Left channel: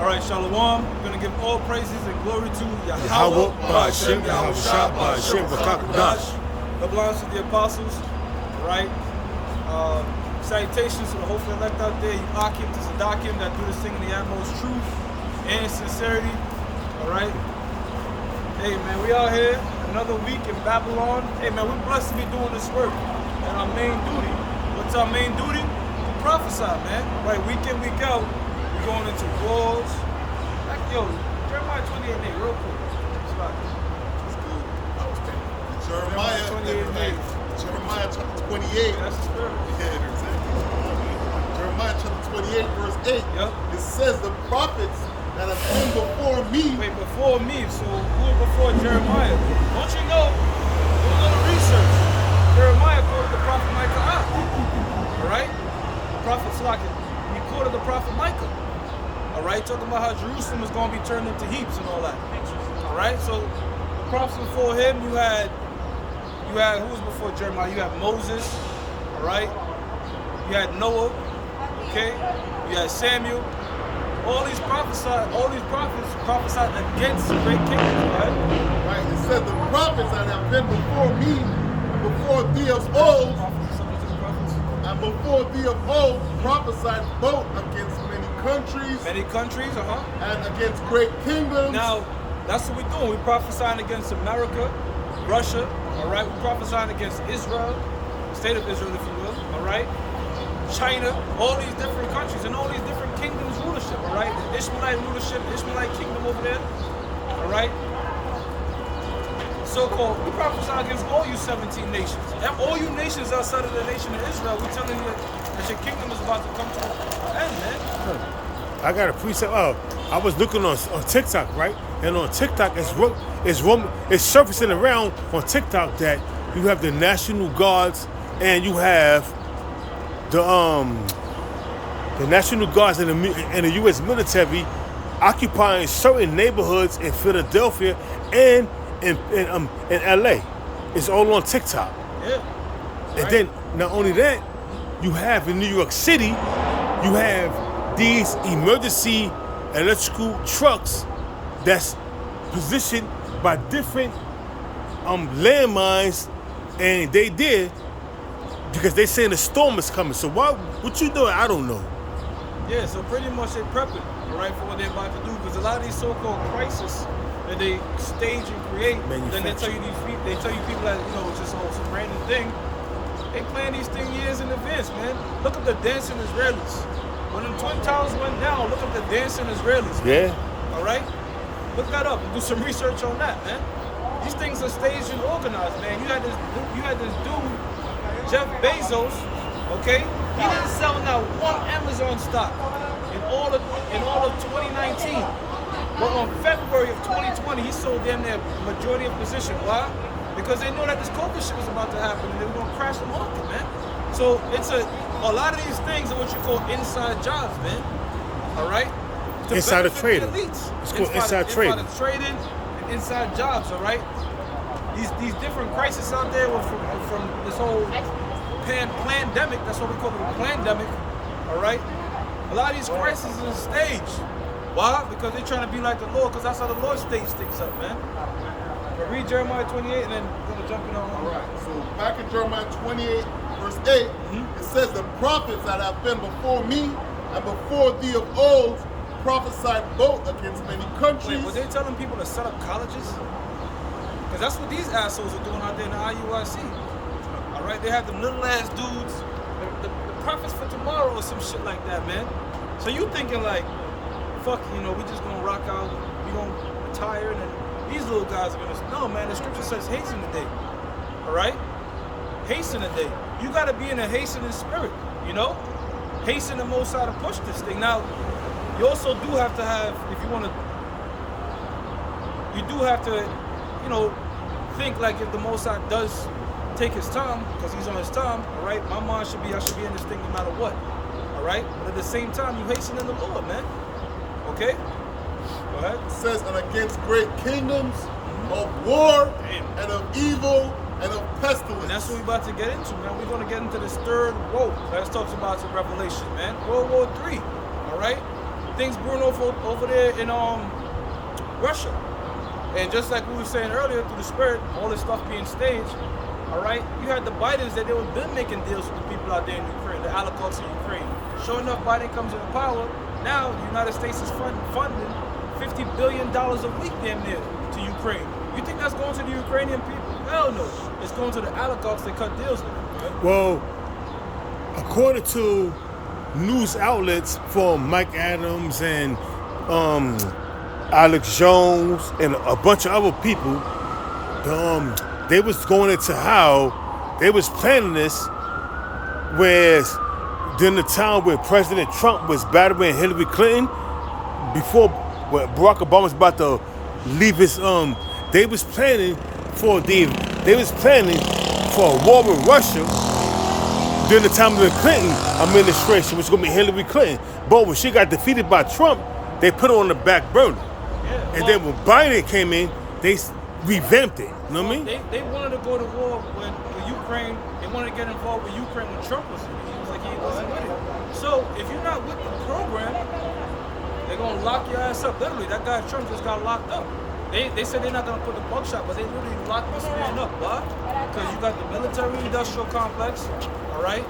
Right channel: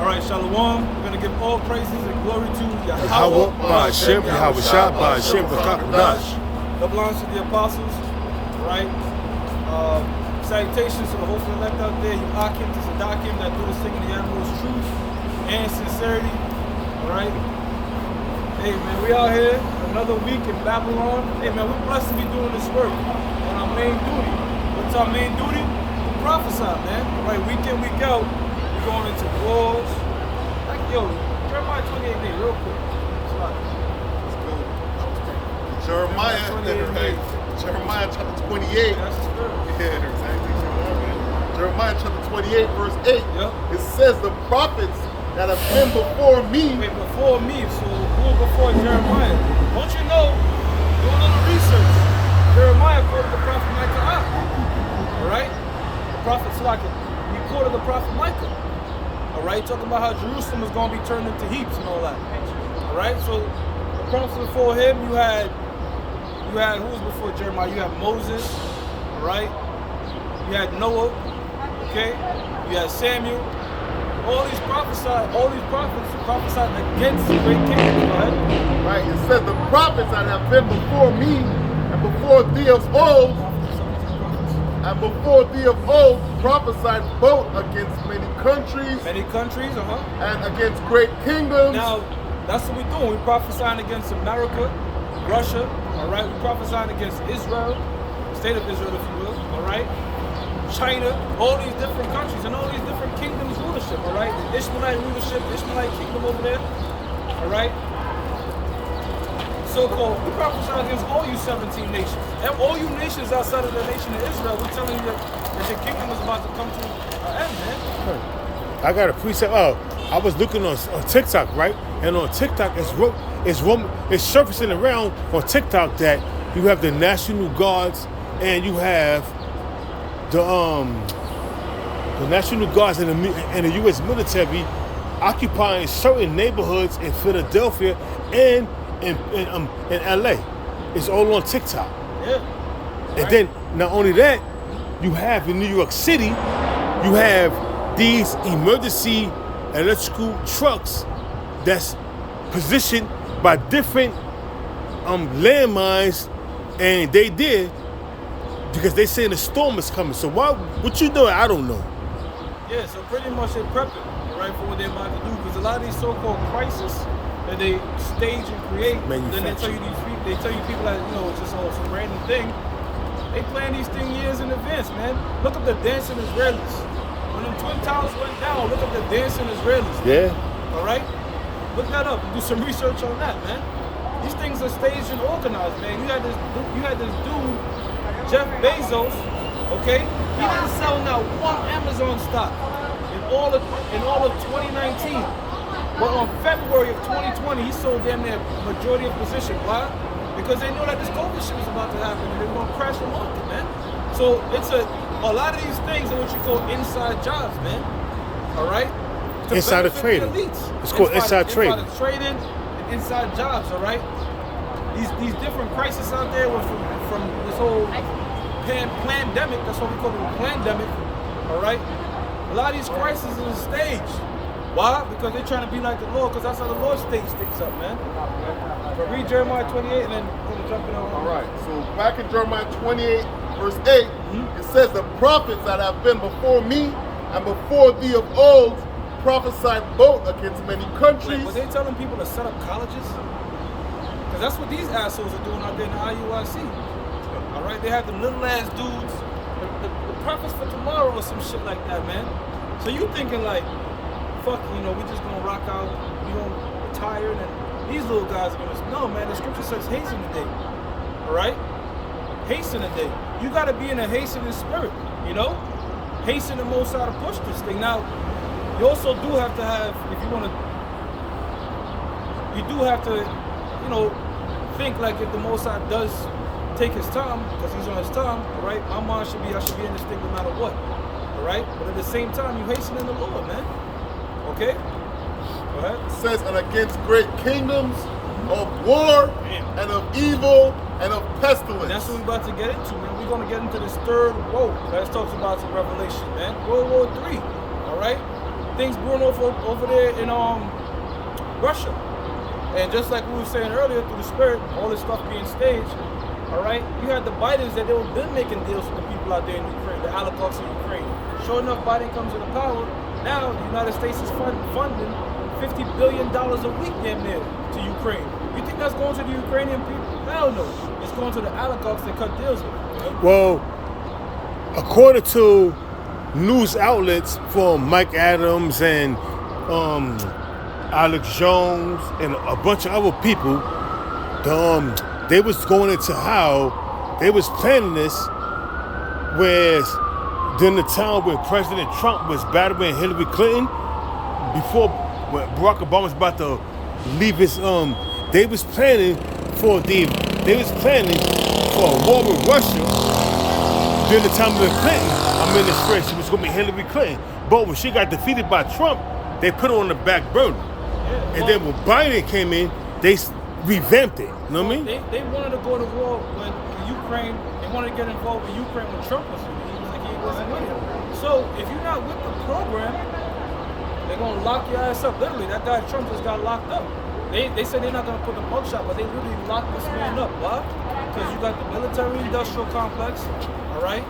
All right, Shalom. We're going to give all praises and glory to Yahweh, Yahweh, Ba'ashem, Yahweh Shah, Ba'ashem, B'Kakadash. that belongs to the apostles. All right. Salutations to the hopeful elect out there. You Akim to Sadakim that do this thing in the utmost truth and sincerity. All right. Hey, man, we out here another week in Babylon. Hey, man, we're blessed to be doing this work. And our main duty. What's our main duty? To prophesy, man. All right, week in, week out. We're going into wars. Like, yo, Jeremiah 28:8, real quick. Let's go. Jeremiah 28:8. Jeremiah chapter 28. Yeah, that's the spirit. Yeah, exactly. So that way. Jeremiah chapter 28, verse 8. Yep. It says the prophets that have been before me. Wait, before me, so who was before Jeremiah? Don't you know, do a little research. Jeremiah quoted the prophet Micah. All right? The prophet Slakin, he quoted the prophet Micah. All right? Talking about how Jerusalem is going to be turned into heaps and all that. All right? So the prophets before him, you had who was before Jeremiah? You had Moses. All right? You had Noah. Okay? You had Samuel. All these prophets prophesied against great kingdoms. Go ahead. Right. It says the prophets that have been before me and before thee of old, prophesied both against many countries. Many countries, And against great kingdoms. Now, that's what we're doing. We're prophesying against America, Russia, all right? We're prophesying against Israel, the state of Israel, if you will, all right? China, all these different countries and all these different kingdoms rulership, all right? The Ishmaelite rulership, the Ishmaelite kingdom over there, all right? So-called, we prophesy against all you 17 nations. And all you nations outside of the nation of Israel, we're telling you that your kingdom is about to come to an end, man. I got a precept. I was looking on TikTok, right? And on TikTok, it's surfacing around on TikTok that you have the National Guards and you have the National Guards and the U.S. military occupying certain neighborhoods in Philadelphia and in L.A. It's all on TikTok. Yeah. And then not only that, you have in New York City, you have these emergency electrical trucks that's positioned by different landmines, and they did because they saying the storm is coming. So what you doing? I don't know. Yeah, so pretty much they're prepping, all right, for what they're about to do. Because a lot of these so-called crises that they stage and create, then they tell you people that, you know, it's just some random thing. They plan these things years in advance, man. Look up the dancing Israelis. When them Twin Towers went down, look up the dancing Israelis. Yeah. All right? Look that up and do some research on that, man. These things are staged and organized, man. You had this dude, Jeff Bezos, okay? He didn't sell not one Amazon stock in all of 2019. But on February of 2020, he sold damn near majority of position. Why? Because they know that this COVID shit was about to happen and they were gonna crash the market, man. So it's a lot of these things are what you call inside jobs, man. All right? Insider trading. It's called inside trading. Inside trading and inside jobs, all right? These different crises out there were from this whole pandemic. That's what we call it, a pandemic. All right? A lot of these crises are staged. Why? Because they're trying to be like the Lord, because that's how the Lord staged things up, man. But read Jeremiah 28 and then we're going to jump in on. All right. So back in Jeremiah 28, verse 8, it says the prophets that have been before me and before thee of old prophesied both against many countries. Wait, were they telling people to set up colleges? Because that's what these assholes are doing out there in the IUIC. All right? They have them little ass dudes, the prophets for tomorrow or some shit like that, man. So you thinking like, fuck, you know, we just going to rock out, we going to retire, and then these little guys are going to... No, man, the scripture says hasten the day. All right? Hasten the day. You got to be in a hastening spirit, you know? Hasten the Most High to push this thing. Now, you also do have to have, if you want to... You do have to, you know, think like if the Most High does take his time, because he's on his time, all right? My mind should be, I should be in this thing no matter what. All right? But at the same time, you hasten in the Lord, man. Okay? Go ahead. It says, and against great kingdoms of war and of evil and of pestilence. And that's what we're about to get into, man. We're going to get into this third woe that talks about in Revelation, man. World War III, all right? things brewing over there in Russia. And just like we were saying earlier, through the spirit, all this stuff being staged, all right? You had the Bidens that they were been making deals with the people out there in Ukraine, the oligarchs in Ukraine. Sure enough, Biden comes into power. Now the United States is funding $50 billion a week damn near to Ukraine. You think that's going to the Ukrainian people? Hell no. It's going to the oligarchs they cut deals with. Right? Well, according to news outlets from Mike Adams and Alex Jones and a bunch of other people, they was going into how they was planning this, whereas during the time when President Trump was battling Hillary Clinton, before when Barack Obama was about to leave his, they was planning for a war with Russia during the time of the Clinton administration, which was going to be Hillary Clinton. But when she got defeated by Trump, they put it on the back burner. Yeah, And then when Biden came in, they revamped it. You know what I mean? They wanted to go to war with Ukraine. They wanted to get involved with Ukraine when Trump was in it. He was like, he wasn't with it. So if you're not with the program, they're going to lock your ass up. Literally, that guy Trump just got locked up. They said they're not going to put the buckshot, but they literally locked this man up. Why? Because you got the military-industrial complex, all right?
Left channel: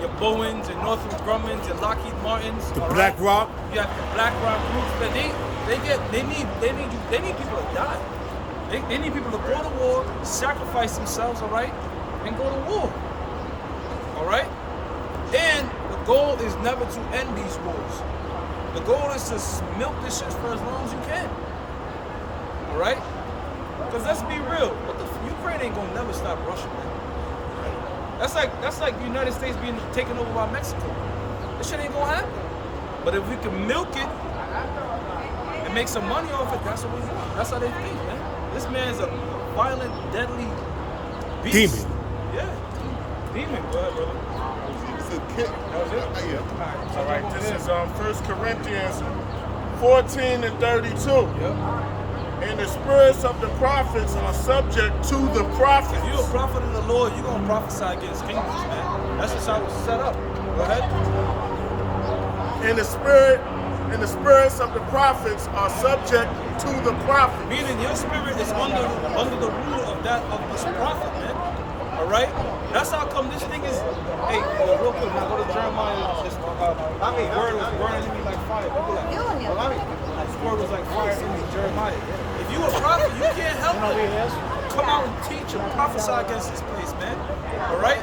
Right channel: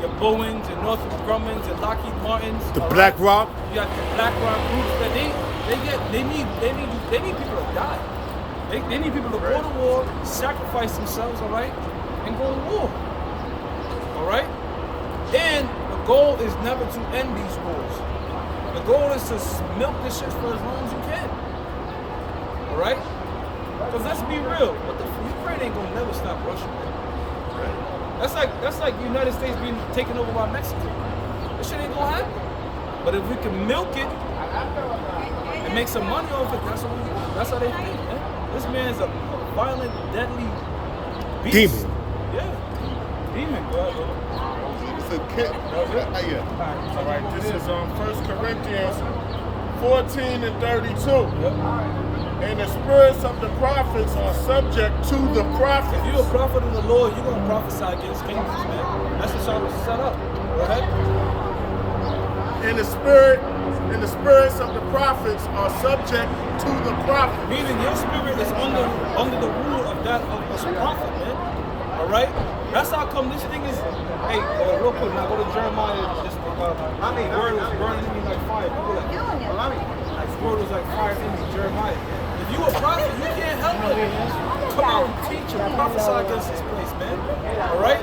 Your Boeings and Northrop Grumman's and Lockheed Martins. The BlackRock. You got the BlackRock groups that they need people to die. They need people to go to war, sacrifice themselves, all right, and go to war, all right? And the goal is never to end these wars. The goal is to milk this shit for as long as you can, all right? Because let's be real, Ukraine ain't gonna never stop Russia, man. Right. That's like the United States being taken over by Mexico. This shit ain't gonna happen. But if we can milk it and make some money off it, that's what we want. That's how they think, man. This man's a violent, deadly beast. Demon. Yeah. Demon. Go ahead, brother. It's a kid. That was it? Yeah. All right. So All right, over this here. is 1 Corinthians 14 and 32. Yep. And the spirits of the prophets are subject to the prophets. If you're a prophet of the Lord, you're gonna prophesy against kingdoms, man. That's just how it's set up. Go ahead. And the spirits of the prophets are subject to the prophets. Meaning your spirit is under the rule of this prophet, man. All right. That's how come this thing is. Hey, real quick now, go to Jeremiah. This word was burning in me like fire. People like, this word was like fire in me, Jeremiah. If you a prophet, you can't help but come out and teach and prophesy against this place, man. All right.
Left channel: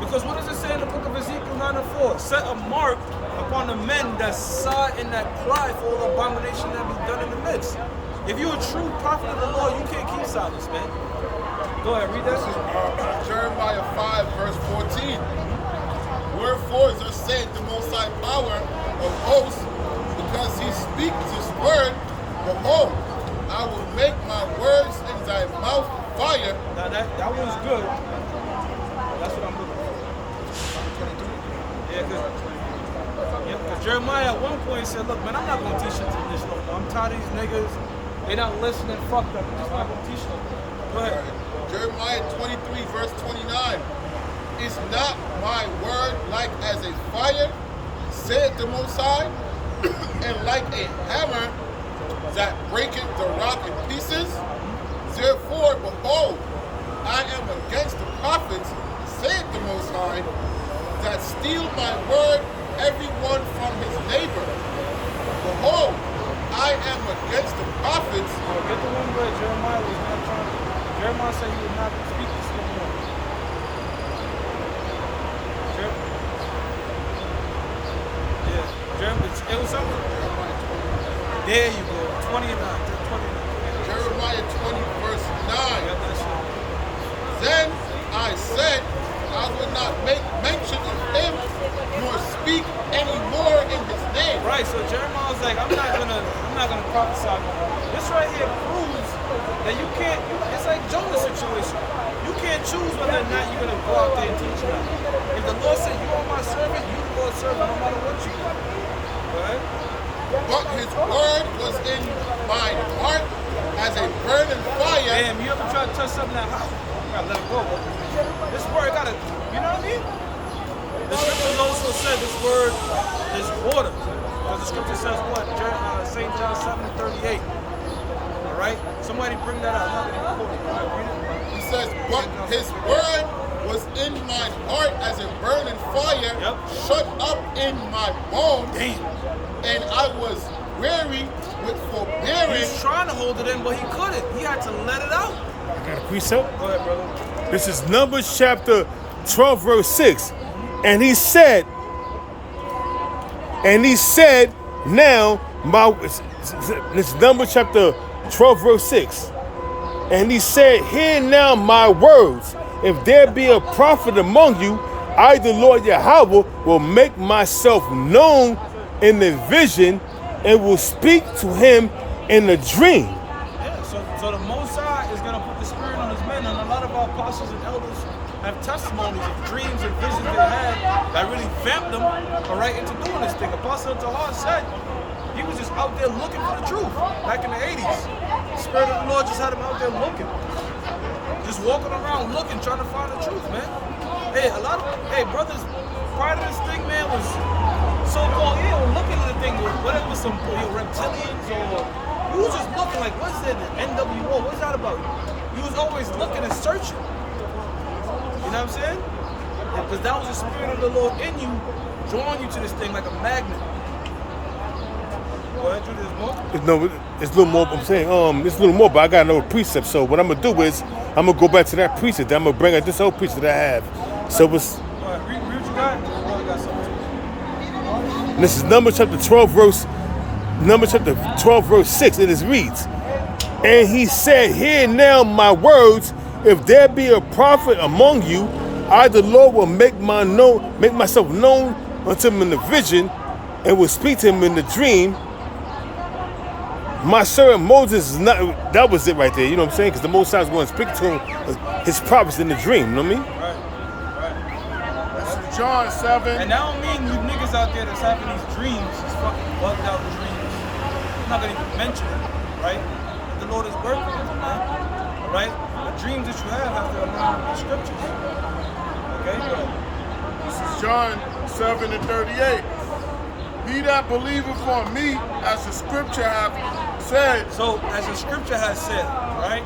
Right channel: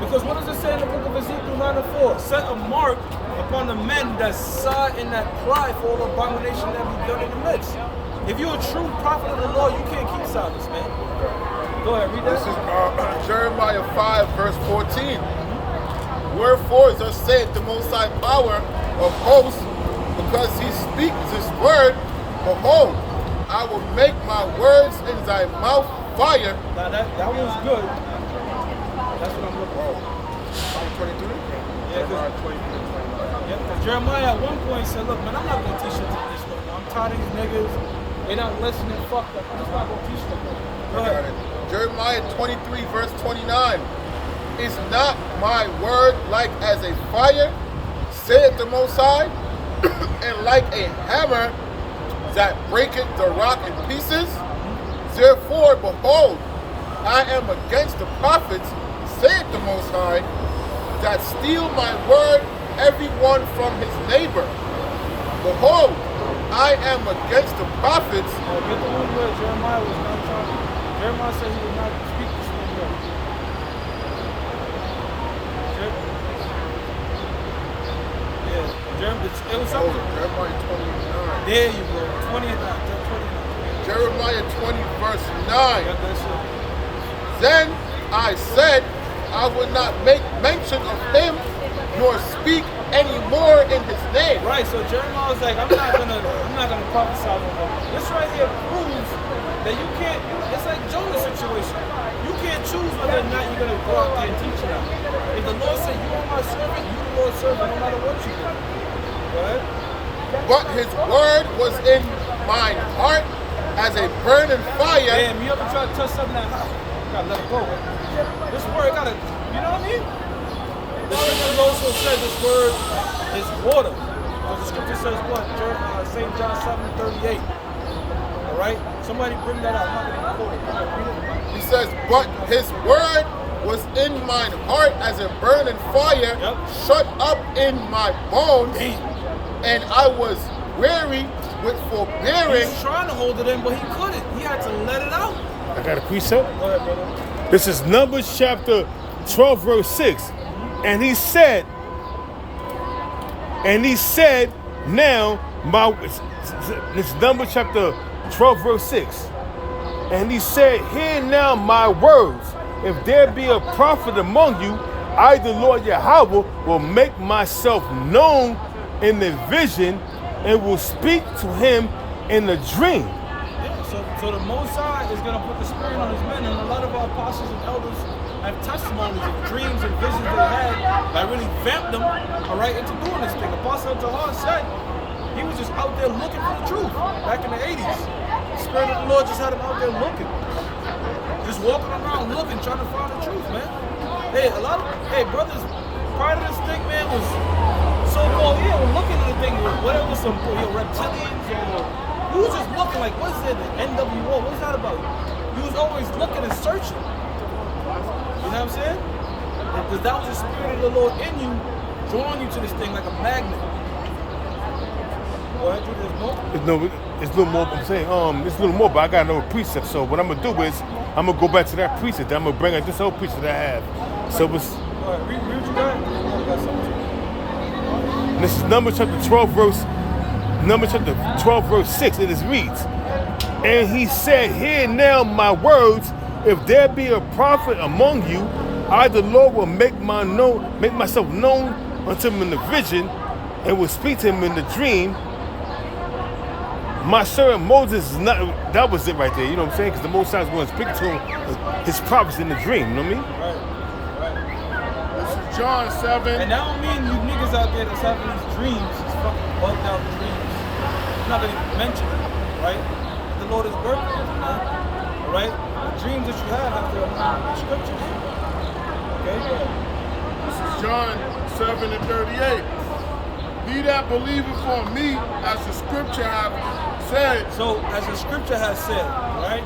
Because what does it say in the book of Ezekiel 9:4? Set a mark upon the men that sigh and that cry for all the abomination that be done in the midst. If you're a true prophet of the Lord, you can't keep silence, man. Go ahead, read that. This is Jeremiah 5, verse 14. Wherefore, thus saith the Most High Power of hosts, because he speaks his word, behold, I will make my words in thy mouth fire. Now that one's good. That's what I'm looking for. 23? Yeah, Jeremiah 23 and 29. Yeah, because Jeremiah at one point said, look, man, I'm not going to teach you this no more. I'm tired of these niggas. They not listening, fuck that. I'm just not going to teach no more. Go ahead. Jeremiah 23, verse 29. Is not my word like as a fire, saith the Most High, and like a hammer that breaketh the rock in pieces? Therefore, behold, I am against the prophets, saith the Most High, that steal my word, every one from his neighbor. Behold, I am against the prophets. No, get the one where Jeremiah was not trying to. Jeremiah said he would not speak this no more. Yeah, it was something. Jeremiah 29. There you go, 29. 29. Jeremiah 20, verse 9. Yep, that's it. Then I said, I would not make mention of him, nor speak any more in his name. Right, so Jeremiah was like, I'm not gonna prophesy no more. This right here proves that you can't. It's like Jonah's situation. You can't choose whether or not you're gonna go out there and teach it out. If the Lord said you are my servant, you the Lord's servant, no matter what you do. Right? But his word was in my heart as a burning fire. Damn, you ever try to touch something that hot? You gotta let it go. This word gotta, you know what I mean? The scriptures also said this word is water. Because the scripture says what? St. John 7:38. All right? Somebody bring that out. I'm not going to record it. Go ahead, read it. He says, but his word was in mine heart as a burning fire, Yep. shut up in my bones, Damn. and I was weary with He forbearing. was trying to hold it in, but he couldn't. He had to let it out. I got a precept. Go ahead, brother. This is Numbers chapter 12, verse 6. And he said, now my, this is Numbers chapter 12, verse 6. And he said, hear now my words. If there be a prophet among you, I, the Lord Yahweh, will make myself known in the vision and will speak to him in a dream. Yeah, so the Most High is going to put the Spirit on his men, and a lot of our apostles and elders have testimonies of dreams and visions they had that really vamped them, all right, into doing this thing. Apostle Tahar said he was just out there looking for the truth back in the 80s. The Spirit of the Lord just had him out there looking. Just walking around looking, trying to find the truth, man. Hey, brothers, part of this thing, man, was so-called, we're looking at the thing, whether it was some reptilians or, you was just looking like, what is it, the NWO, what's that about? You was always looking and searching. You know what I'm saying? Because that was the Spirit of the Lord in you, drawing you to this thing like a magnet. Go ahead, Judy, there's more? It's a little more. I'm saying, it's a little more, but I got another precept. So what I'm gonna do is I'm gonna go back to that precept. I'm gonna bring out this whole precept that I have. So it's. All right, read what you got. I got something. This is Numbers chapter 12, verse 6. It is reads, and he said, hear now my words. If there be a prophet among you, I, the Lord, will make myself known unto him in the vision, and will speak to him in the dream. My servant Moses is not, that was it right there, you know what I'm saying? Because the Most High is going to speak to him his prophets in the dream, you know what I mean? Right. This is John 7. And I don't mean you niggas out there that's having these dreams, these fucking bugged out dreams. I'm not gonna even mention it, right? But the Lord is working with you, man. All right? The dreams that you have to align with the scriptures. Okay, go ahead. This is John 7:38. He that believeth on me, as the scripture hath said. So, as the scripture has said, right?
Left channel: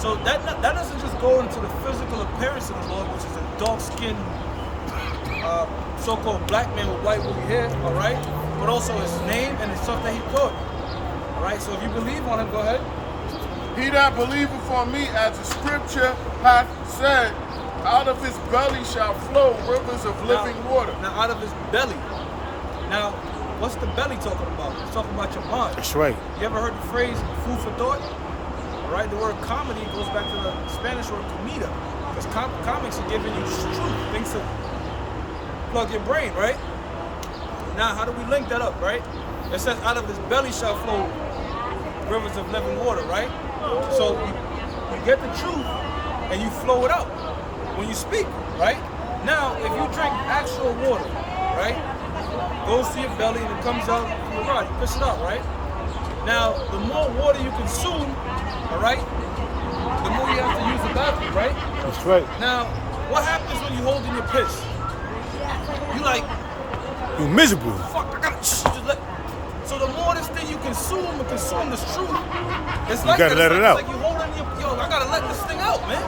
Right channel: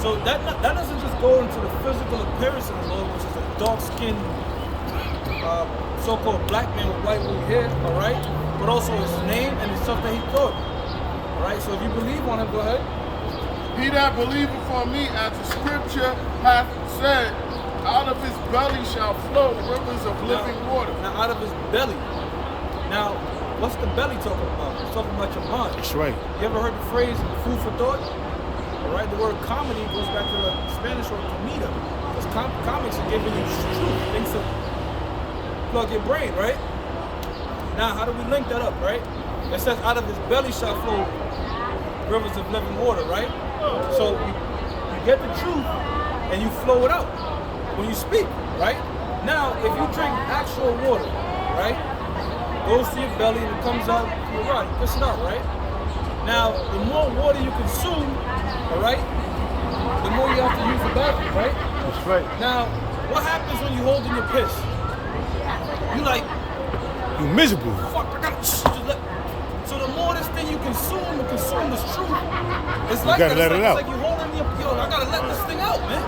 So that doesn't just go into the physical appearance of the Lord, which is a dark-skinned, so-called black man with white woolly hair, all right? But also his name and the stuff that he thought, all right? So if you believe on him, go ahead. He that believeth on me, as the scripture hath said, out of his belly shall flow rivers of living water. Now, out of his belly. Now, what's the belly talking about? It's talking about your mind. That's right. You ever heard the phrase food for thought? All right, the word comedy goes back to the Spanish word comida, because comics are giving you truth, things to plug your brain, right? Now, how do we link that up, right? It says, out of his belly shall flow rivers of living water, right? So you get the truth and you flow it out when you speak, right? Now, if you drink actual water, right, goes to your belly and it comes out your rod, you piss it out, right? Now, the more water you consume, all right, the more you have to use the bathroom, right? That's right. Now, what happens when you hold in your piss? You like, You miserable. fuck, I gotta just let. So the more this thing you consume and consume this truth, it's like gotta that. let it out. It's like you holding your, I gotta let this thing out, man.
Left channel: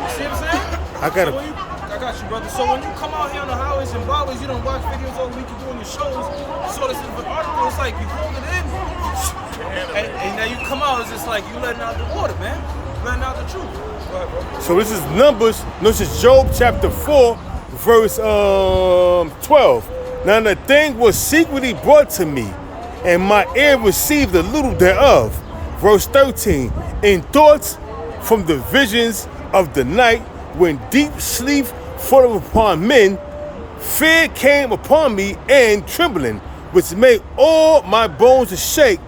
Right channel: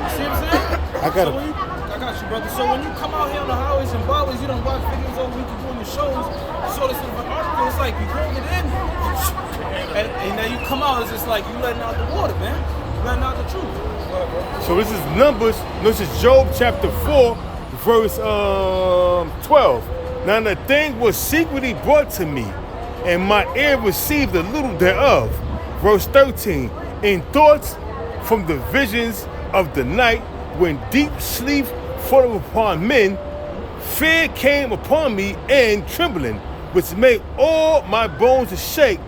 You see what I'm saying? I gotta- So I got you, brother. So when you come out here on the highways and byways, you don't watch videos all week, you're doing your shows, you saw this in an article, it's like you hold it in, and now you come out, it's just like you letting out the water, man. You letting out the truth. Go ahead, bro. So this is Numbers, this is Job chapter 4, verse 12. Now the thing was secretly brought to me, and my ear received a little thereof. Verse 13, in thoughts from the visions of the night, when deep sleep fell upon men, fear came upon me and trembling, which made all my bones to shake.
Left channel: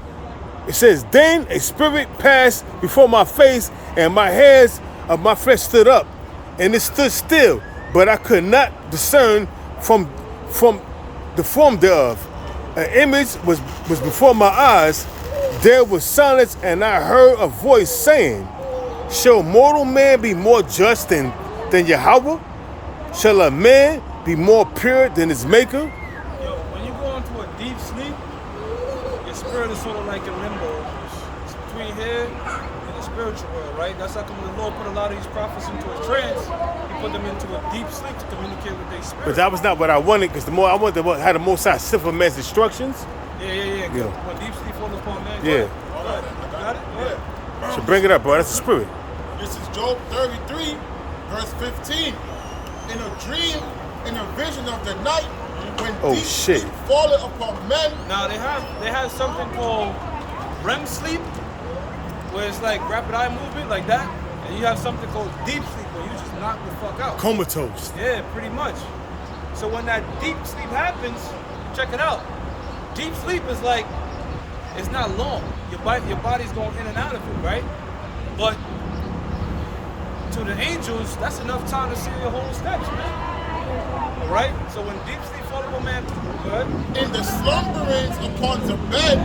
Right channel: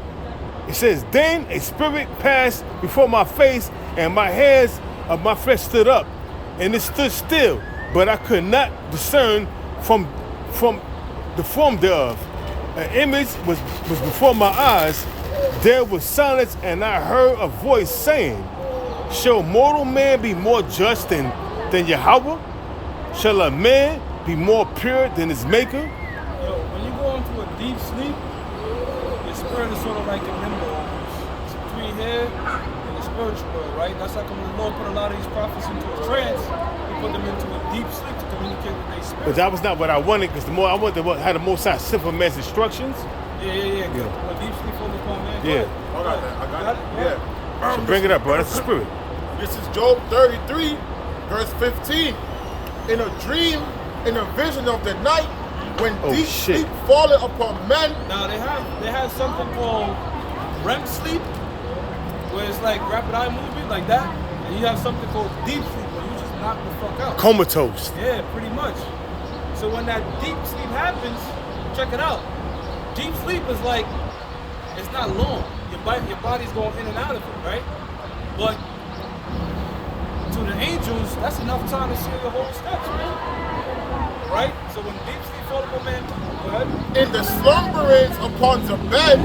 It says, then a spirit passed before my face, and my hairs of my flesh stood up, and it stood still, but I could not discern from the form thereof. An image was before my eyes. There was silence, and I heard a voice saying, shall mortal man be more just than Yahweh? Shall a man be more pure than his maker? Yo, when you go into a deep sleep, spirit is sort of like in limbo almost. It's between here and the spiritual world, right? That's how come the Lord put a lot of these prophets into a trance. He put them into a deep sleep to communicate with their spirit. But that was not what I wanted, because the more I wanted to have the Most High simple man's instructions. Yeah. When deep sleep falls upon man, Yeah. Hold on, man. I got it. Yeah. So bring it up, bro. That's the spirit. This is Job 33, verse 15. In a dream, in a vision of the night, when deep sleep falleth upon men. Now they have something called REM sleep, where it's like rapid eye movement, like that. And you have something called deep sleep, where you just knock the fuck out. Comatose. Yeah, pretty much. So when that deep sleep happens, check it out. Deep sleep is like, it's not long. Your body's going in and out of it, right? But to the angels, that's enough time to see your whole steps, man. All right? So when deep sleep falls upon man, good. In the slumberings upon the bed,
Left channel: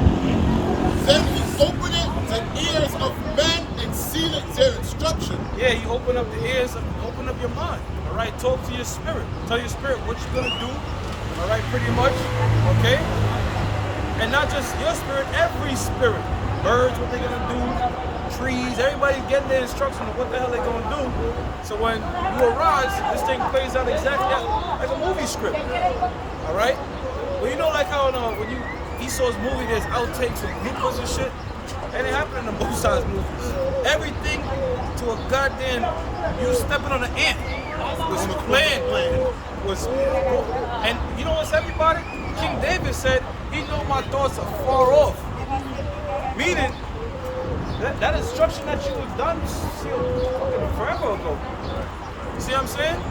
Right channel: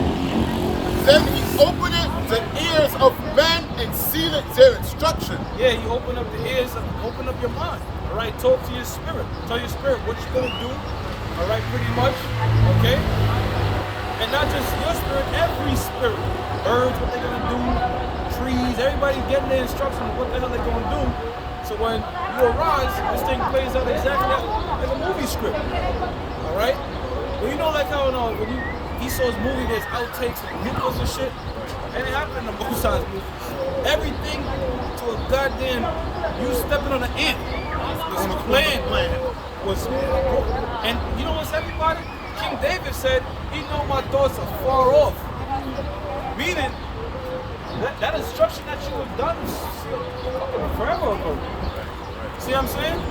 then he openeth the ears of men and sealeth their instruction. Yeah, you open up the ears, open up your mind. All right, talk to your spirit. Tell your spirit what you're gonna do. All right, pretty much. Okay? And not just your spirit, every spirit. Birds, what they're gonna do, trees, everybody's getting their instruction of what the hell they're gonna do. So when you arise, this thing plays out exactly like a movie script. All right? Well, you know, like how when you Esau's movie, there's outtakes and bloopers and shit. And it happened in the both sides movies. Everything to a goddamn you stepping on an ant was planned. And you know what's everybody? King David said, he know my thoughts are far off. Meaning that instruction that you have done fucking forever ago. Right. See what I'm saying?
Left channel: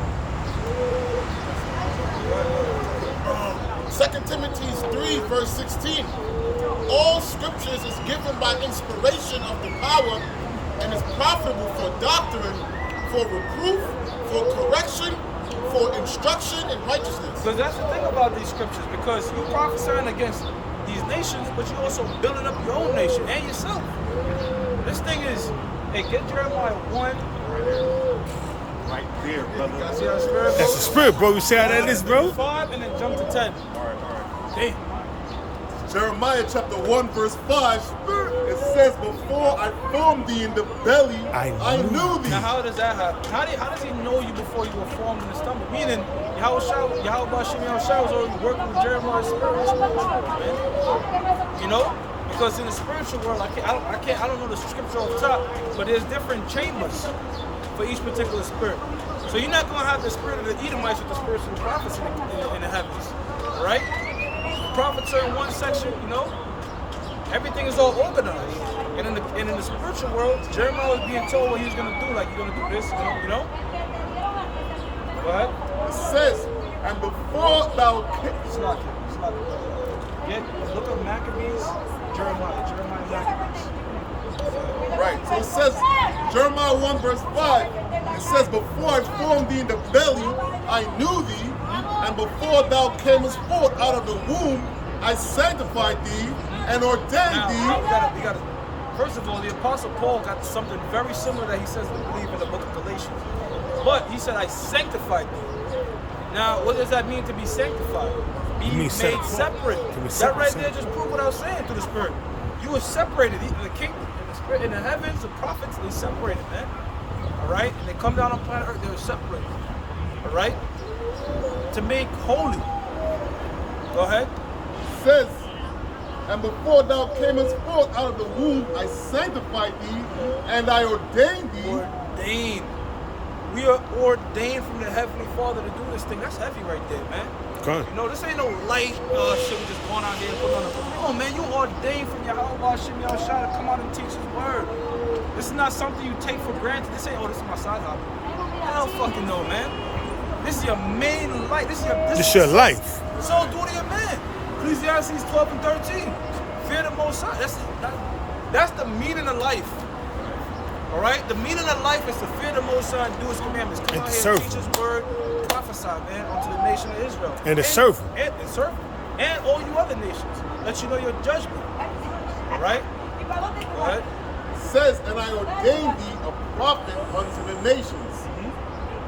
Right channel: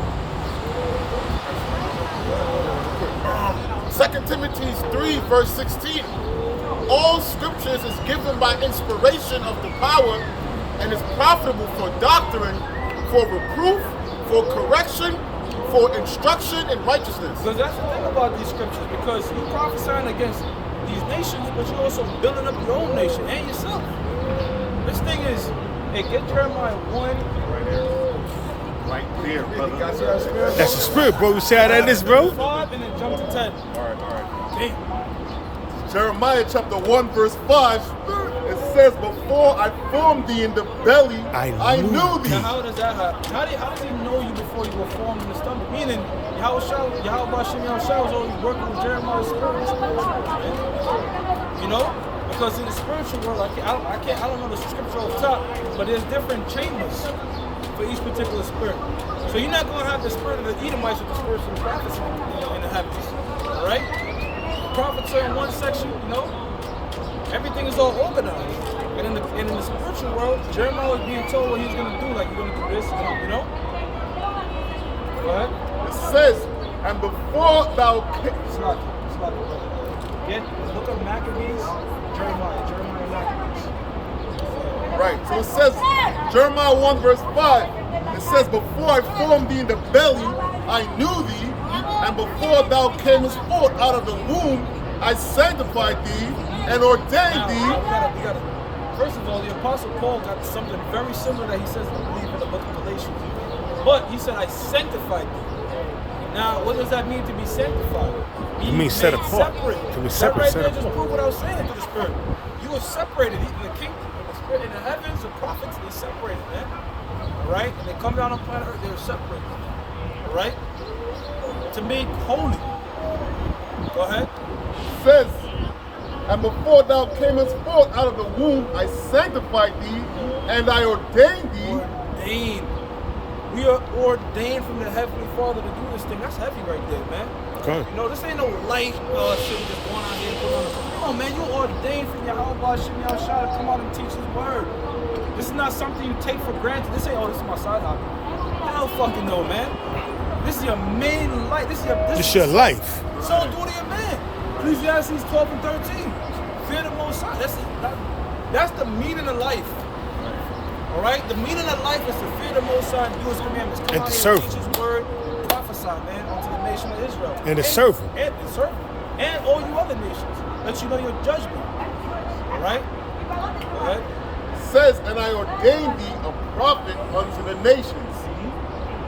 2 Timothy 3, verse 16. All scriptures is given by inspiration of the power and is profitable for doctrine, for reproof, for correction, for instruction in righteousness. Because that's the thing about these scriptures, because you prophesying against these nations, but you're also building up your own nation and yourself. This thing is, hey, get Jeremiah 1. Right there. Right there, brother. See how spirit That's the goes? spirit, bro. You see how that is, bro? 5 and then jump to 10. All right. Hey, Jeremiah chapter 1, verse 5. It says, before I formed thee in the belly, I knew thee. now how does that happen? How does he know you before you were formed in the stomach? Meaning, Yahweh Shem was already working with Jeremiah's spirit in the spiritual world, man. You know? Because in the spiritual world, I don't know the scripture off top, but there's different chambers for each particular spirit. So you're not going to have the spirit of the Edomites with the spirits of the prophets in the heavens. All right? The prophets are in one section, you know? Everything is all organized. And in the spiritual world, Jeremiah was being told what he was going to do. Like, you're going to do this, you know? Go ahead. It says, and before thou Slack it, brother. Look up Maccabees, Jeremiah and Maccabees. Right. So it says, Jeremiah 1 verse 5, it says, before I formed thee in the belly, I knew thee, and before thou camest forth out of the womb, I sanctified thee and ordained thee. Now we gotta. First of all, the Apostle Paul got something very similar that he says to believe in the book of Galatians. But he said, I sanctified thee. Now, what does that mean to be sanctified? It means set made apart. Separate. To be That separate, right set there just apart. proved what I was saying through the Spirit. You were separated. The king, the spirit, in the heavens, the prophets, they separated, man. All right? And they come down on planet Earth, they're separated. All right? To make holy. Go ahead. Says, and before thou camest forth out of the womb, I sanctified thee, and I ordained thee. Ordained. We are ordained from the Heavenly Father to do this thing. That's heavy right there, man. Okay. You know, this ain't no light shit we just going out here and putting on a... No, man, you ordained from Yahweh Shem Yahshua to come out and teach His word. This is not something you take for granted. This ain't, oh, this is my side hobby. Hell fucking no, man. This is your main life. This is your life. So duty of man. Ecclesiastes 12 and 13. Fear the Most High. That's the meaning of life. Right. All right? The meaning of life is to fear the Most High and do His commandments. Come And out to here serve and teach His word, prophesy, man, unto the nation of Israel. And to serve Him. And serve Him. And all you other nations. Let you know your judgment. All right? Go ahead. Says, and I ordained thee a prophet unto the nations.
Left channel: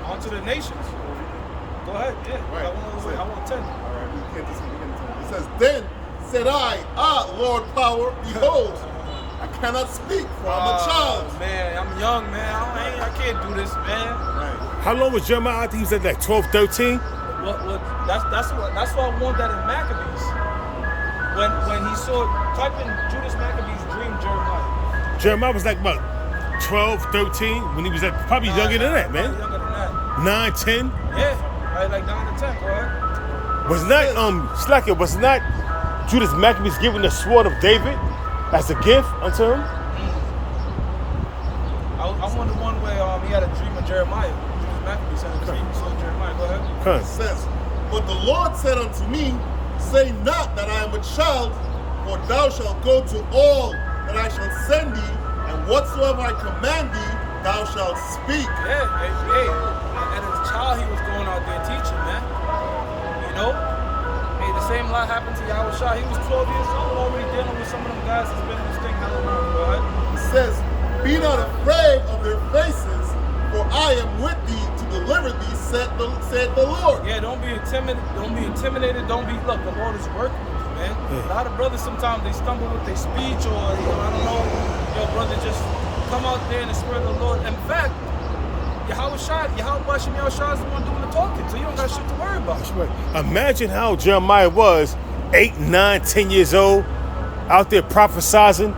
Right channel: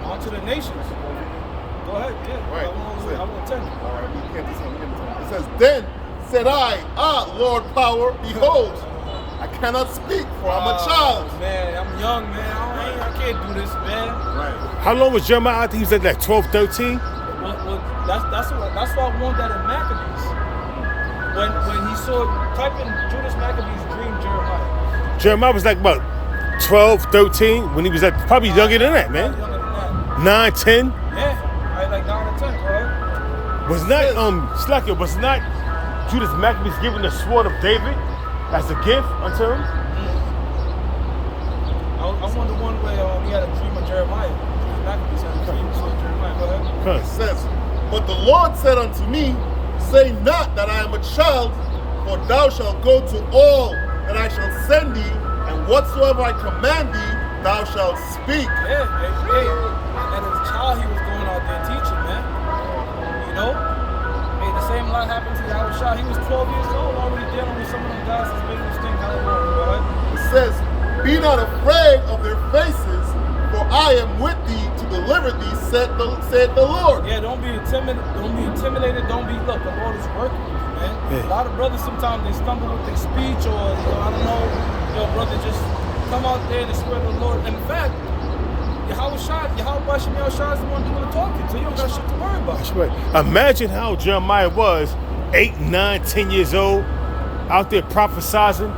Unto the nations. Go ahead, yeah. Right. I want 10. All right, we can't do 10. We get 10. It says, then Said I, Lord power, behold, I cannot speak, for I'm a child. Man, I'm young, man. I can't do this, man. Right. How long was Jeremiah? I think he was at like 12, 13. Well, that's why I want that in Maccabees. When he saw, type in Judas Maccabees dream Jeremiah. Jeremiah was like about 12, 13 when he was at probably younger than that, man. Younger than that. 9, 10. Yeah, right, like 9 or 10, go ahead. Was not Slacker, was not Judas Maccabees given the sword of David as a gift unto him? I wonder one where he had a dream of Jeremiah. Judas Maccabees had a dream of Jeremiah. Go ahead. It says, but the Lord said unto me, say not that I am a child, for thou shalt go to all that I shall send thee, and whatsoever I command thee, thou shalt speak. Yeah, hey, and as a child he was going out there teaching, man. You know? Hey, the same lot happened to Yahweh Shah. He was 12 years old already dealing with some of them guys that's been in this thing hella long. Go ahead. It says, be not afraid of their faces, for I am with thee to deliver thee, said the Lord. Yeah, don't be intimidated. Don't be intimidated. Look, the Lord is working with you, man. Yeah. A lot of brothers sometimes they stumble with their speech, or I don't know. Brother, just come out there in the spirit of the Lord. In fact, Yahweh Shah is the one doing the talking, so you don't got shit to worry about. That's right. Imagine how Jeremiah was 8, 9, 10 years old, out there prophesizing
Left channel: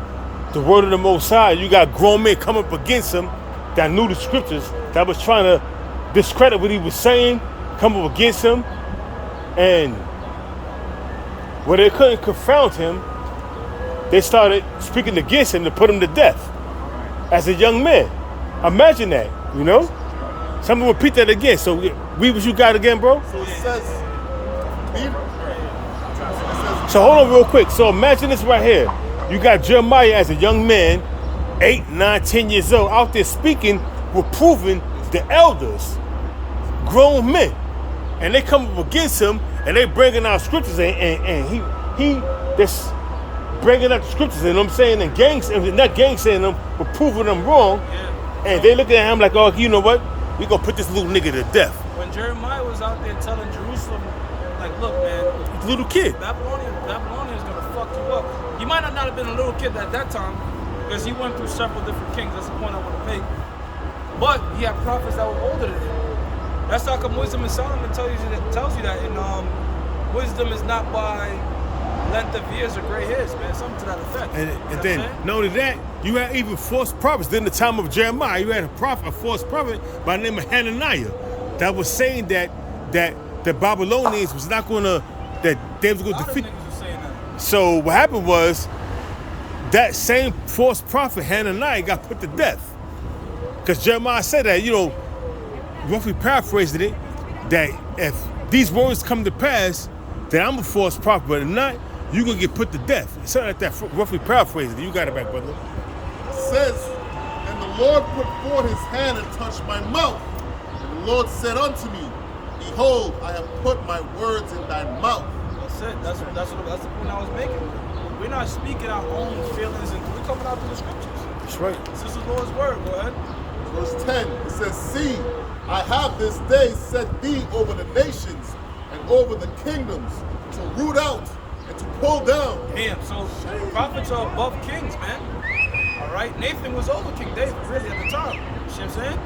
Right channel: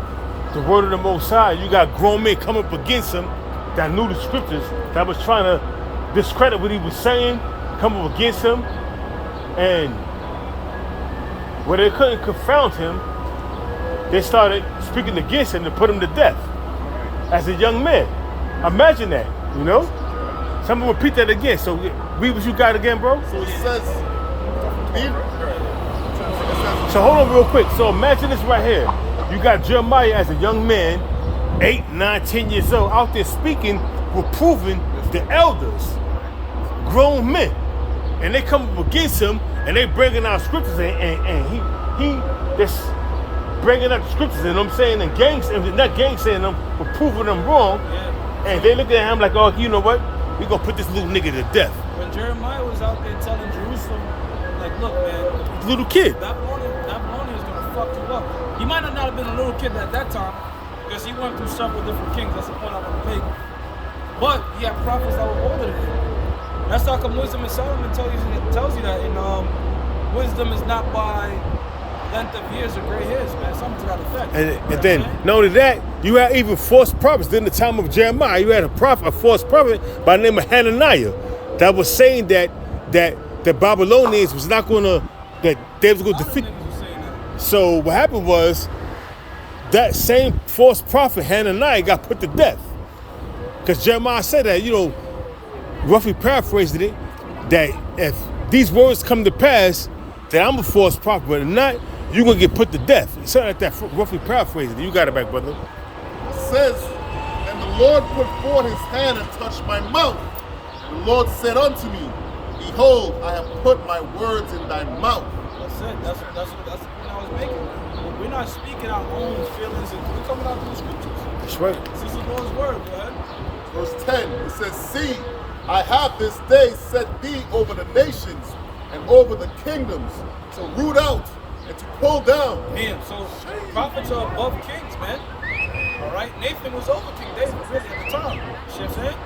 the word of the Most High. You got grown men come up against him that knew the scriptures, that was trying to discredit what he was saying, come up against him, and where they couldn't confound him, they started speaking against him to put him to death as a young man. Imagine that, you know? Someone repeat that again. So read what you got again, bro. So it says, So hold on real quick. So imagine this right here. You got Jeremiah as a young man, 8, 9, 10 years old, out there speaking, reproving the elders, grown men. And they come up against him, and they bringing out scriptures, and he just bringing up the scriptures, and I'm saying, and not gangsaying them, but proving them wrong. Yeah. And they looking at him like, oh, you know what? We gonna put this little nigga to death. When Jeremiah was out there telling Jerusalem, like, look, man, Little kid. Babylonian is gonna fuck you up. He might not have been a little kid at that time, because he went through several different kings. That's the point I want to make. But he had prophets that were older than him. That's how come Wisdom in Solomon tells you that. And wisdom is not by length of years or gray hairs, man. Something to that effect. And then, not only that, you had even false prophets. During the time of Jeremiah, you had a false prophet by the name of Hananiah that was saying that the Babylonians was not going to, that they was going to defeat. So what happened was that same false prophet Hananiah got put to death. Because Jeremiah said that, roughly paraphrasing it, that if these words come to pass, that I'm a false prophet, but if not, you're going to get put to death. Something like that, roughly paraphrasing it. You got it back, brother. it says, and the Lord put forth his hand and touched my mouth. And the Lord said unto me, behold, I have put my words in thy mouth. That's it. That's the point I was making. We're not speaking our own feelings, and we're coming out through the scriptures. That's right. This is the Lord's word. Go ahead. Verse 10, it says, see, I have this day set thee over the nations and over the kingdoms to root out and to pull down. Man, so prophets are above kings, man. All right? Nathan was over King David, really, at the time. You see what I'm saying?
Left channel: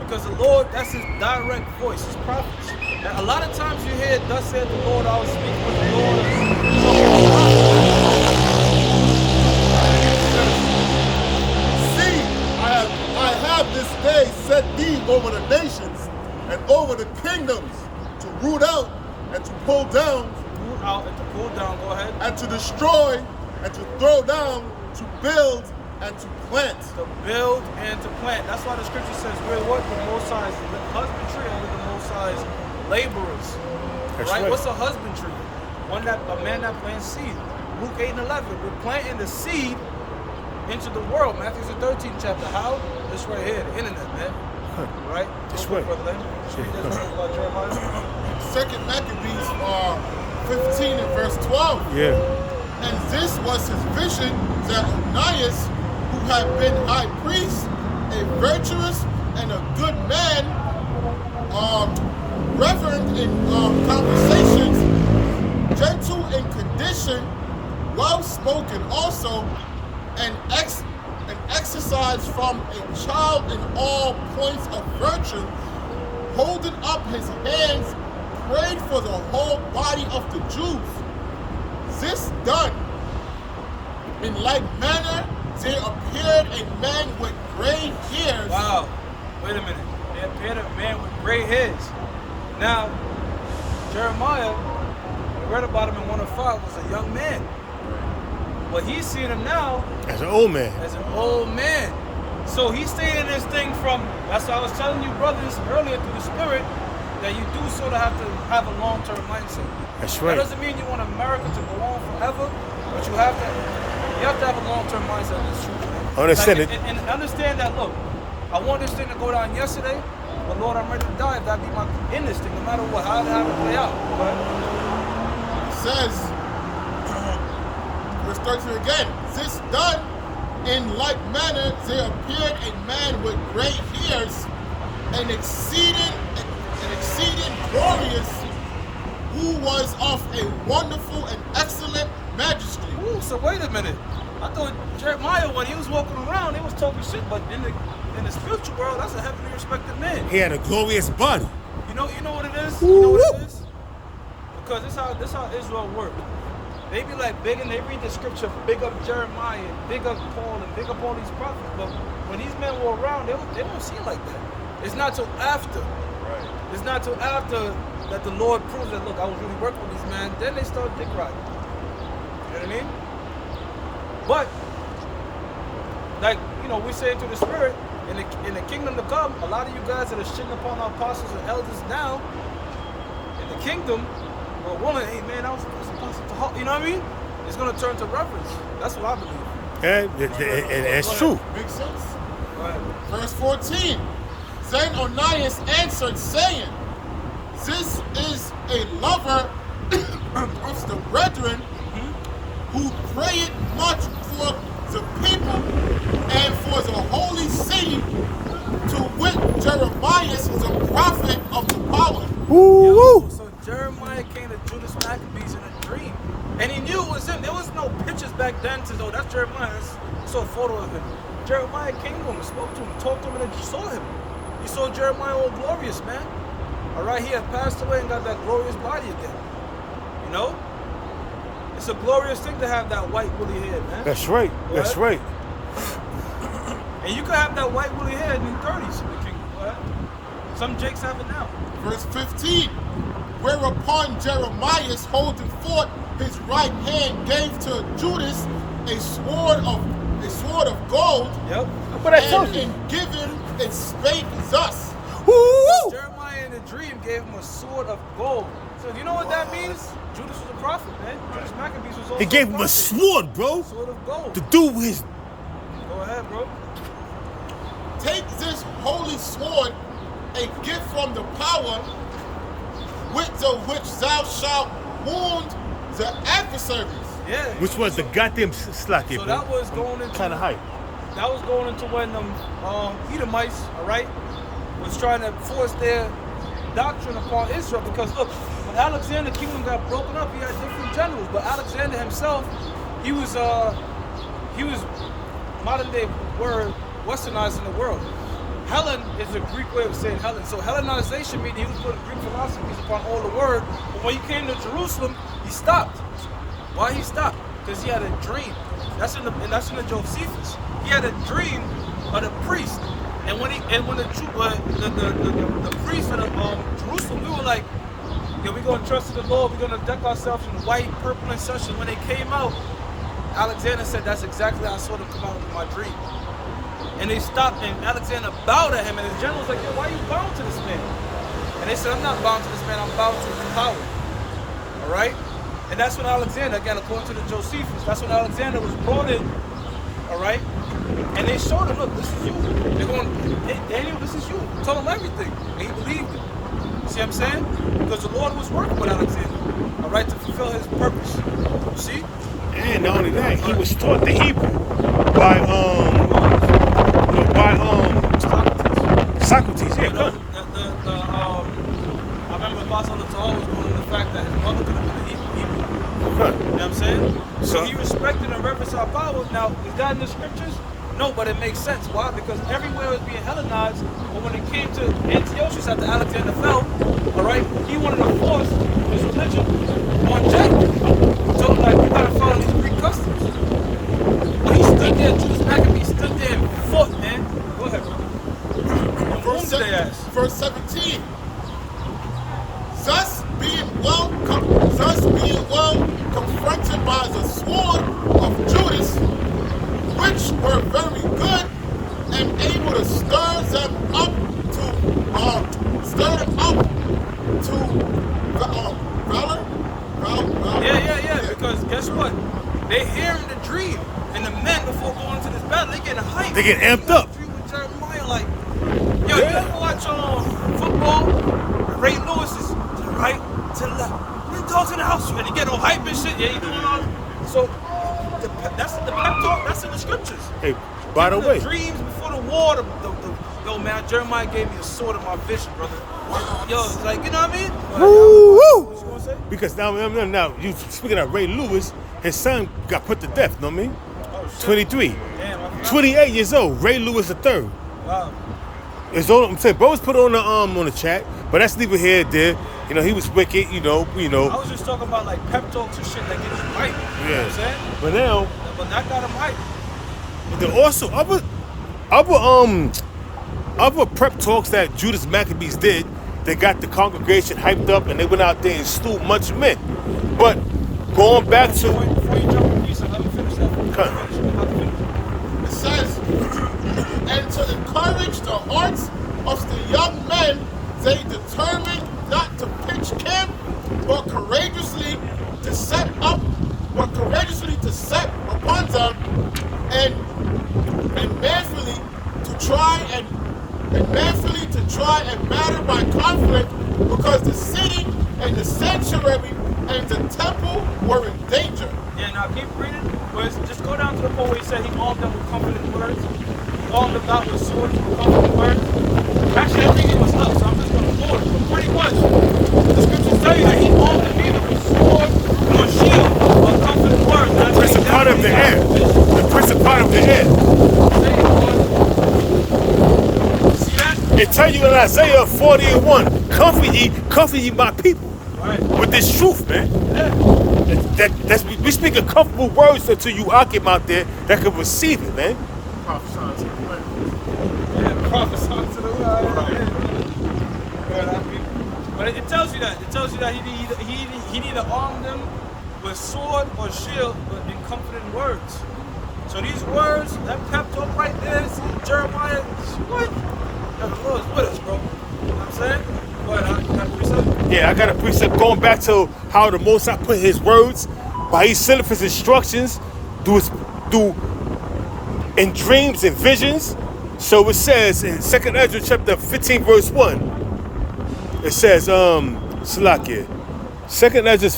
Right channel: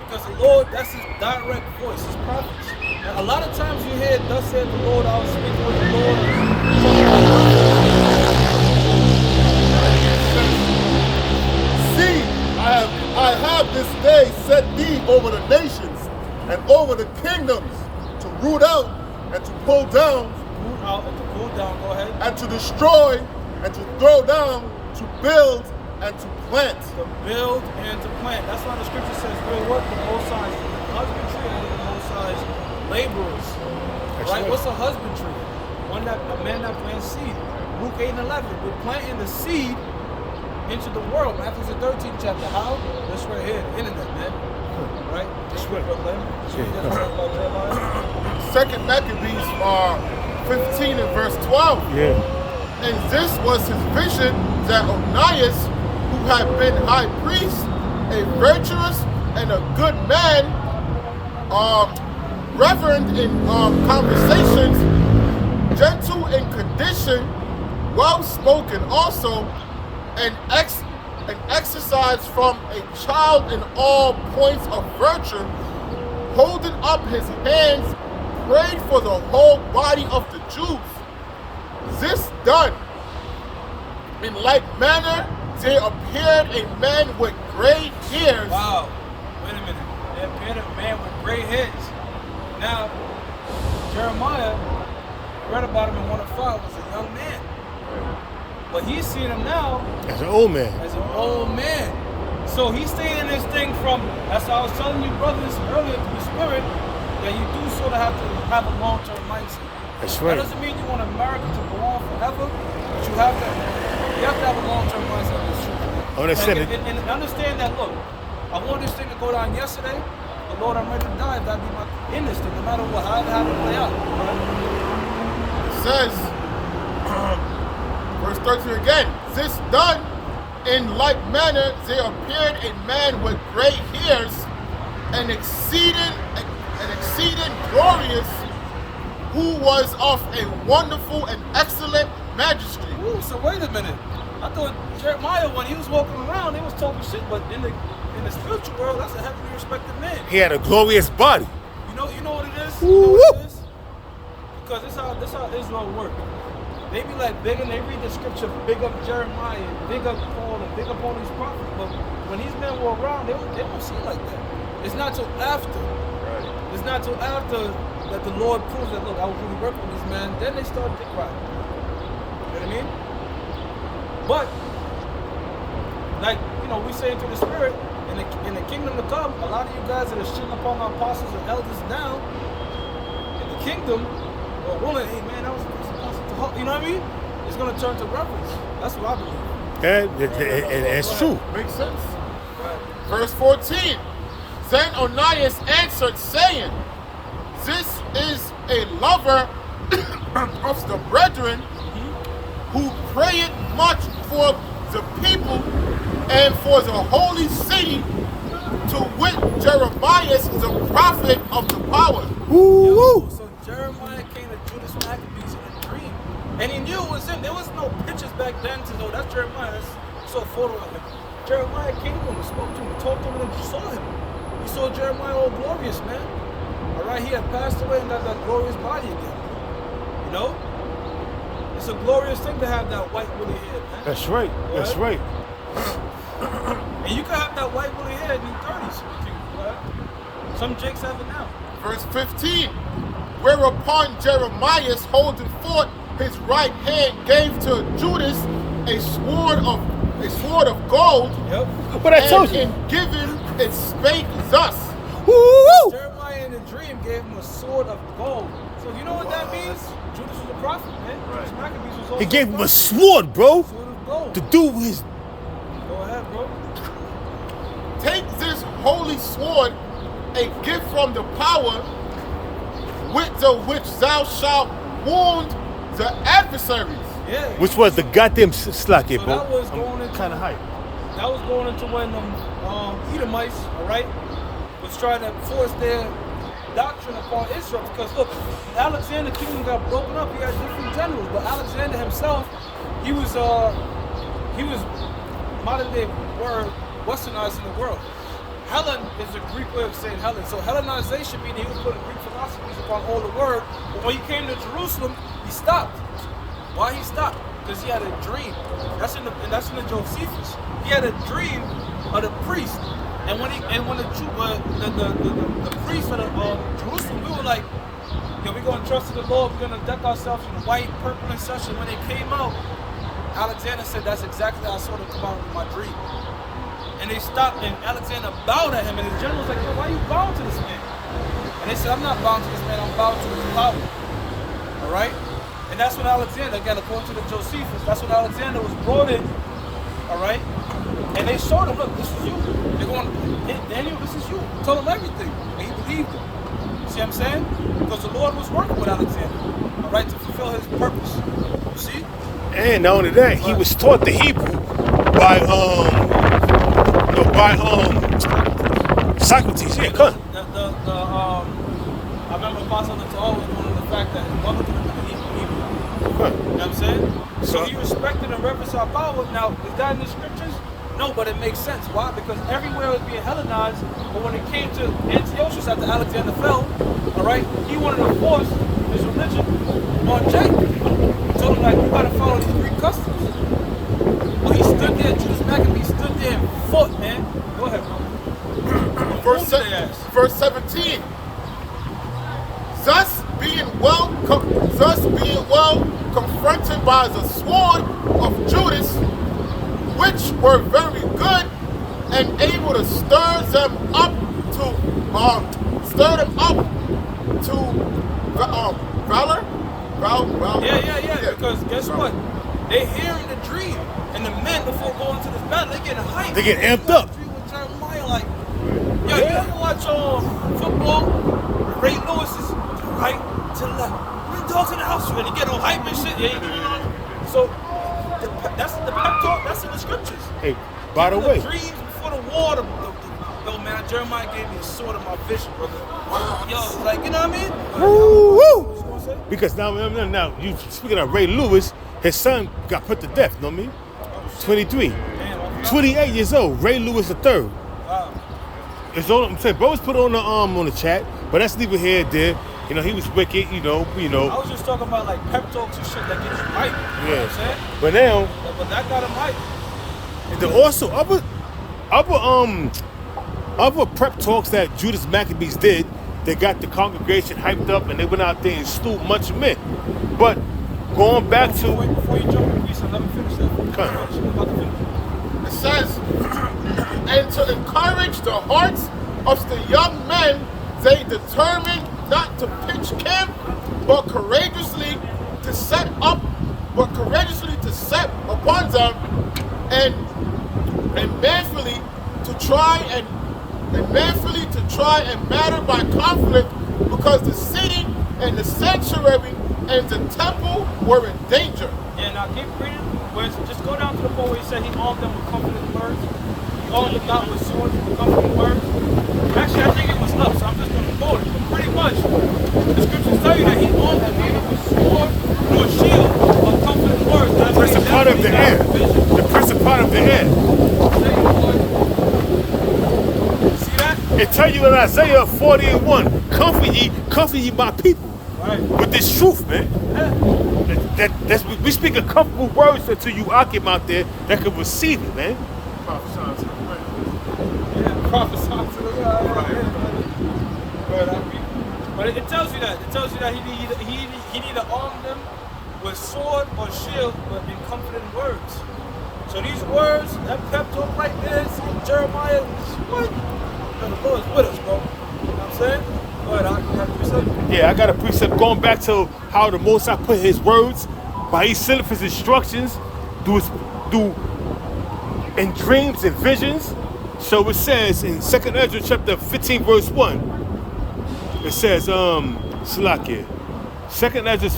Because the Lord, that's his direct voice, his prophets. Now, a lot of times you hear, thus said the Lord, I was speaking with the Lord, or talking to the prophet. See, I have this day set thee over the nations and over the kingdoms to root out and to pull down. Root out and to pull down, go ahead. And to destroy and to throw down, to build and to plant. To build and to plant. That's why the scripture says we're what? The Most High's husbandry, and we're the Most High's laborers. Right? What's a husbandry? A man that plants seed. Luke 8 and 11. We're planting the seed into the world. Matthew the 13th chapter. How? That's right here, the internet, man. Right? That's right. Brother Len. About Jeremiah. 2nd Maccabees 15 and verse 12. Yeah. And this was his vision, that Onias, who had been high priest, a virtuous and a good man, reverend in conversations, gentle in condition, well-spoken also, and exercised from a child in all points of virtue, holding up his hands, prayed for the whole body of the Jews. This done, in like manner, there appeared a man with gray hairs. Wow. Wait a minute. There appeared a man with gray hairs. Now, Jeremiah, we read about him in 1:5, was a young man. Right. But he's seeing him now As an old man. as an old man. So he's saying this thing from, that's why I was telling you brothers earlier through the spirit, that you do sort of have to have a long-term mindset. That's That right. doesn't mean you want America to go on forever, but you have to have a long-term mindset in this truth, man. Understand Like, it. and understand that, look, I want this thing to go down yesterday, but Lord, I'm ready to die if that be my in this thing, no matter what, however have it play out, right? It says, verse 13 again, this done, in like manner, there appeared a man with gray hairs, an exceeding glorious, who was of a wonderful and excellent majesty. Ooh, so wait a minute. I thought Jeremiah, when he was walking around, he was talking shit, but in the spiritual world, that's a heavily respected man. He had a glorious body. You know what it is? You know Woo! what it is? Because this how Israel works. They be like big and they read the scripture, big up Jeremiah, big up Paul, and big up all these prophets. But when these men were around, they won't see it like that. It's not till after. Right. It's not till after that the Lord proves that, look, I was really working with these men. Then they start dick riding. You know what I mean? But, like, you know, we say into the spirit, in the kingdom to come, a lot of you guys that are shitting upon our apostles and elders now, in the kingdom, well, willing, hey man, that was apostle to heart. You know what I mean? It's going to turn to reverence. That's what I believe. And it's true. Makes sense. Go ahead. Verse 14. Then Onias answered, saying, this is a lover of the brethren, who prayeth much for the people and for the holy city, to wit Jeremiah, the prophet of the power. Woo! So Jeremiah came to Judas Maccabees in a dream. And he knew it was him. There was no pictures back then to say, oh, that's Jeremiah. You saw a photo of him. Jeremiah came to him and spoke to him and talked to him, and then you saw him. You saw Jeremiah all glorious, man. All right, he had passed away and got that glorious body again. You know? It's a glorious thing to have that white woolly hair, man. That's right. That's right. And you can have that white woolly hair in your 30s. Right? Some jakes have it now. Verse 15. Whereupon Jeremiah, holding forth his right hand, gave to Judas a sword of gold. Yep. But I told And you. in giving it spake thus. Woo! Jeremiah in a dream gave him a sword of gold. So you know what that means? Judas was a prophet, man. Right. Judas Maccabees was also He gave him a prophet. sword, bro, Sword of gold. to do his. Go ahead, bro. Take this holy sword, a gift from the power, with the which thou shalt wound the adversaries. Yeah. Which was the goddamn slack here, So bro. that was going into Kind of hype. That was going into when Edomites, all right, was trying to force their doctrine upon Israel. Because look, when Alexander's kingdom got broken up, he had different generals. But Alexander himself, he was modern day word westernizing the world. Hellen is a Greek way of saying Hellen. So Hellenization meaning he was putting Greek philosophies upon all the word. But when he came to Jerusalem, he stopped. Why he stopped? Because he had a dream. That's in the Josephus. He had a dream of the priest, and when the priest of Jerusalem, we were like, yo, we're gonna trust in the Lord. We're gonna deck ourselves in the white, purple, and such. And when they came out, Alexander said, that's exactly how I saw them come out in my dream. And they stopped, and Alexander bowed at him, and his general was like, yo, why are you bowing to this man? And they said, I'm not bowing to this man. I'm bowing to his power. All right. And that's when Alexander, again, according to the Josephus, that's when Alexander was brought in, all right? And they showed him, look, this is you. They're going, Daniel, this is you. Told him everything. And he believed it. See what I'm saying? Because the Lord was working with Alexander, all right, to fulfill his purpose. You see? And not only that, he was taught the Hebrew by Socrates. Yeah, come. I remember Apostle Torah was going on the fact that his mother could have been a Hebrew. Right. You know what I'm saying? So he respected and reverenced our power. Now, is that in the scriptures? No, but it makes sense. Why? Because everywhere was being Hellenized, but when it came to Antiochus after Alexander fell, all right, he wanted to force his religion on Jake. He told him, like, you gotta follow these Greek customs. But he stood there, Judas Maccabee stood there and fought, man. Go ahead, bro. Verse 17. Thus being well confronted by the sword of Judas, which were very good and able to stir them up to valor. Yeah. Because guess what? They're hearing the dream, and the men before going into this battle, they getting hyped. They get amped up. With Jeremiah, like, yo, you ever watch football? Ray Lewis is to the right, to the left. Men dogs in the house, and they get all hype and shit. Yeah, you doing all. So that's the pep talk. That's in the scriptures. Hey, by the way, dreams before the war. Yo, man, Jeremiah gave me the sword of my vision, brother. Wow. Yo, it's like, you know what I mean? Woo! What you gonna say? Because now, you speaking of Ray Lewis, his son got put to death. Know what I mean? Oh, shit. 23, Damn, I forgot. 28 years old. Ray Lewis III. Wow. It's all I'm saying. Bo's put on the chat, but that's neither here nor there. You know, he was wicked. You know. I was just talking about like pep talks and shit that gets you hype. You know what I'm saying? But now, But that got him hype. there also other prep talks that Judas Maccabees did. They got the congregation hyped up, and they went out there and slew much men. But going back to Before you jump in, let me finish that. I'm about to finish. It says, and to encourage the hearts of the young men, they determined not to pitch camp, but courageously to set upon them, and manfully to try and matter by conflict, because the city and the sanctuary and the temple were in danger. Yeah, now keep reading. Just go down to the point where he said he armed them with comforting words. He armed them not with swords, with comforting words. Actually, I think it was up, so I'm just going to quote it. But pretty much, the scriptures tell you that he armed them neither with sword nor shield, but comforting words. That's part of the air. The principality of the air. See that? It tell you in Isaiah 40:1, comfort ye my people. Right. With this truth, man. Yeah. We speaking comfortable words to you Akim out there that can receive it, man. Yeah, prophesy to the world. But it tells you that. It tells you that he neither armed them with sword or shield, but in comforting words. So these words, that pep talk right there, see Jeremiah, what? Now the Lord's with us, bro. You know what I'm saying? Go ahead, you got a precept? Yeah, I got a precept going back to how the Most High put his words, by he sent his instructions, do in dreams and visions. So it says in 2nd Ezra chapter 15 verse 1, it says, Salakia, 2nd Ezra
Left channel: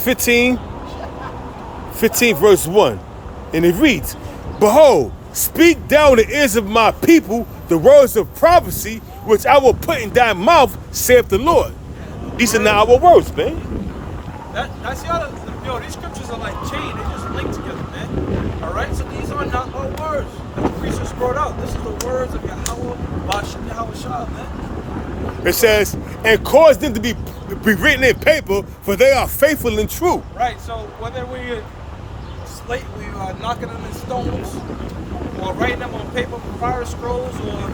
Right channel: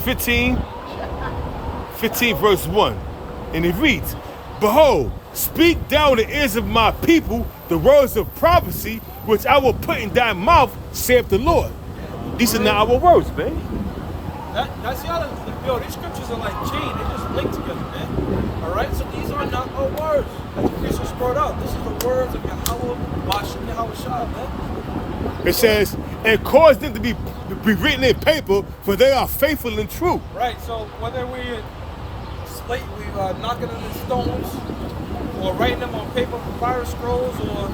15 verse 1, and it reads, Behold, speak thou in the ears of my people the words of prophecy, which I will put in thy mouth, saith the Lord. These are not our words, man. That's the other, these scriptures are like chain, they just link together, man. Alright, so these are not our words. As the priest just brought out, this is the words of Yahweh, Bashim Yahweh Shah, man. It says, and cause them to be written in paper, for they are faithful and true. Right, so whether we knocking them in stones, or writing them on paper, papyrus scrolls, or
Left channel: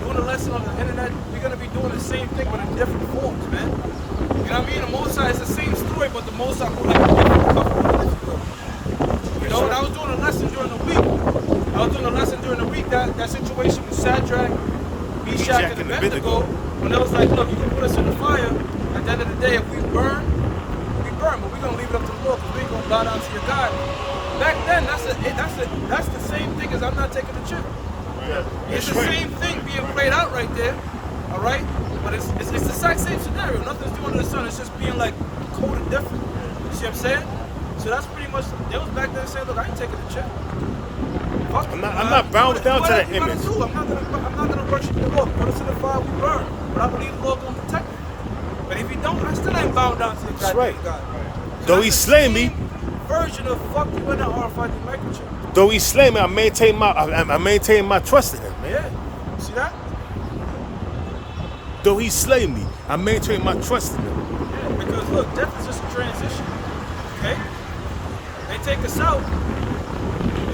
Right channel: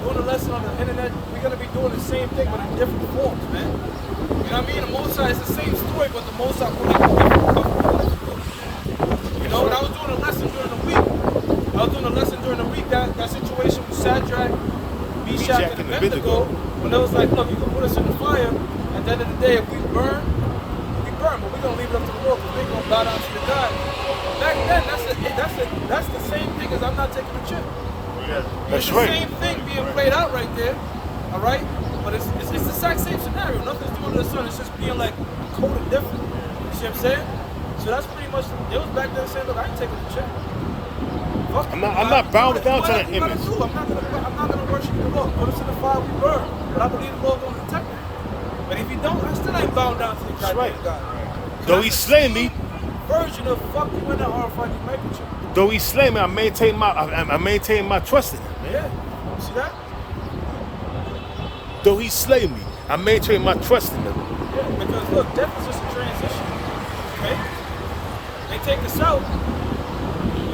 doing a lesson on the internet, we're going to be doing the same thing, but in different forms, man. You know what I mean? The Mosai is the same story, but the Mosai put like a different cover. You know, when I was doing a lesson during the week, that situation with Shadrach, Meshach, and Abednego, when it was like, look, you can put us in the fire, at the end of the day, if we burn, but we're going to leave it up to the Lord, because we ain't going to bow down to your God. Back then, that's the same thing as I'm not taking a chip. Right. It's the same thing being played out right there, all right? But it's the exact same scenario. Nothing's doing to the sun. It's just being like coded different. You see what I'm saying? So that's pretty much. They was back then saying, "Look, I ain't taking a check. Fuck I'm not bound down to that image. I'm not gonna worship the Lord. Put us in the fire, we burn. But I believe the Lord gonna protect me. But if he don't, I still ain't bound down to the goddamn God. Though he slay me, version of fuck you in the RFID microchip. Though he slay me, I maintain my trust in him, man. Yeah. See that? Though he slay me, I maintain my trust in him. Yeah, because look, death is just a transition. Okay? They take us out.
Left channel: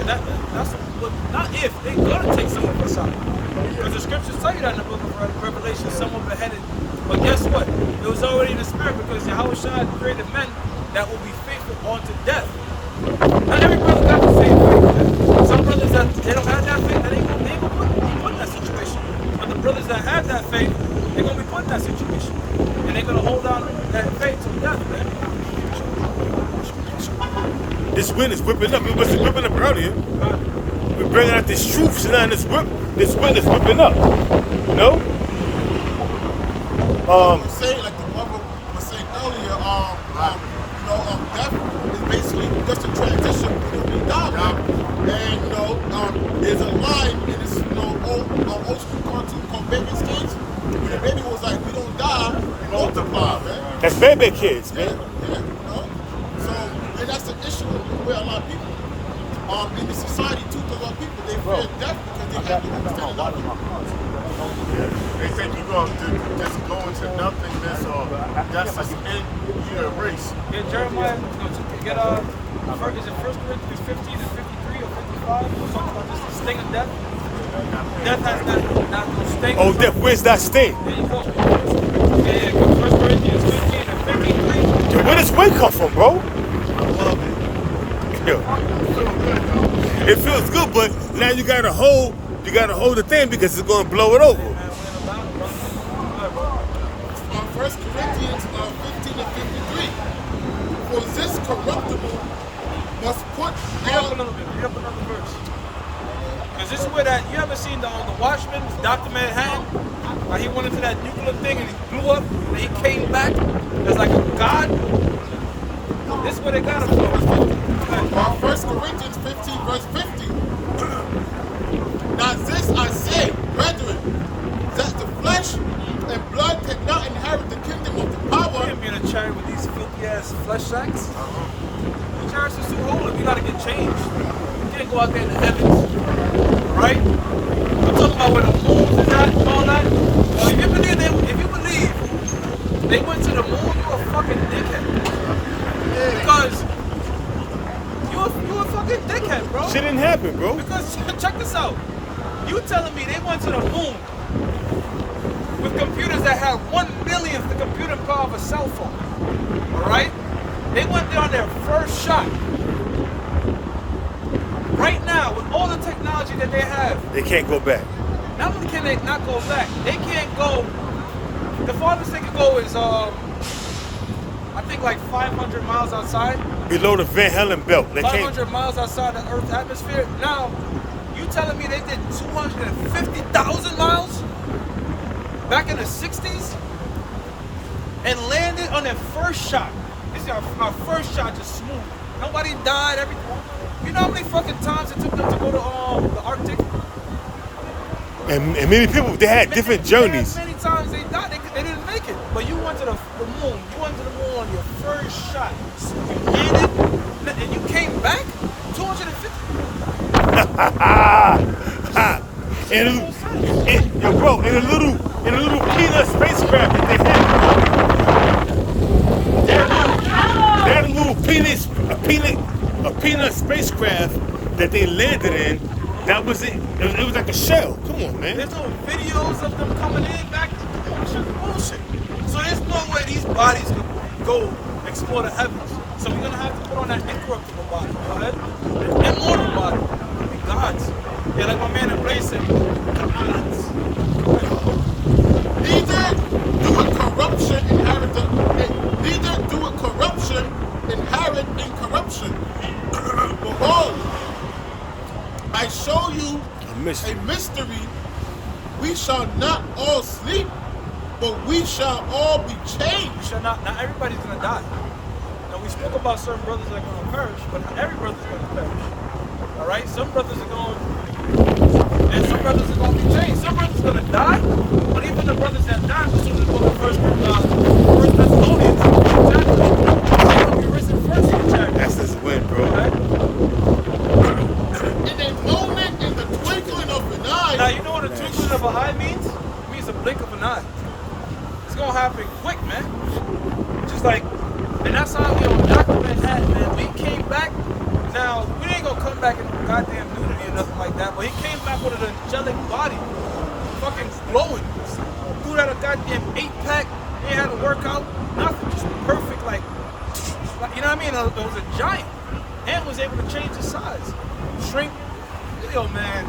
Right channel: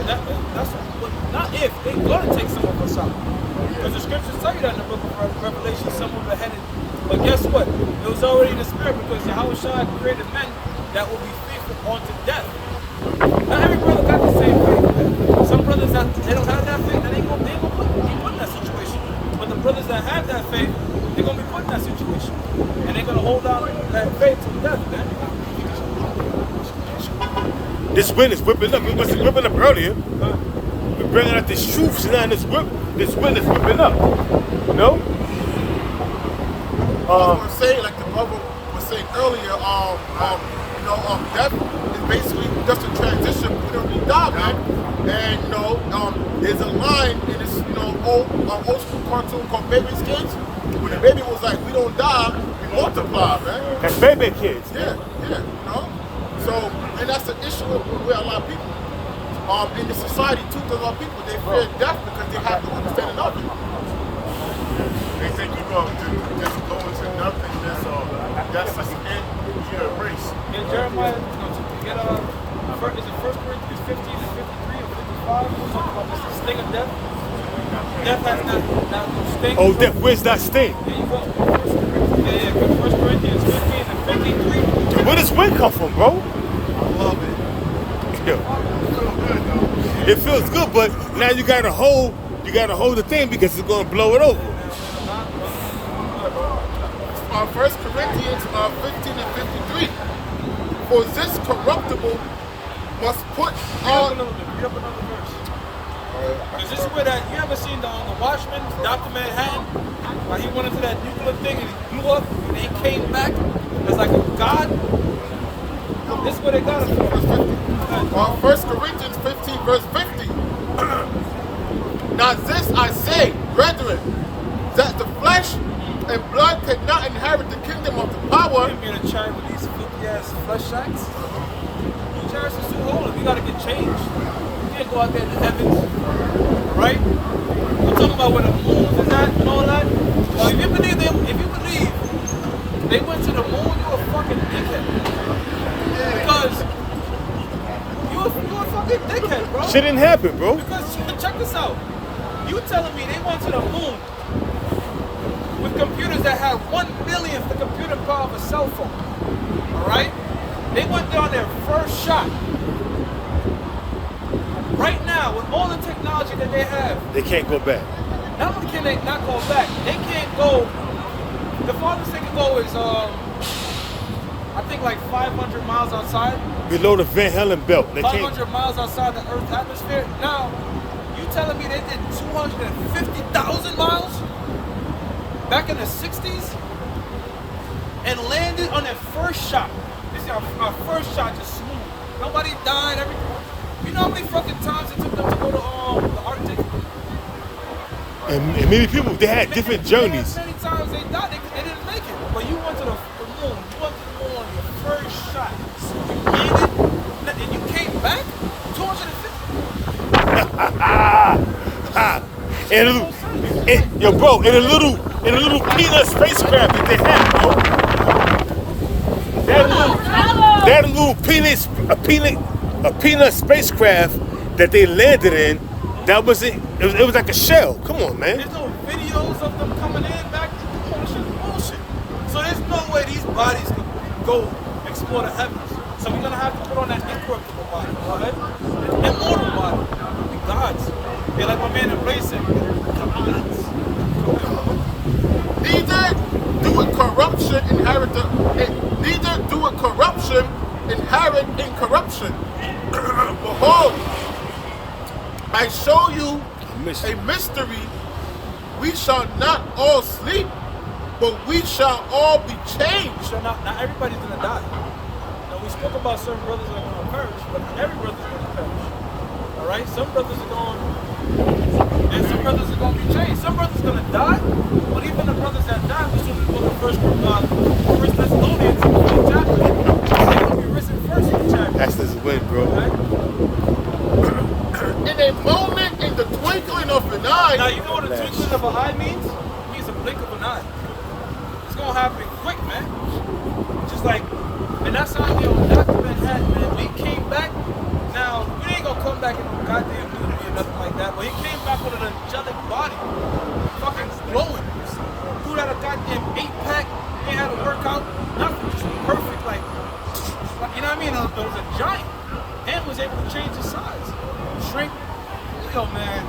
That's what, not if, they're gonna take some of us out. Because the scriptures tell you that in the book of Revelation, someone beheaded. But guess what? It was already in the spirit because Yahushua created men that will be faithful unto death. Not every brother got the same faith. Some brothers that they don't have that faith, that ain't gonna be put in that situation. But the brothers that have that faith, they're gonna be put in that situation. And they're gonna hold on that faith to death, man. This wind is whipping up. It wasn't whipping up earlier. We're bringing out this truth, so now this wind is whipping up. You know? I was gonna say, like the brother was saying earlier, death is basically just a transition. We don't need die, man. And there's a line in this, old school cartoon called Baby's Kids, where the baby was like, "We don't die, we multiply, man." That's baby kids, man. Yeah, So, and that's the issue with a lot of people. In the society, 2/3 of our people, they fear death because they have no understanding of it. They think you're going to just go into nothingness or that's just it, you're a race. Get Jeremiah, get is it 1 Corinthians 15 and 53 or 55? We'll talk about this, the sting of death. Death has not no sting. Oh, death, where's that sting? There you go. Yeah, 1 Corinthians 15 and 53. And where does wind come from, bro? I love it. Yo. It feels good, but now you gotta hold the thing because it's gonna blow it over. 1 Corinthians 15 and 53. For this corruptible must put Read up on. another verse. Because this is where that, you ever seen the Watchmen with Dr. Manhattan? How he went into that nuclear thing and he blew up and he came back as like a god? This is where they got him from. 1 Corinthians 15 verse 50. Now this I say, brethren, that the flesh and blood cannot inherit the kingdom of the power. You can't be in a chariot with these filthy ass flesh sacks. Chariots are too holy. You gotta get changed. You can't go out there in the heavens. Alright? I'm talking about where the moons is at and all that. Now, if you believe they went to the moon, you're a fucking dickhead. Because you a fucking dickhead, bro. Shit didn't happen, bro. Because check this out. You telling me they went to the moon with computers that had 1/1,000,000th the computing power of a cell phone. Alright? They went there on their first shot. Right now, with all the technology that they have, They can't go back. not only can they not go back, they can't go. The farthest they can go is I think like 500 miles outside. Below the Van Halen belt. They can't. 500 miles outside the Earth's atmosphere. Now, you telling me they did 250,000 miles back in the 60s and landed on their first shot? This is our first shot, just smooth. Nobody died. You know how many fucking times it took them to go to the Arctic? And many people, they had different journeys. Many times they died, they didn't make it. But you went to the moon. You went to the moon on your first shot. You landed, and you came back 250. And in a little peanut spacecraft that they had, bro. They had a little peanut spacecraft that they landed in. That was it. It was like a shell. Come on, man. There's no videos of them coming in back to the bullshit. So there's no way these bodies could go explore the heavens. So we're gonna have to put on that incorruptible body, go ahead. An immortal body. And God's. And like my man Embrace said, God's. Neither do a corruption inherit incorruption. Behold, I show you a mystery. We shall not all sleep, but we shall all be changed. We shall not everybody's gonna die. Now we spoke about certain brothers that are gonna perish, but not every brother's gonna perish. Alright? Some brothers are going and some brothers are gonna be changed. Some brothers are gonna die, but even the brothers that die, we see in the book of First Thessalonians, they're gonna be risen first. chariots. That's this win, bro. Right? In a moment, in the twinkling of an eye. Now, you know what a twinkling of an eye means? It means a blink of an eye. It's gonna happen quick, man. Just like, and that's how, Dr. Manhattan, man, when he came back, now, we ain't gonna come back in no goddamn nudity or nothing like that, but he came back with an angelic body. Fucking glowing. Dude had a goddamn 8-pack, he had to work out, nothing, just perfect, like, you know what I mean? It was a giant. And was able to change his size. Shrink. Yo, man,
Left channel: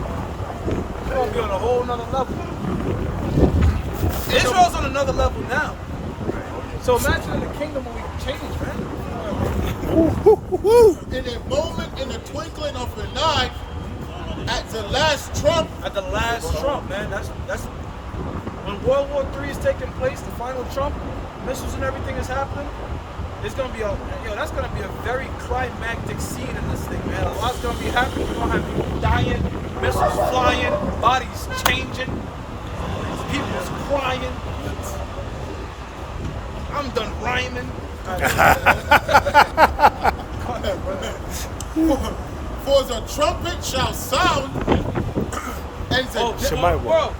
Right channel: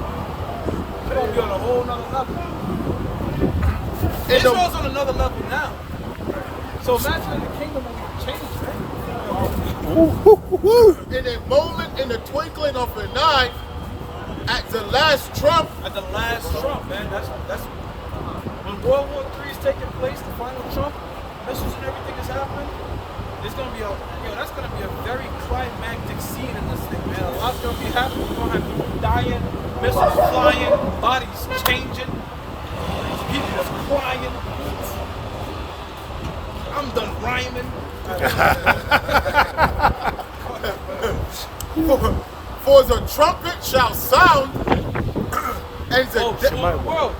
we're gonna be on a whole nother level. Israel's on another level now. So imagine in the kingdom when we change, man. In a moment, in the twinkling of an eye, at the last trump. At the last Trump, man. That's when World War III is taking place, the final Trump, missiles and everything is happening. It's gonna be that's gonna be a very climactic scene in this thing, man. A lot's gonna be happening. We're gonna have people dying, missiles flying, bodies changing, people's crying. I'm done rhyming. For the trumpet shall sound, and the Bro,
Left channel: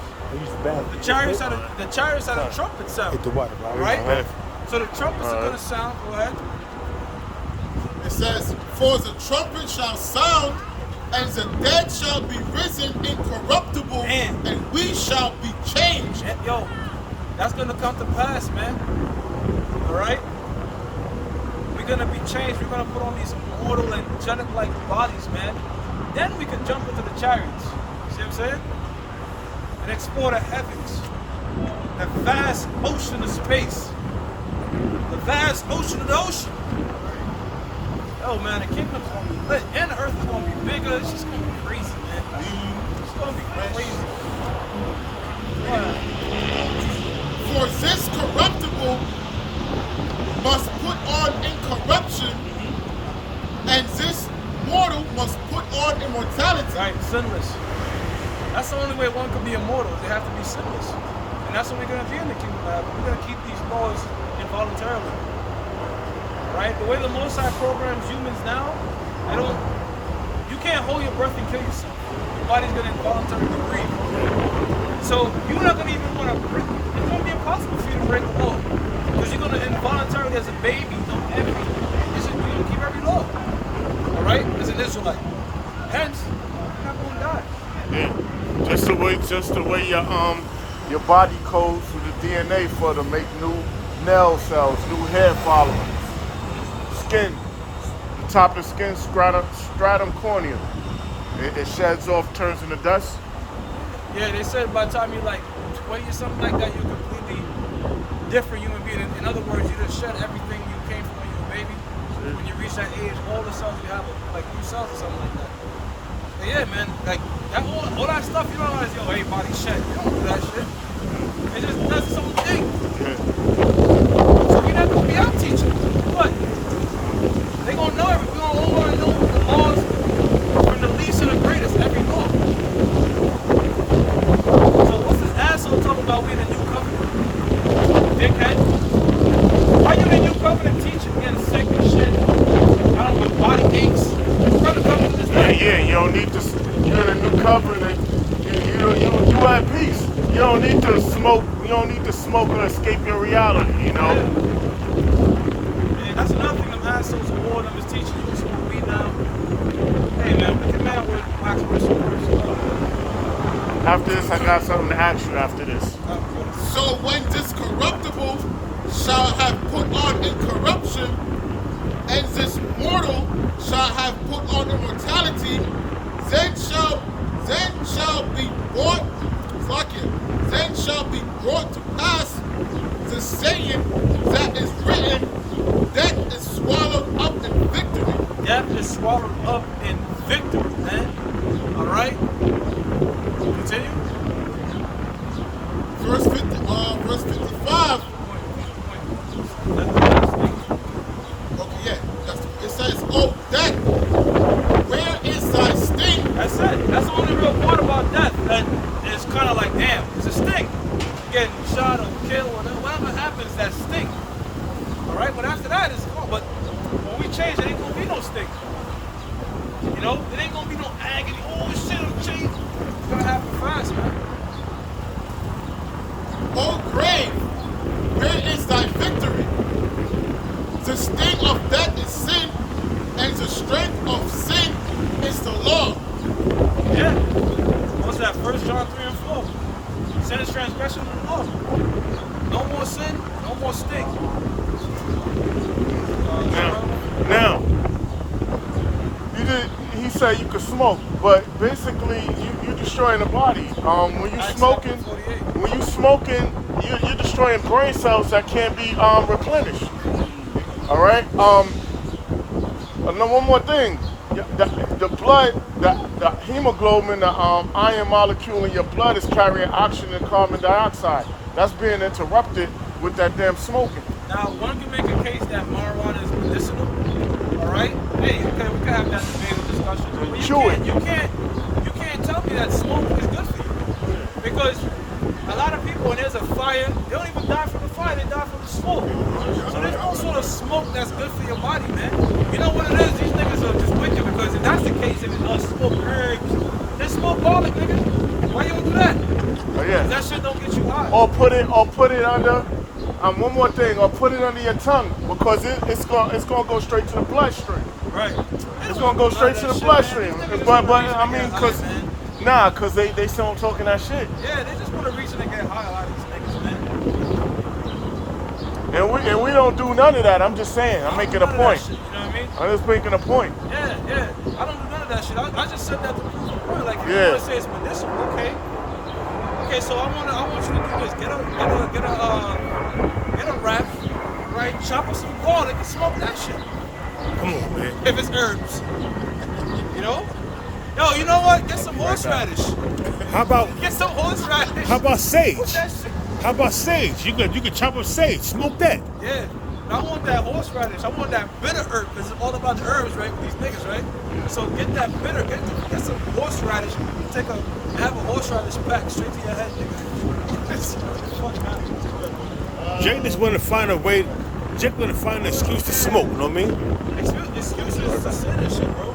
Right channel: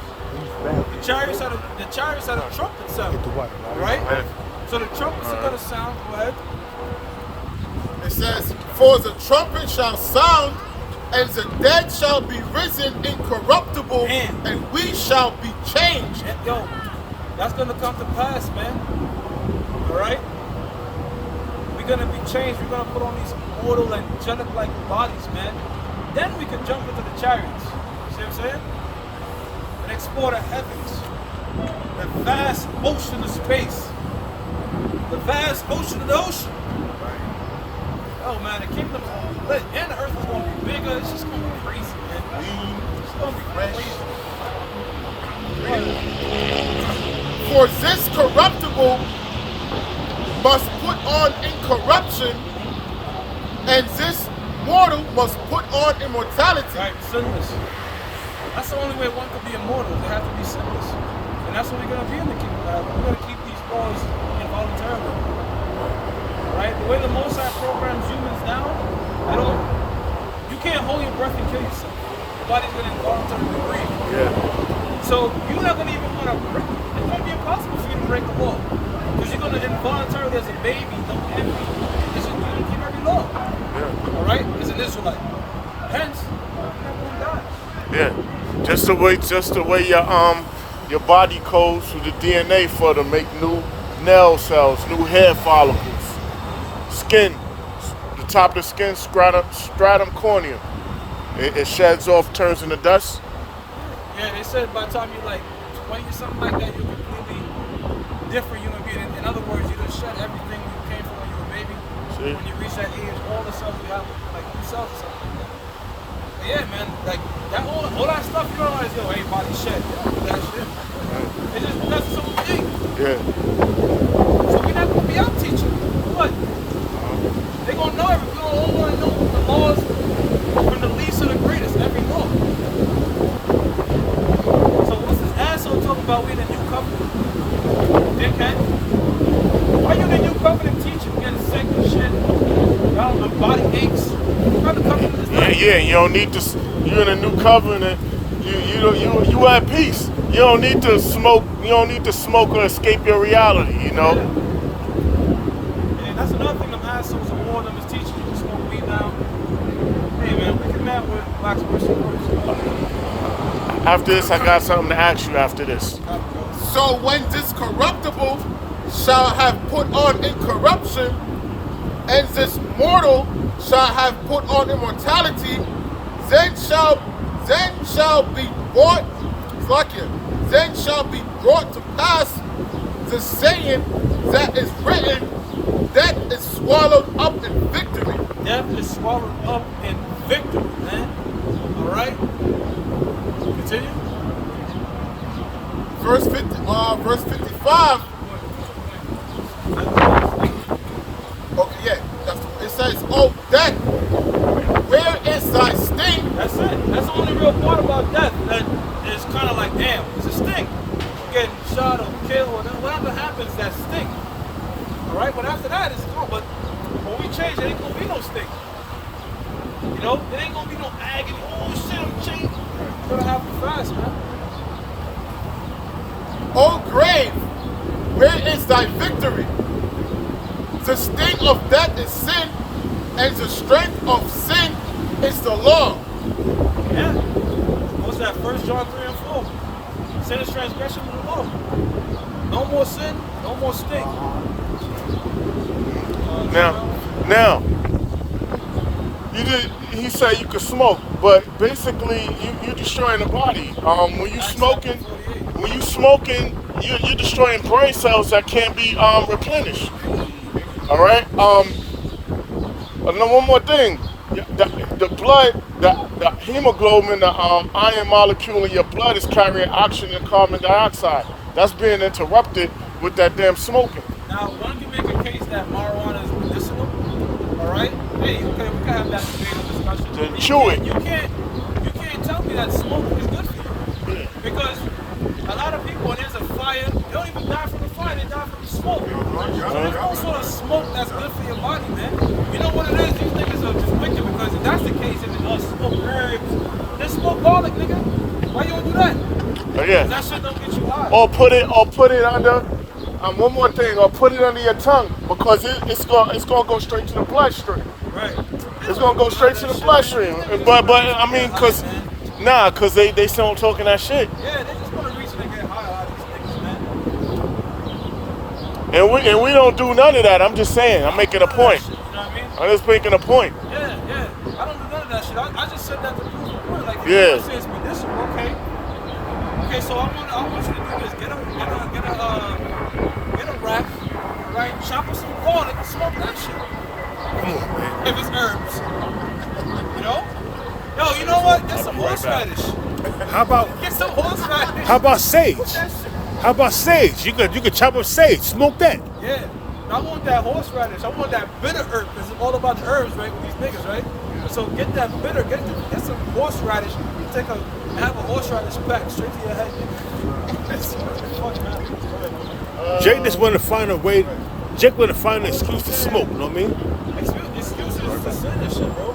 the chariots had a trumpet sound. All right. So the trumpets are gonna sound. Go ahead. It says, for the trumpet shall sound, and the dead shall be risen incorruptible, and we shall be changed. Yo, that's gonna come to pass, man. All right. We're gonna be changed. We're gonna put on these immortal, angelic-like bodies, man. Then we could jump into the chariots. See what I'm saying? And explore the heavens, the vast ocean of space, the vast ocean of the ocean. Right. Oh man, the kingdom's gonna be lit, and the earth is gonna be bigger. It's just gonna be crazy, man. It's gonna be crazy. For this corruptible must put on incorruption, and this mortal must put on immortality. Right, sinless. That's the only way one could be immortal. They have to be sinless. And that's what we're going to be in the kingdom of heaven. We're going to keep these laws involuntarily. All right? The way the Most High programs humans now, you can't hold your breath and kill yourself. Your body's going to involuntarily breathe. Yeah. So you're not going to even want to break. It's going to be impossible for you to break a law. Because you're going to involuntarily, as a baby, don't ever be. You're going to keep every law. Yeah. All right? As an Israelite. Hence, you're not going to die. Yeah. Just the way your body codes through the DNA for to make new nail cells, new hair follicles. Skin, the top of the skin, stratum corneum. It sheds off, turns into dust. Yeah, they said by the time you're like 20 or something like that, you're a completely different human being. In other words, you just shed everything you came from when you were a baby. See? When you reach that age, all the cells you have are like new cells or something like that. But yeah, man, like that all that stuff, you don't realize, yo, hey, body shed. You don't do that shit. Right. It just does its own thing. Yeah. So we have to be our teachers. But they gonna know we gonna all wanna know the laws from the least to the greatest, every law. So what's this asshole talking about we in the new covenant? Dickhead. Why you in the new covenant teaching getting sick and shit? My body aches. Brother, covenant is done. Yeah, you don't need to. You're in a new covenant. You at peace. You don't need to smoke. You don't need to smoke or escape your reality. You know. Yeah. And that's another thing. Them assholes of war, them is teaching you to smoke weed now. Hey man, we can man with wax words. After this, I got something to ask you. After this. So when this corruptible shall have put on incorruption, and this mortal shall have put on immortality, then shall be brought to pass the saying that is written, death is swallowed up in victory. Death is swallowed up in victory, man. All right. Continue. Verse 55. Okay, yeah, that's the one. It says, "Oh death, where is thy sting?" That's it. That's the only real part about death that is kind of like, damn, it's a sting. Getting shot or killed or whatever happens, that sting. All right, but after that, it's gone. But When we change, there ain't gonna be no sting. You know, there ain't gonna be no agony. Oh shit, I'm changed. It's gonna happen fast, man. O grave, where is thy victory? The sting of death is sin, and the strength of sin is the law. Yeah. What's that? 1 John 3 and 4. Sin is transgression of the law. No more sin, no more sting. Now, he said you could smoke, but basically you destroying the body. When you smoking, you're destroying brain cells that can't be replenished. All right. And then one more thing, the blood, the hemoglobin, the iron molecule in your blood is carrying oxygen and carbon dioxide. That's being interrupted with that damn smoking. Now, one can make a case that marijuana is medicinal. All right. Hey, okay, we can have that debate discussion. But you can't tell me that smoking is good for you. Yeah. Because a lot of people, when there's a fire, they don't even die from the fire, they die from the smoke. So there's no sort of smoke that's good for your body, man. You know what it is? These niggas are just wicked because if that's the case, they can smoke herbs. They smoke garlic, nigga. Why you don't do that? Oh yeah. That shit don't get you high. Or put it under. One more thing, or put it under your tongue because it's gonna go straight to the bloodstream. Right. It's gonna go straight to the bloodstream. But I mean, cause they still talking that shit. Yeah, they just want a reason to get high, a lot of these niggas, man. And we don't do none of that. I'm just saying. I'm making a point. Shit, you know what I mean? I'm just making a point. Yeah. I don't do none of that shit. I just said that to prove a point. Like, if you want to say it's medicinal, okay. Okay, so I want you to do this. Get a wrap, right? Chop up some garlic and smoke that shit. Come on, man. If it's herbs, you know. Yo, you know what? Get some horseradish. How about Get some horseradish. how about sage? Put that shit. How about sage? You could chop up sage, smoke that. Yeah. I want that horseradish. I want that bitter herb. Because it's all about the herbs, right? With these niggas, right? So get that bitter. Get some horseradish. Have a horseradish pack straight to your head, nigga. Fuck happens. Go ahead, bro. Jake just want to find a way. Jake want to find an excuse to smoke. You know what I mean? Excuses to sin and shit, bro.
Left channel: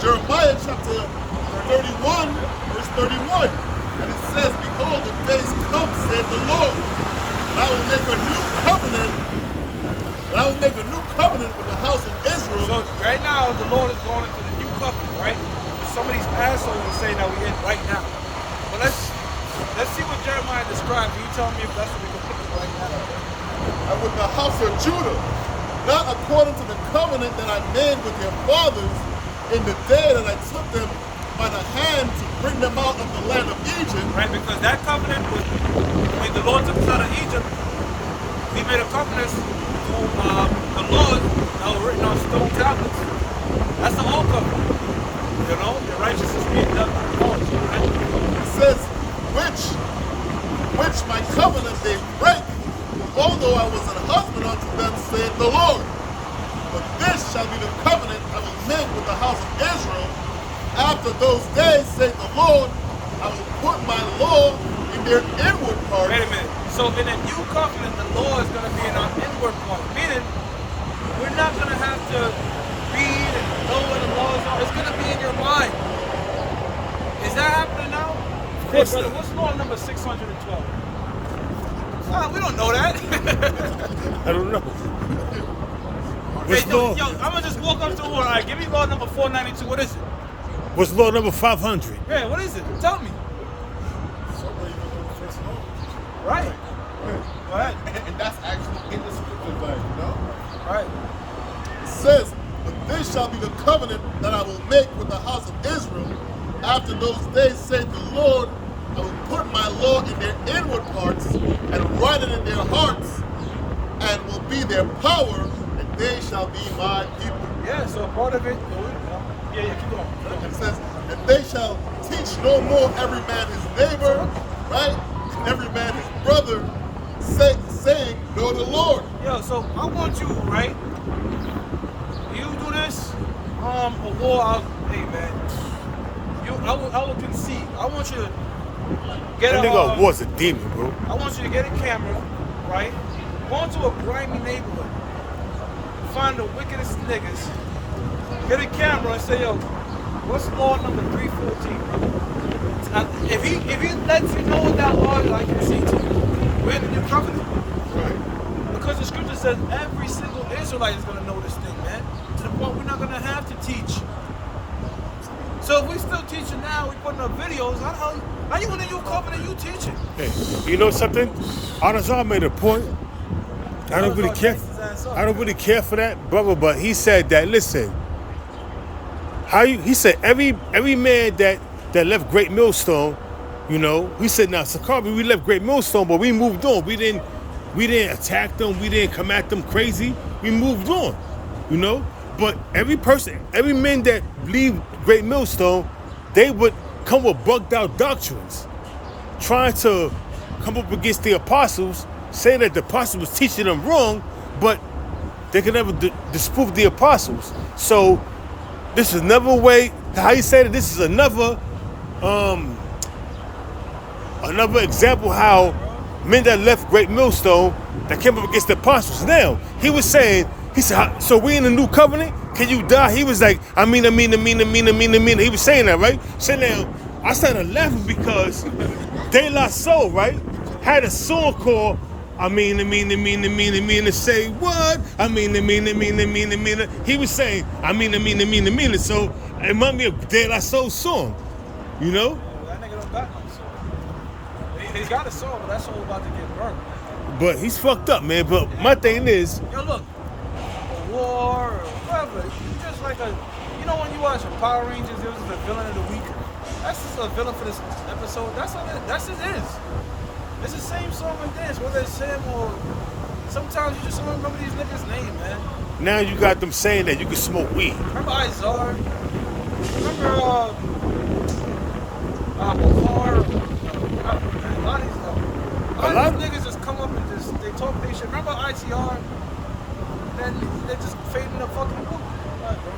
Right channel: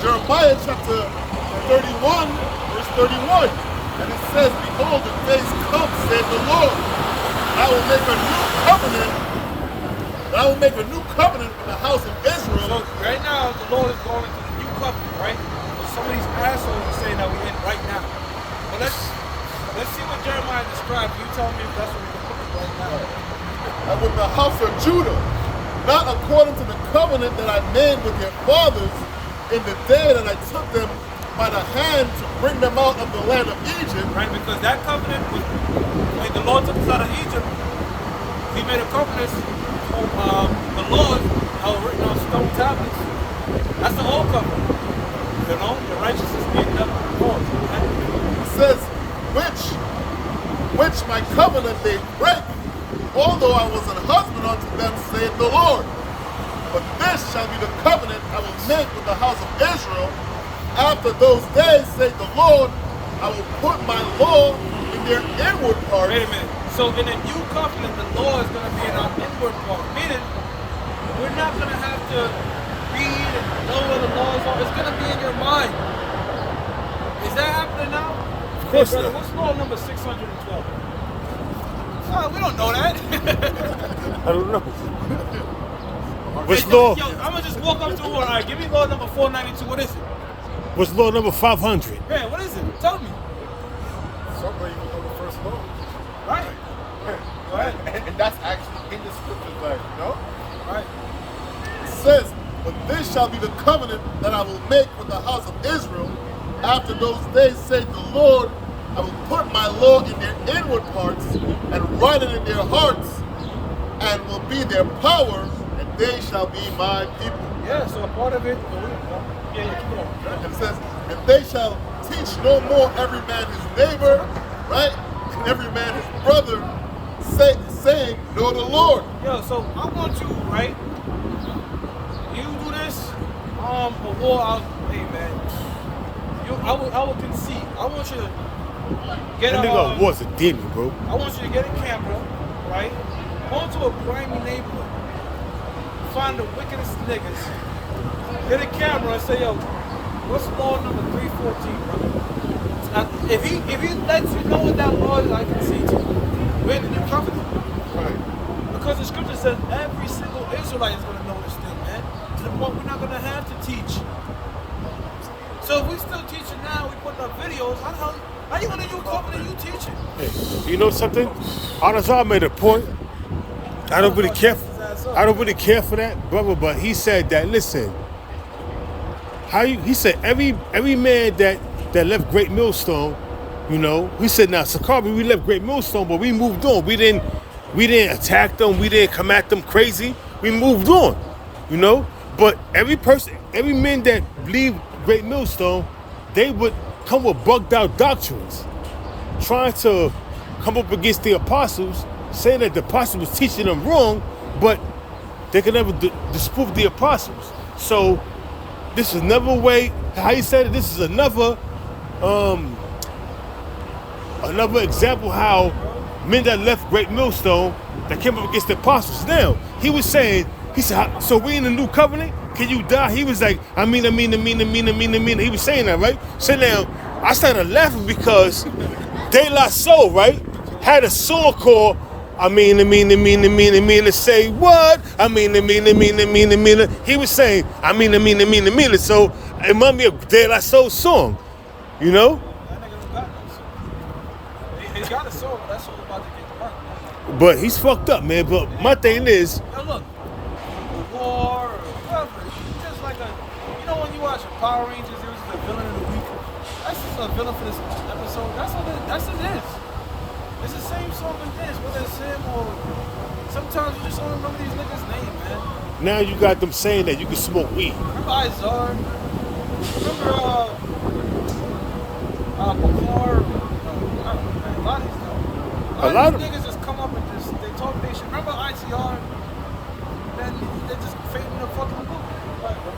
Jeremiah chapter 31, verse 31. And it says, behold, the days come, saith the Lord, I will make a new covenant. I will make a new covenant with the house of Israel. So right now, the Lord is going into the new covenant, right? And some of these assholes are saying that we're in right now. But let's see what Jeremiah described. You tell me if that's what we're going to put right now. And with the house of Judah, not according to the covenant that I made with their fathers in the day that I took them by the hand to bring them out of the land of Egypt. Right, because that covenant was, when the Lord took us out of Egypt, he made a covenant on the laws that were written on stone tablets. That's the old covenant. You know, the righteousness given up to the laws, right? It says, which my covenant they break, although I was an husband unto them, saith the Lord. But this shall be the covenant I will make with the house of Israel. After those days, saith the Lord, I will put my law in their inward parts. Wait a minute. So in the new covenant, the law is going to be in our inward part. Meaning, we're not going to have to read and know what the laws are. It's going to be in your mind. Is that happening now? Of course brother, not. what's law number 612? Well, we don't know that. I don't know. What's Hey, law? Yo, I'm going to just walk up to one. All right, give me law number 492. What is it? What's law number 500? Yeah, what is it? Tell me. Somebody even know the first law. Right. Right. And that's actually in the scriptures, like, you know? Right. It says, but this shall be the covenant that I will make with the house of Israel. After those days, saith the Lord, I will put my law in their inward parts and write it in their hearts, and will be their power, and they shall be my people. Yeah, so part of it, keep going. And it says, and they shall teach no more every man his neighbor, right? And every man his brother, saying, know the Lord. Yo, so I want you, right? You do this, a war out. Hey, man. I would concede. I want you to get That nigga was a demon, bro. I want you to get a camera, right? Go into a grimy neighborhood. Find the wickedest niggas. Get a camera and say, yo, what's law number 314, brother? If he lets you know what that law is, I can see to you. We're in the new covenant. Right. Because the scripture says every single Israelite is gonna know this thing, man. To the point we're not gonna have to teach. So if we still teaching now, we putting up videos, how you in the new covenant you teaching? Hey, you know something? Anazar made a point. I don't really care. I don't really care for that, brother. But he said that. Listen, he said every man that left Great Millstone, you know, he said now Sakari, we left Great Millstone, but we moved on. We didn't attack them. We didn't come at them crazy. We moved on, you know. But every man that leave Great Millstone, they would come with bugged out doctrines, trying to come up against the apostles, saying that the apostles was teaching them wrong, but they could never disprove the apostles. So this is another way. How you say that? This is another example how men that left Great Millstone that came up against the apostles. Now he said, so we in the new covenant? Can you die? He was like, I mean. He was saying that, right? So now I started laughing because De La Soul, right, had a song called I mean. Let's say what? I mean. He was saying I mean. So it reminded me of De La Soul's song, you know. That nigga don't got no soul. He got a soul, but that soul about to get burnt. But he's fucked up, man. But my thing is, Yo, look, a war or whatever. He's just like you know when you watch Power Rangers, there was the villain of the week. That's just a villain for this episode. That's what it is. It's the same song like this, whether it's him or sometimes you just don't remember these niggas' name, man. now you got them saying that you can smoke weed. Remember Izard? Remember Bukhar? A lot of these niggas just come up and they talk their shit. Remember ITR? Then they just fade in the fucking blue. Right, bro.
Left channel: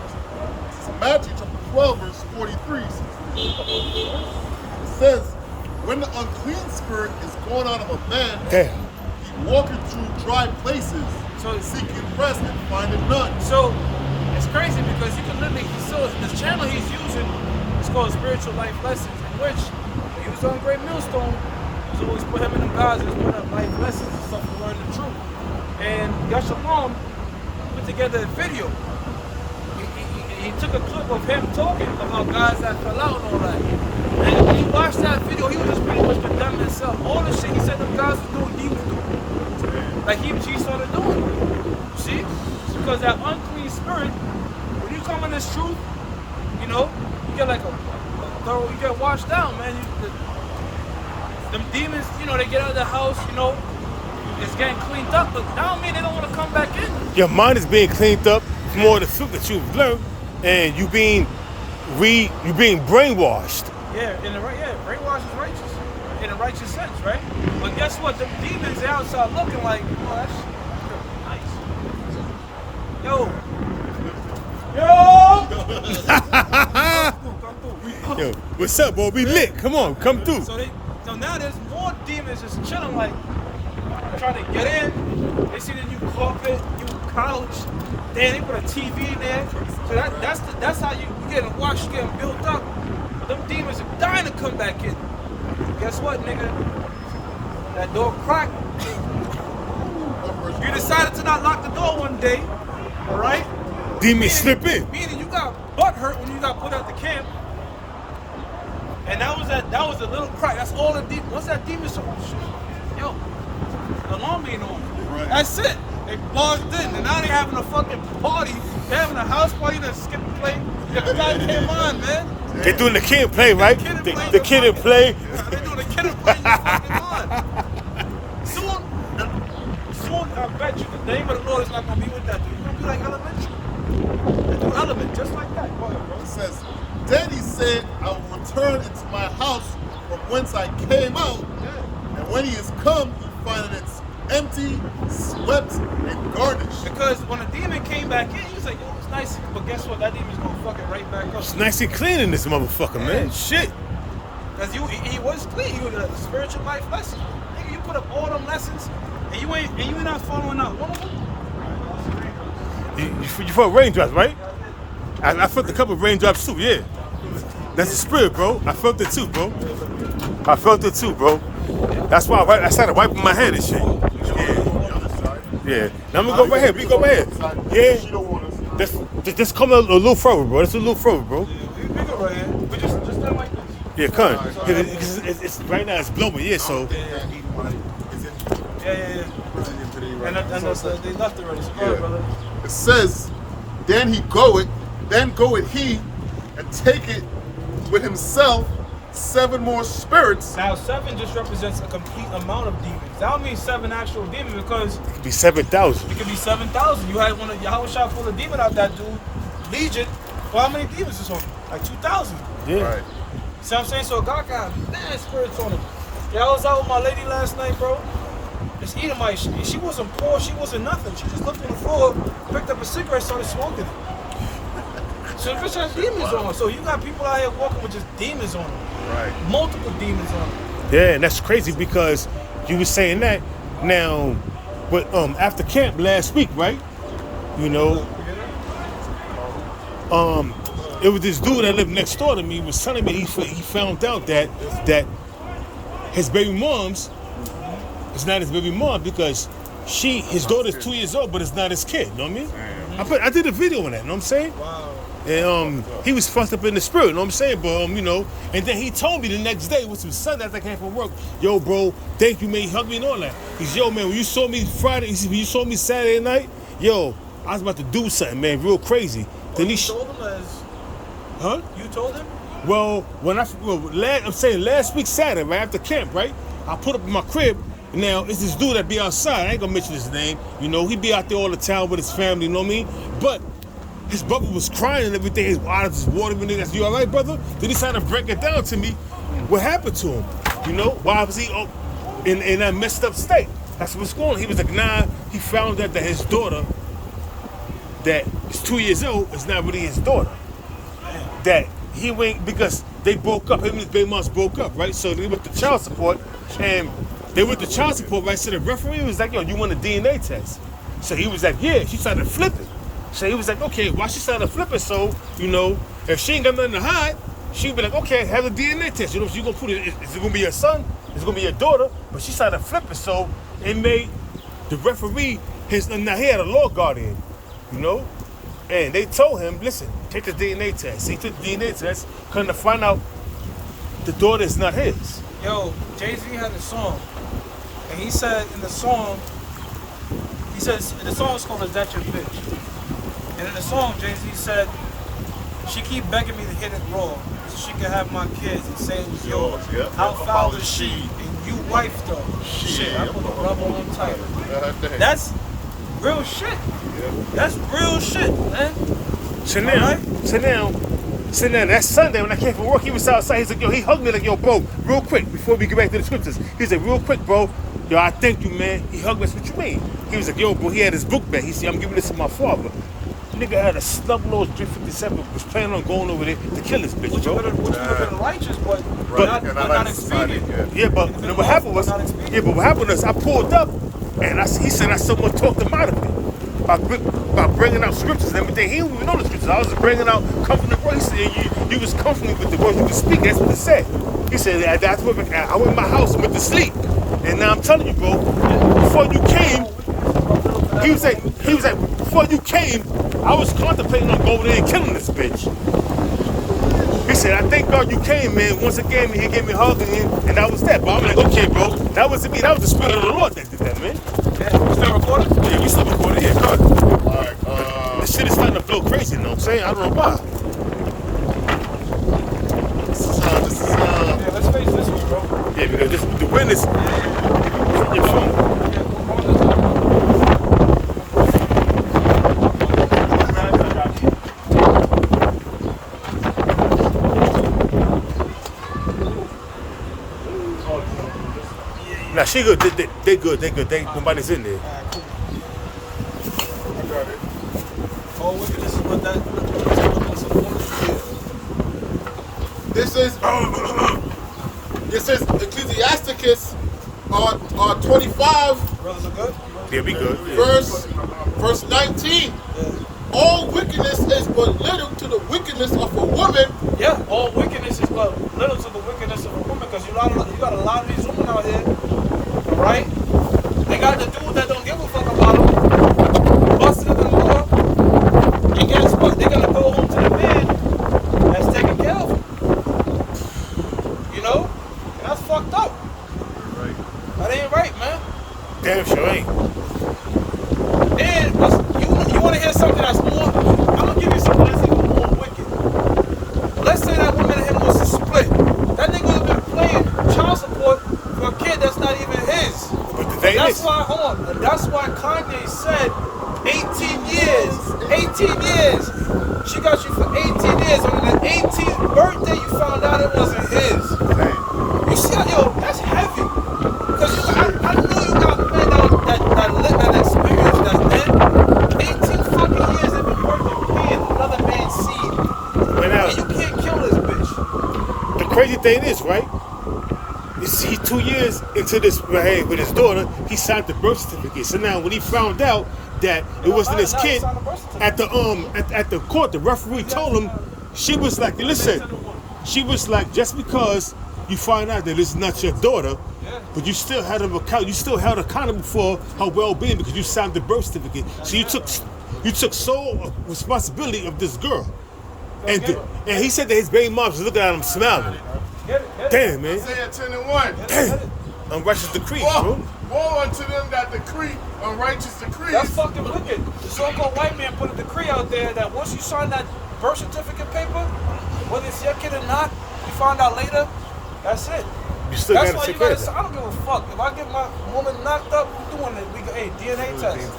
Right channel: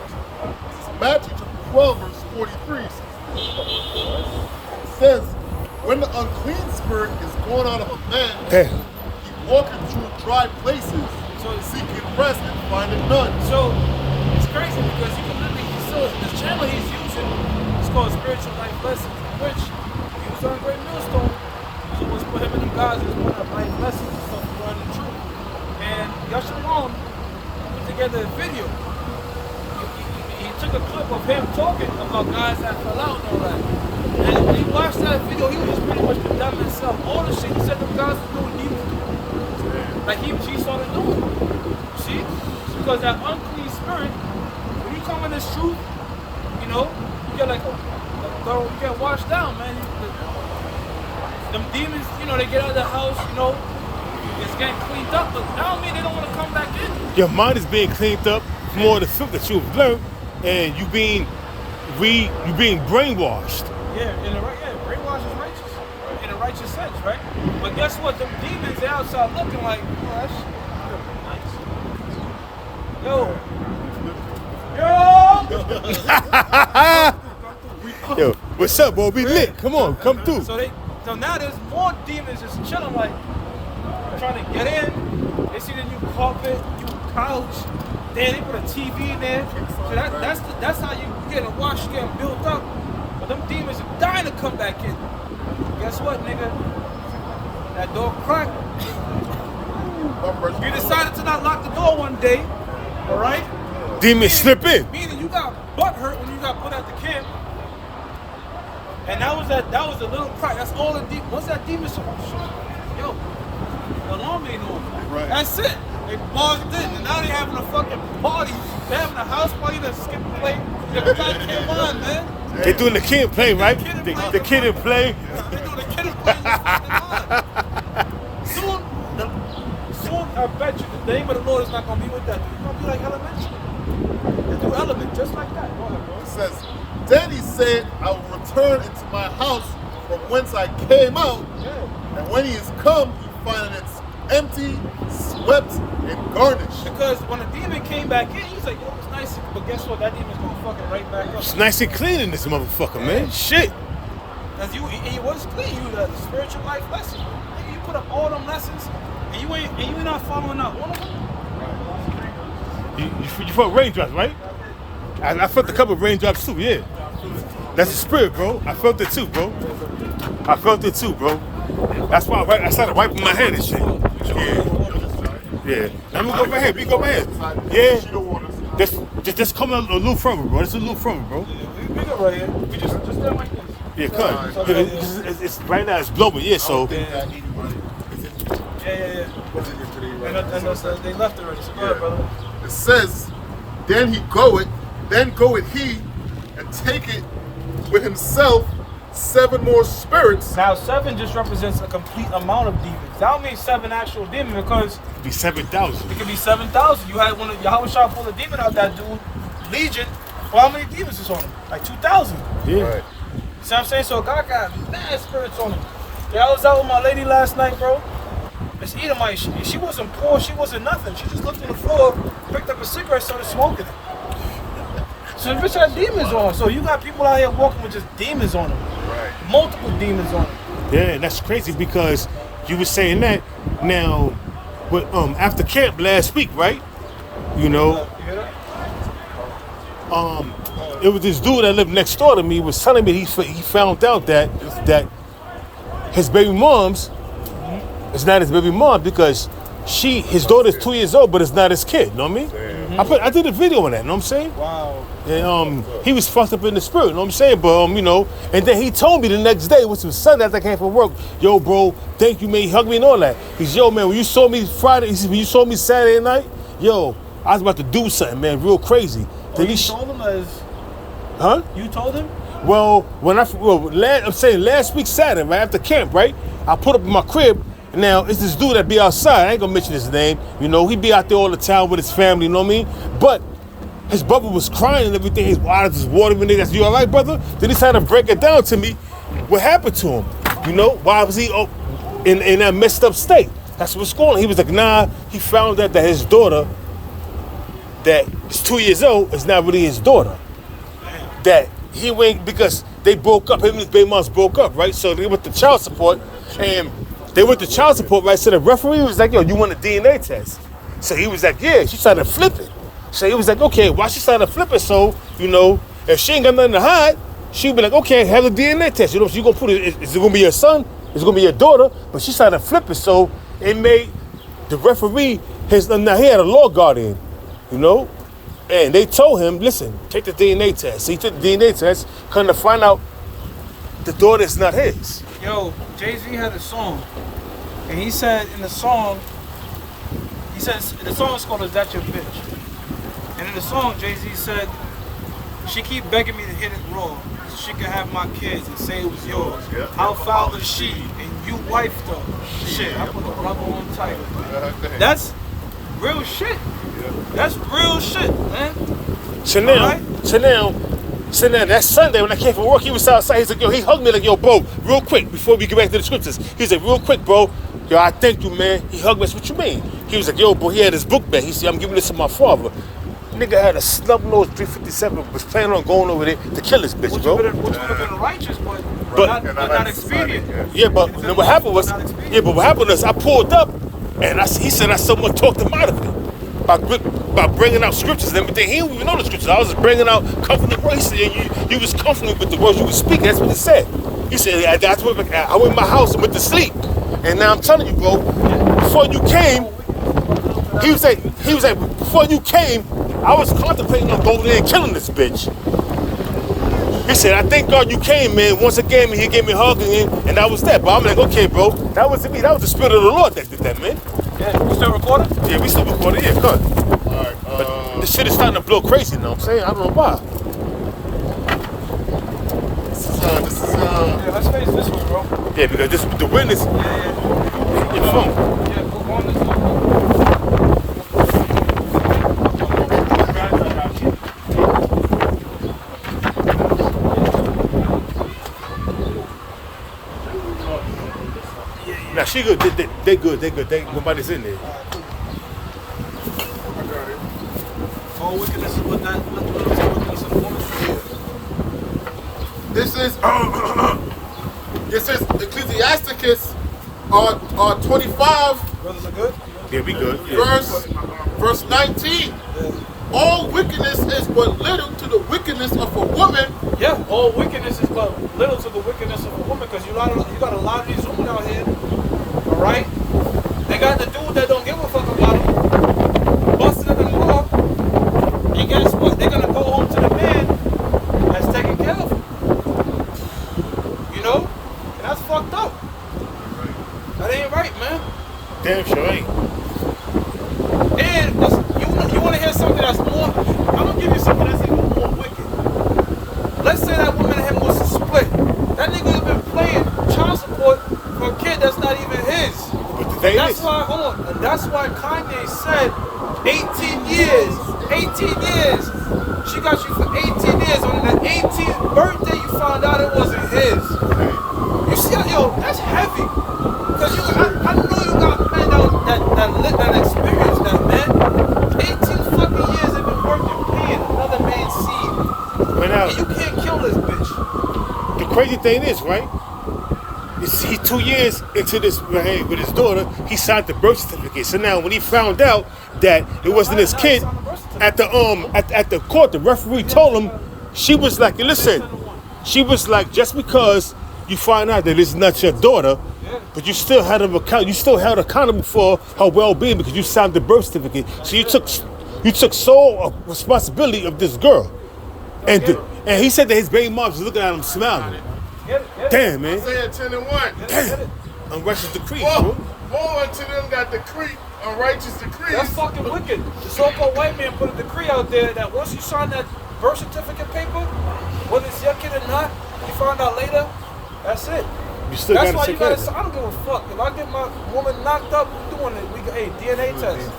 Matthew chapter 12, verse 43. It says, when the unclean spirit is gone out of a man, Damn. he walketh through dry places, So seeking rest and findeth none. So it's crazy because you can literally the channel he's using is called Spiritual Life Lessons, in which he was on Great Millstone. So always put him in the guys and put up life lessons and stuff to learn the truth. And Yashamon put together a video. He took a clip of him talking about guys that fell out and all that. And when you watch that video, he was just pretty much condemning himself. All the shit he said the guys was doing, he was doing. Damn. Like he started doing it. See? Because that unclean spirit, when you come in this truth, you know, you get like a thorough, you get washed down, man. Them demons, you know, they get out of the house, you know, it's getting cleaned up, but that don't mean they don't want to come back in. Your mind is being cleaned up from all the filth that you've learned, and you being brainwashed. Yeah, brainwash is righteous. Right. In a righteous sense, right? But guess what? The demons they outside looking like, oh, that shit could be nice. Yo, what's up, boy? We lit. Come on, come through. So now there's more demons just chilling, like trying to get in. They see the new carpet, new couch. Then they put a TV in there. So that's how you getting washed, you getting built up. But them demons are dying to come back in. Guess what, nigga? That door cracked. You decided to not lock the door one day, all right? Demons slip in. Meaning you got butt hurt when you got put out the camp. And that was a little crack. That's all the demons. Once that demon yo, the alarm ain't on. Right. That's it. They barged in, and now they having a fucking party. They having a house party that skip and play. The guy came on, man. They doing the kid and play, right? The kid and play. Yeah, they doing the kid and play. Soon, I bet you the name of the Lord is not gonna be with that. It's gonna be like elementary. They do element just like that. Go ahead, bro. It says, then he said, I will return into my house from whence I came out. Yeah. And when he is come, he findeth it empty, swept, and garnished. Because when a demon came back in, he was like, yo, it's nice. But guess what? That demon's gonna fuck it right back up. It's nice and clean in this motherfucker, man. Shit. Because he was clean. You a spiritual life lesson. Nigga, you put up all them lessons, and you ain't not following out one of them. You felt raindrops, right? I felt a couple of raindrops too, yeah. That's the spirit, bro. I felt it too, bro. I felt it too, bro. That's why I started wiping my head and shit. Yeah. Yeah. Now I'm gonna go right here. We go right here. Yeah. Just come a little further, bro. That's a little further, bro. We go right here. We just stand like this. Yeah, come. It's right now. It's blowing. Yeah, so. Yeah. And they left already. So go ahead, brother. It says, then goeth he, and taketh with himself 7 more spirits. Now 7 just represents a complete amount of demons. That don't mean 7 actual demons because It could be 7,000. it could be 7,000. You had one of Yahweh Shah pull a demon out that dude, Legion. Well, how many demons is on him? Like 2,000. Yeah. Right. See what I'm saying? So God got mad spirits on him. Yeah, I was out with my lady last night, bro. This Edomite, she wasn't poor, she wasn't nothing. She just looked on the floor, picked up a cigarette, started smoking it. So the bitch had demons on. So you got people out here walking with just demons on them. Right. Multiple demons on them. Yeah, and that's crazy because you were saying that now, but after camp last week, right? You know, You hear that? it was this dude that lived next door to me was telling me he found out that his baby mom's it's not his baby mom because his daughter's 2 years old, but it's not his kid. You know what I mean? I did a video on that. You know what I'm saying? Wow. And he was fucked up in the spirit. You know what I'm saying? But you know, and then he told me the next day, which was Sunday after I came from work, yo, bro, thank you, man. He hugged me and all that. He's, yo, man, when you saw me Friday, he said, when you saw me Saturday night, yo, I was about to do something, man, real crazy. Then You told him huh? You told him? Well, I'm saying last week Saturday, right after camp, right? I put up in my crib. Now, it's this dude that be outside. I ain't gonna mention his name. You know, he be out there all the time with his family, you know what I mean? But his brother was crying and everything. His eyes was watering and niggas. You all right, brother? Then he started to break it down to me. What happened to him? You know, why was he in that messed up state? That's what's going on. He was like, nah, he found out that his daughter, that is 2 years old, is not really his daughter. That he went, because they broke up, him and his baby moms broke up, right? So they went to child support, and they went to child support, right? So the referee was like, yo, you want a DNA test? So he was like, yeah, she started to flip it. So he was like, okay, why she started to flip it? So, you know, if she ain't got nothing to hide, she'd be like, okay, have a DNA test. You know, you gonna put it, is it gonna be your son? Is it gonna be your daughter? But she started to flip it, so it made the referee, now he had a law guardian, you know? And they told him, listen, take the DNA test. So he took the DNA test, come to find out the daughter is not his. Yo, Jay-Z had a song, and he said in the song, he says, the song is called Is That Your Bitch? And in the song, Jay-Z said, she keep begging me to hit it raw, so she could have my kids and say it was yours. How foul is she? And you wifed her. Shit, I put the rubber on tighter. That's real shit. That's real shit, man. So now, that Sunday when I came from work, he was outside. He said, yo, he hugged me like, yo, bro, real quick, before we get back to the scriptures. He said, real quick, bro, yo, I thank you, man. He hugged me. I said, what you mean? He was like, yo, bro, he had his book back. He said, I'm giving this to my father. Nigga had a snub-nosed 357, was planning on going over there to kill this bitch, Which bro. would have been righteous, but not expedient. Yeah, but what happened was, I pulled up, and he said I somewhat talked him out of it. By bringing out scriptures and everything. He didn't even know the scriptures. I was just bringing out comforting words. He said, you was comforting with the words you could speak. That's what he said. He said, that's what I went in my house and went to sleep. And now I'm telling you, bro, before you came, he was like, before you came, I was contemplating on going there and killing this bitch. He said, I thank God you came, man. Once again, he gave me a hug and that was that. But I'm like, okay, bro, that wasn't me. That was the spirit of the Lord that did that, man. Yeah, we still recording? Yeah, we still recording. Yeah, come on. All right. This shit is starting to blow crazy, you know what I'm saying? I don't know why. This is Yeah, let's face this one, bro. Yeah, because the wind is putting your phone. Yeah, go on this one. Nah, Nah, she good. They good. Nobody's in there. All wickedness is what that wickedness of the woman is. This is Ecclesiasticus 25, Brothers are good? Yeah, we good. Yeah. verse 19. Yeah. All wickedness is but little to the wickedness of a woman. Yeah, all wickedness is but little to the wickedness of a woman, because you got a lot of these women out here, all right? They got the dude that don't give a fuck about them, busting them in the law, and guess what? They're gonna go home to the man that's taking care of them. You know? And that's fucked up. That ain't right, man. Damn sure ain't. And you want to hear something that's more? I'm gonna give you something that's even more wicked. Let's say that woman and him was to split. That nigga would have been paying child support for a kid that's not even his. And that's why, hold on, and that's why Kanye said 18 years. 18 years. She got you for 18 years. On the 18th birthday, you found out it wasn't his. You see, yo, that's heavy. Cause I know you got men that experienced that, man. 18 fucking years they've been working, paying another man's seed. And you can't kill this bitch. The crazy thing is, right? He's 2 years into this right, with his daughter. He signed the birth certificate. So now, when he found out that it wasn't his kid, at the court, the referee told him, she was like, listen, she was like, just because you find out that it's not your daughter, but you still had him held accountable for her well-being because you signed the birth certificate. So you took sole responsibility of this girl. And he said that his baby mom was looking at him smiling. Damn, man. Isaiah 10 and 1. Damn. Unrighteous decree, bro. Woe unto them that decree unrighteous decrees. That's fucking wicked. The so-called white man put a decree out there that once you sign that birth certificate paper, whether it's your kid or not, you find out later, that's it. You still That's gotta why take you care gotta. of that. I don't give a fuck if I get my woman knocked up. We doing it. Hey, DNA test. It's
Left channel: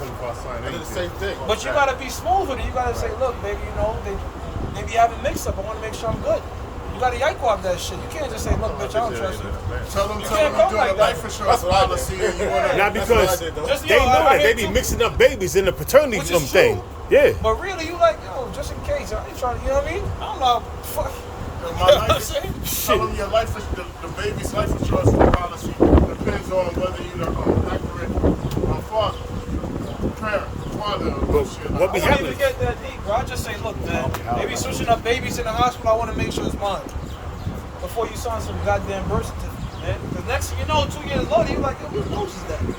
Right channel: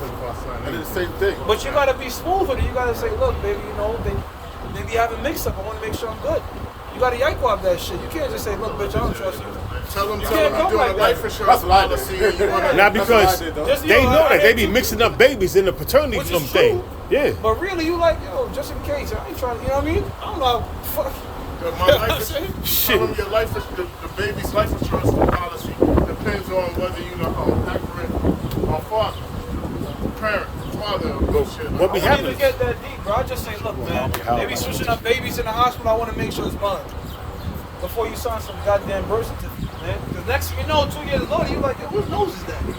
the same thing. But you gotta be smooth with it. You gotta say, look, baby, you know, they be having mix up. I want to make sure I'm good. You gotta yankwab that shit. You can't just say, look, bitch, I don't trust you. Tell them You you're can't go doing like a that. life insurance That's what I policy did. and you wanna Not because Just, they yo, know I that they hate be you. mixing up babies in the paternity Which is thing. true. Yeah. But really, you like, yo, just in case. I ain't trying to, you know what I mean? I don't know how, fuck. My You know what I'm life, saying? tell them your life, the baby's life insurance policy depends on whether you're the accurate father But shit. what be I don't even happening? get that deep, bro. I just say, look, man, they be switching up babies in the hospital. I want to make sure it's mine. Before you sign some goddamn birth certificate, man. Because next thing you know, 2 years later, you like, yo, whose nose is that? You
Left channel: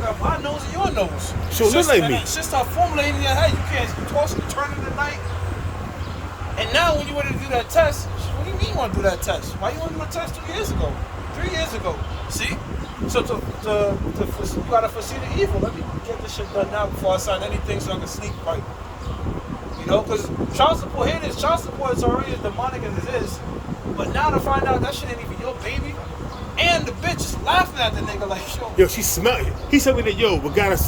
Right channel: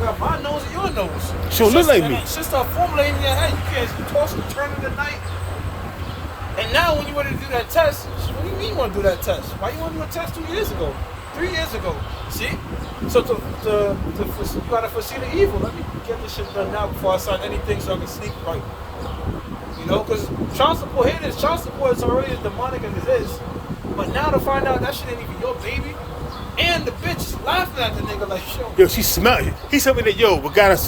got my nose and your nose. She don't look like me. Shit start formulating in your head. You can't toss and turn in the night. And now when you want to do that test, what do you mean you want to do that test? Why you want to do a test 2 years ago? 3 years ago? See? So you gotta foresee the evil. Let me get this shit done now before I sign anything so I can sleep right. You know, because child support, here it is. Child support is already as demonic as it is. But now to find out that shit ain't even your baby, and the bitch is laughing at the nigga like, Yo, she smelled it. He told me that, yo, we got him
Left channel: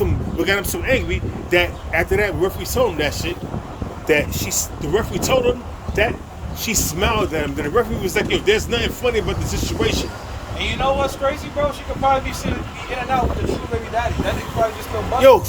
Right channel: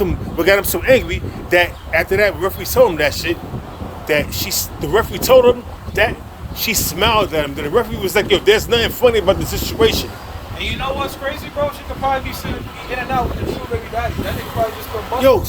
so angry that after that referee told him that shit, the referee told him that she smiled at him. Then the referee was like, yo, there's nothing funny about the situation. And you know what's crazy, bro? She could probably be in and out with the true baby daddy. That nigga probably just come bust. Yo,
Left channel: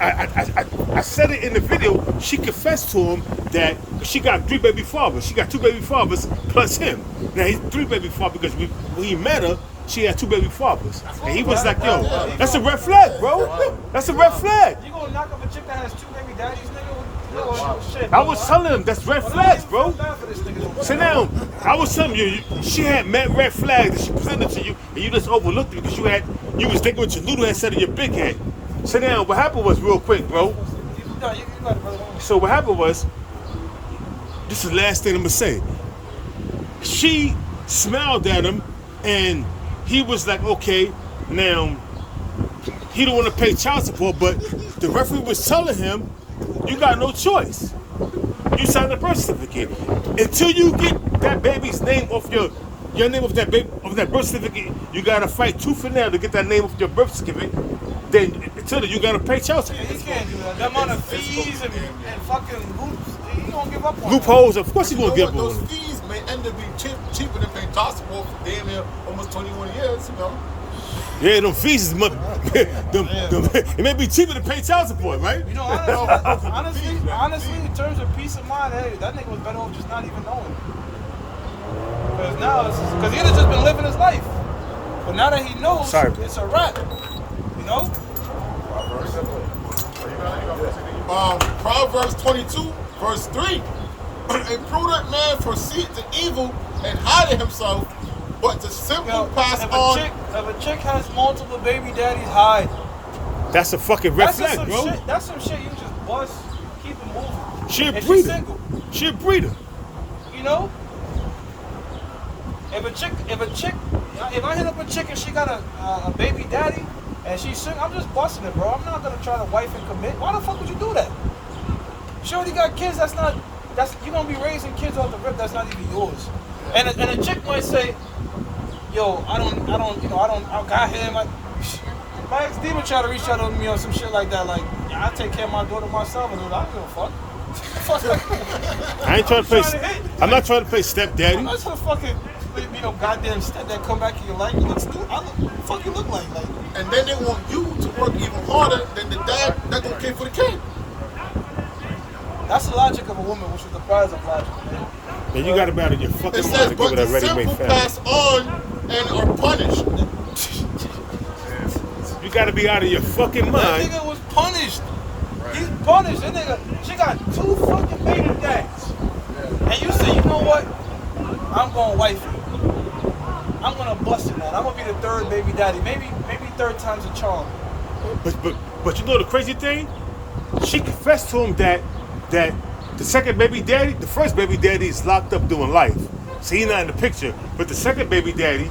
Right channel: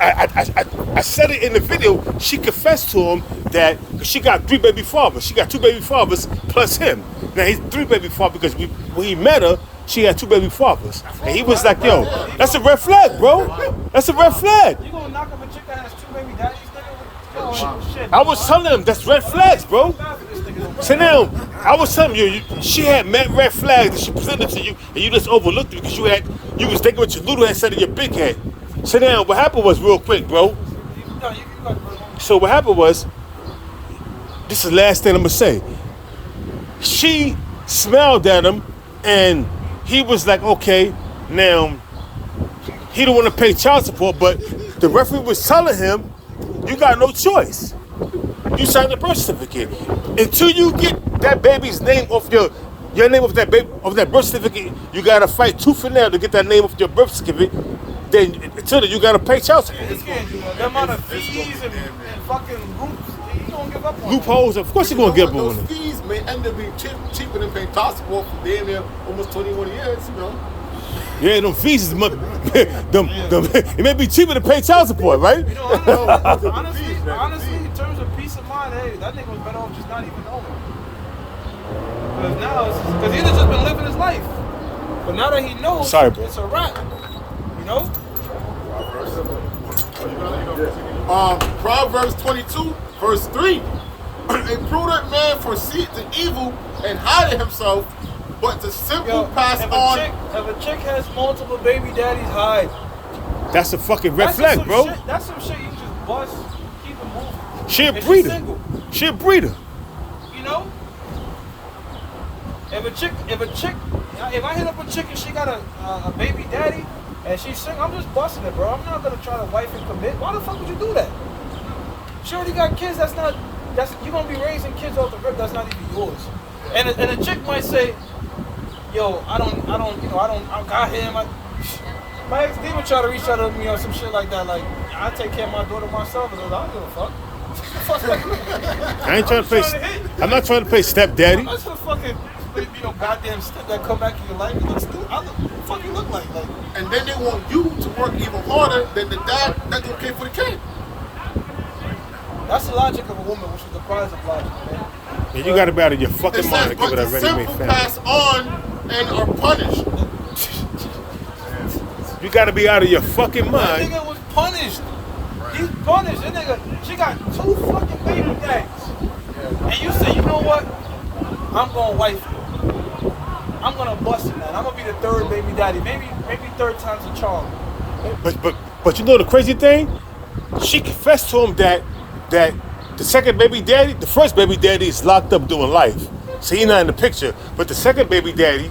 I said it in the video. She confessed to him that she got 3 baby fathers. She got 2 baby fathers plus him. Now he's 3 baby fathers because when he met her, she had 2 baby fathers. And he was like, yo, that's a red flag, bro. That's a red flag. You gonna knock up a chick that has 2 baby daddies, nigga? Oh, shit. I was telling him that's red flags, bro. So now, I was telling you, she had met red flags that she presented to you, and you just overlooked it because you was thinking what your little head said in your big head. So now, what happened was real quick, bro. So what happened was, this is the last thing I'm gonna say. She smiled at him, and he was like, okay, now he don't want to pay child support, but the referee was telling him, you got no choice. You signed a birth certificate. Until you get that baby's name off your name off that birth certificate, you gotta fight tooth and nail to get that name off your birth certificate. Then until then, you gotta pay child support. He can't do that. The amount of fees and fucking groups, he gonna give up on Loopholes, of course he's gonna give up on Those it. fees may end up being cheaper than paying child support for damn near almost 21 years, you know. Yeah, them fees is it may be cheaper to pay child support, right? You know, honestly, in terms of peace of mind, hey, that nigga was better off just not even knowing. Because now, because he'd have just been living his life. But now that he knows, it's a wrap. You know? Proverbs 22, verse 3. A prudent man foresees the evil and hideth himself, but the simple pass on. If a chick has multiple baby daddies, hide. That's a fucking red flag, bro. That's some shit you just bust, keep it moving. She a breeder. She a breeder. You know? If I hit up a chick and she got a baby daddy and she's single, I'm just busting it, bro. I'm not gonna try to wife and commit. Why the fuck would you do that? She already got kids. You're gonna be raising kids off the rip. That's not even yours. And a chick might say, yo, I got him. My ex-D would try to reach out to me or some shit like that. Like, I take care of my daughter myself, and I don't give a fuck. I ain't trying to play. I'm not trying to play stepdaddy. I'm not trying to fucking, goddamn stepdad come back in your life. What the fuck you look like? And then they want you to work even harder than the dad that don't care for the kid. That's the logic of a woman, which is the prize of logic, man. And you got to be out of your fucking mind to give it a ready-made family. Pass on and are punished. You got to be out of your fucking mind. That nigga was punished. Right. He's punished. That nigga, she got 2 fucking baby daddies. Yeah. And you say, you know what? I'm going wife it. I'm going to bust in that. I'm going to be the 3rd baby daddy. Maybe 3rd time's a charm. But you know the crazy thing? She confessed to him that the second baby daddy, the first baby daddy is locked up doing life. So he's not in the picture. But the second baby daddy,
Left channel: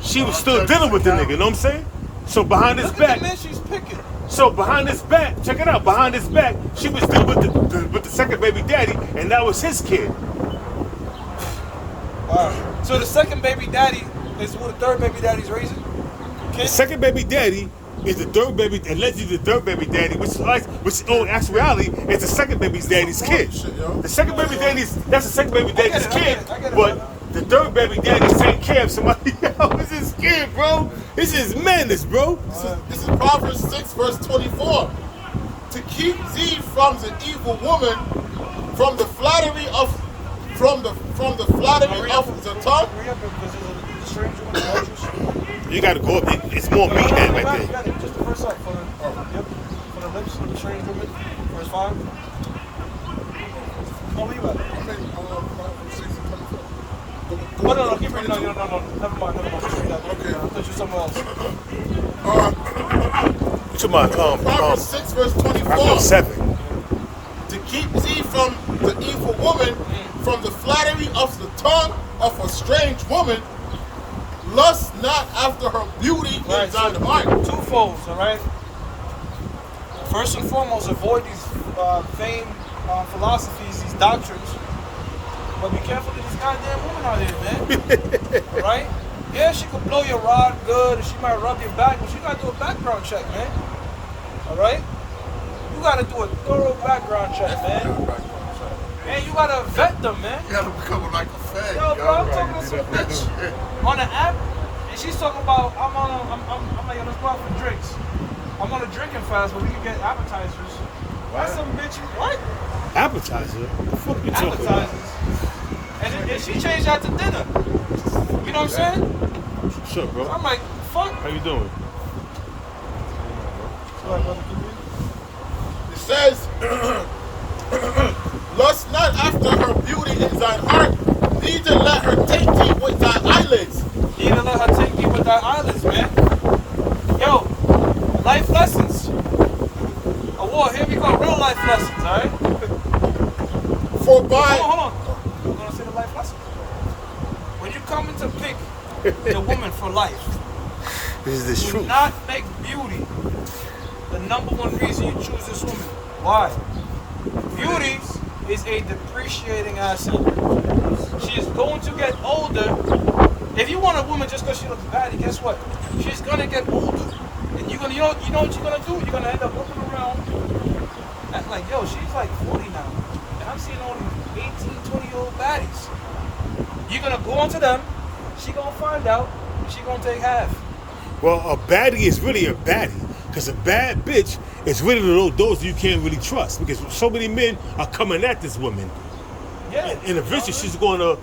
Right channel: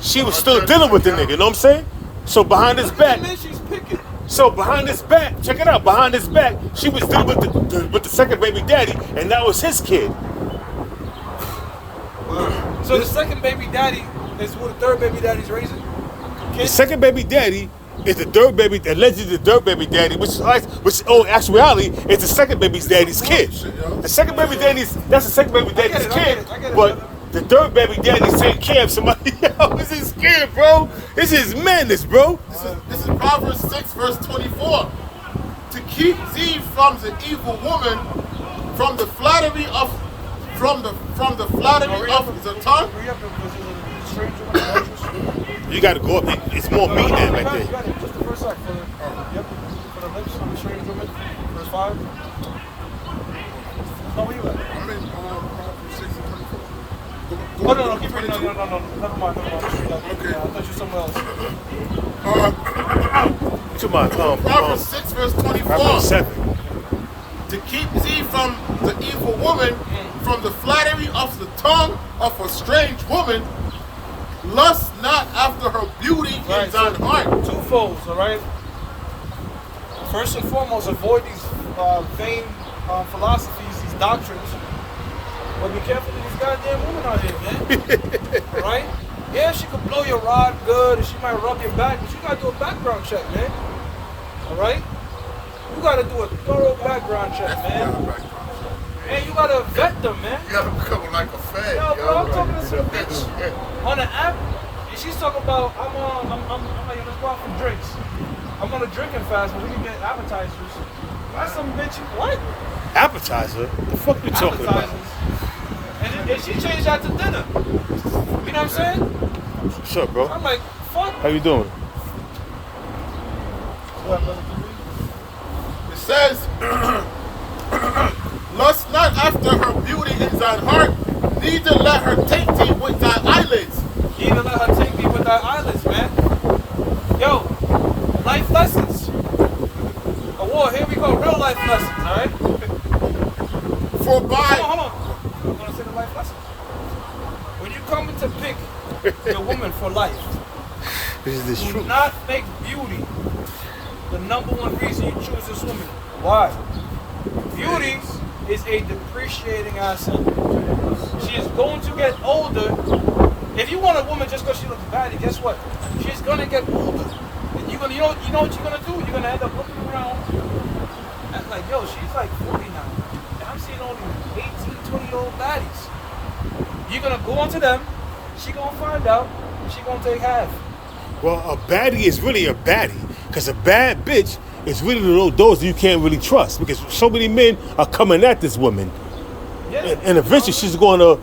she was still dealing with the nigga, you know what I'm saying? So behind his back. She's picking. So behind his back, check it out, behind his back, she was dealing with the second baby daddy, and that was his kid. So the second baby daddy is who the 3rd baby daddy's raising? The second baby daddy is the 3rd baby, allegedly the 3rd baby daddy, which in actuality is the second baby daddy's kid. The second baby daddy's, that's the second baby daddy's kid. But the 3rd baby daddy's taking care of somebody else. This is kid, bro. This is madness, bro. This is Proverbs 6, verse 24. To keep thee from the evil woman, from the flattery of the tongue. You got to go up. It's more meat than right there. You got it. Just the first up for the lips of the strange woman. Verse 5. No, where you at? I'm in Proverbs 6 and 24. No, keep reading. No. Never mind. Just read that. Okay. I thought you were somewhere else. What's your mind? Proverbs 6, verse 24. Proverbs 7. To keep thee from the evil woman, from the flattery of the tongue of a strange woman, lust not after her beauty in thine heart. Twofold, all right? First and foremost, avoid these vain philosophies, these doctrines. But be careful of these goddamn women out here, man. All right? Yeah, she could blow your rod good, and she might rub your back, but you gotta do a background check, man. All right? You gotta do a thorough background check, man. And you gotta vet them, man. You gotta become like a fan. Yo, bro, I'm talking to some bitch on the app, and she's talking about I'm like, let's go out for drinks. I'm on a drinking fast, but we can get appetizers. Why some bitch? What? Appetizer? What the fuck you talking about? And she changed that to dinner. You know what I'm saying? What's up, bro? I'm like, fuck. How you doing? What, brother? It says, lust not after her beauty in thine heart, neither let her take thee with thy eyelids. Neither let her take me with thy eyelids, man. Yo, life lessons. Oh, here we go, real life lessons, all right? For by... Hold on. I'm going to say the life lessons. When you come to pick your woman for life, do not make beauty the number one reason you choose this woman. Why? Beauty is a depreciating asset. She is going to get older. If you want a woman just because she looks bad, guess what? She's going to get older. And you know what you're going to do? You're going to end up looking around and like, yo, she's like 40 now. And I'm seeing all these 18, 20-year-old baddies. You're gonna go into them. She gonna find out. And she gonna take half. Well, a baddie is really a baddie, because a bad bitch is really those you can't really trust, because so many men are coming at this woman, Yeah. and eventually she's going to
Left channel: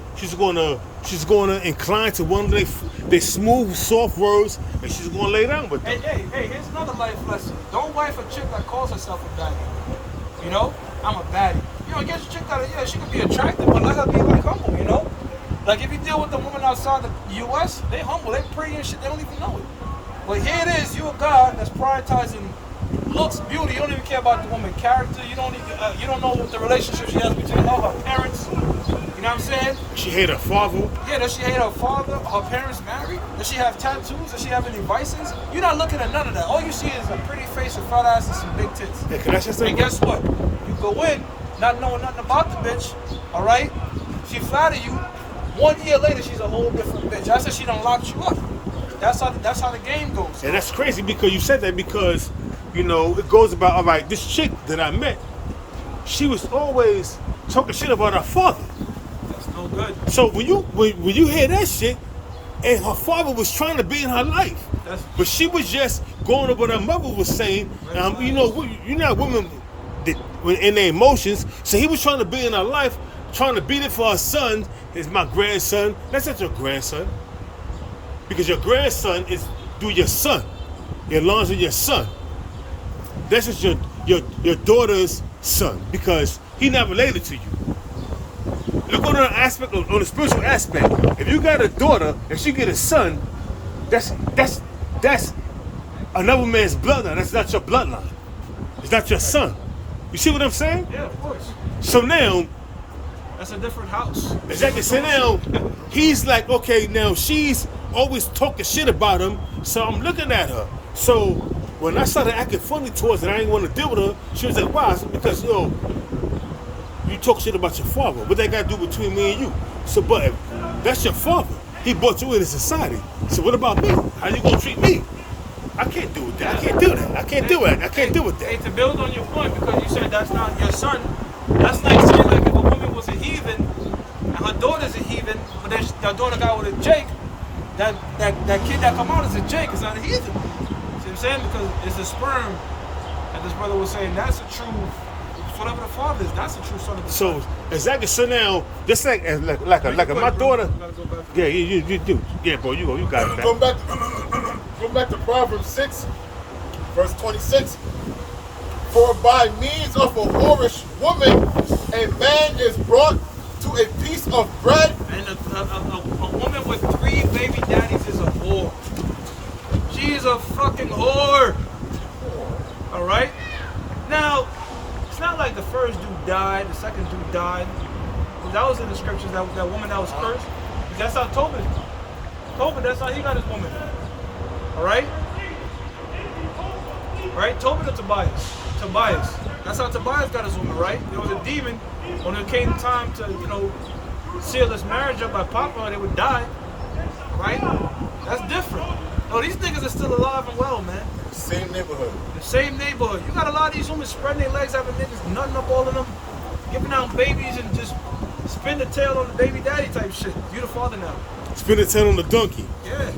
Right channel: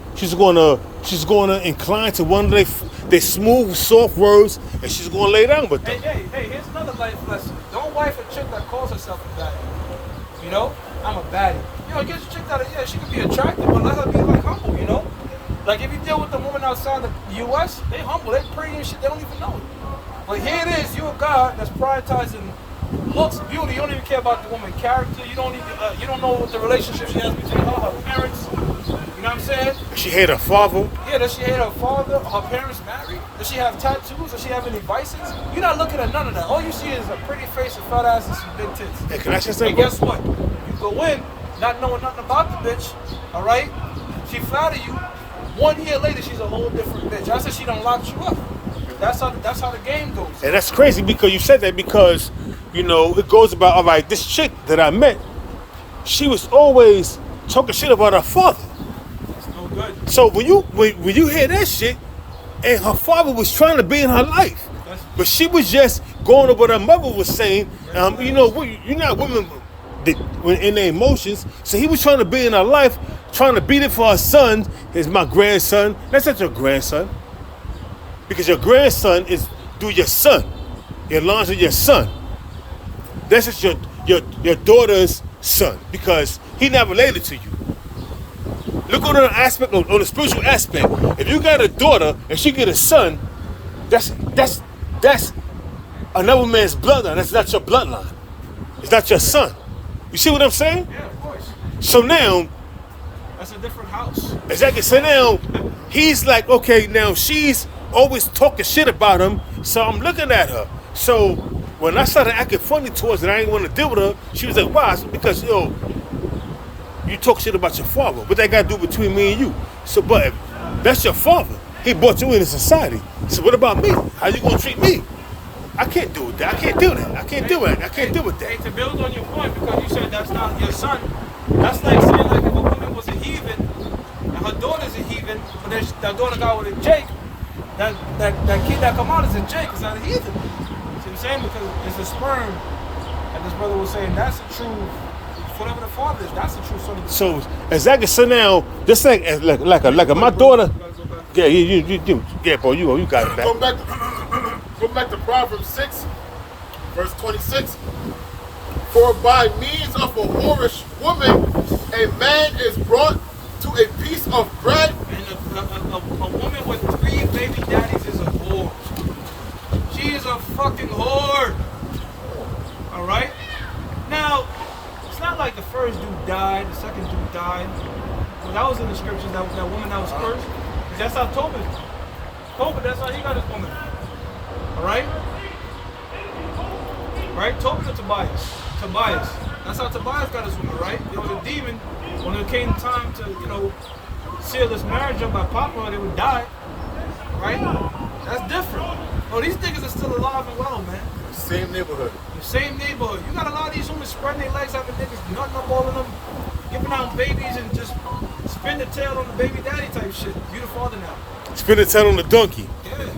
incline to one of their smooth, soft words, and she's going to lay down with them. Hey, here's another life lesson. Don't wife a chick that calls herself a baddie. You know? I'm a baddie. You know, get a chick that, yeah, she can be attractive, but let her be, like, humble, you know? Like, if you deal with the woman outside the U.S., they humble, they pretty and shit, they don't even know it. But here it is, you're a guy that's prioritizing looks, beauty. You don't even care about the woman's character. You don't know what the relationship she has between her parents. You know what I'm saying? She hate her father. Yeah, does she hate her father? Her parents married? Does she have tattoos? Does she have any vices? You're not looking at none of that. All you see is a pretty face, a fat ass, and some big tits. Hey, can I say something? And guess what? You go in, not knowing nothing about the bitch, all right? She flatter you. 1 year later, she's a whole different bitch. I said she done locked you up. That's how the game goes. And that's crazy, because you said that, because, you know, it goes about, all right, this chick that I met, she was always talking shit about her father. That's no good. So when you hear that shit, and her father was trying to be in her life, but she was just going over what her mother was saying. You know, you're not women in their emotions, so he was trying to be in her life, trying to beat it for her son. Is my grandson. That's not your grandson, because your grandson is through your son. Your lines of your son. That's just your daughter's son, because he not related to you. Look on the aspect, on the spiritual aspect. If you got a daughter and she get a son, that's another man's bloodline. That's not your bloodline. It's not your son. You see what I'm saying? Yeah, of course. So now, That's a different house. exactly. So now, he's like, okay, now she's always talking shit about him, so I'm looking at her. So when I started acting funny towards her and I didn't want to deal with her, she was like, why? I said, because, yo, you talk shit about your father. What that got to do between me and you? So, but if that's your father. He brought you into society. So what about me? How you going to treat me? I can't do that. I can't do that. I can't do it. I can't deal with Hey, that. to build on your point, because you said that's not your son, that's like saying like if a woman was a heathen and her daughter's a heathen, but then her daughter got with a Jake, that kid that come out is a Jake, it's not a heathen. See what I'm saying? Because it's the sperm, and this brother was saying that's a true, whatever the father is, that's the true son of the So exactly. So now, just like my daughter. Yeah, you do. Yeah, bro, you got it, man. Go back to Proverbs 6, verse 26. For by means of a whorish woman, a man is brought to a piece of bread. And a woman with 3 baby daddies is a whore. She is a fucking whore. Alright? Now, it's not like the first dude died, the second dude died. Because that was in the scriptures, that woman that was cursed. Because that's how Tobit, that's how he got his woman. Alright? Right? Tobit or Tobias? Tobias. That's how Tobias got his woman, right? There was a demon. When it came time to, seal this marriage up by popular, they would die. Right? That's different. No, these niggas are still alive and well, man. Same neighborhood. The same neighborhood. You got a lot of these women spreading their legs, having niggas nutting up all of them, giving out babies and just spin the tail on the baby daddy type shit. You the father now. Spin the tail on the donkey. Yeah.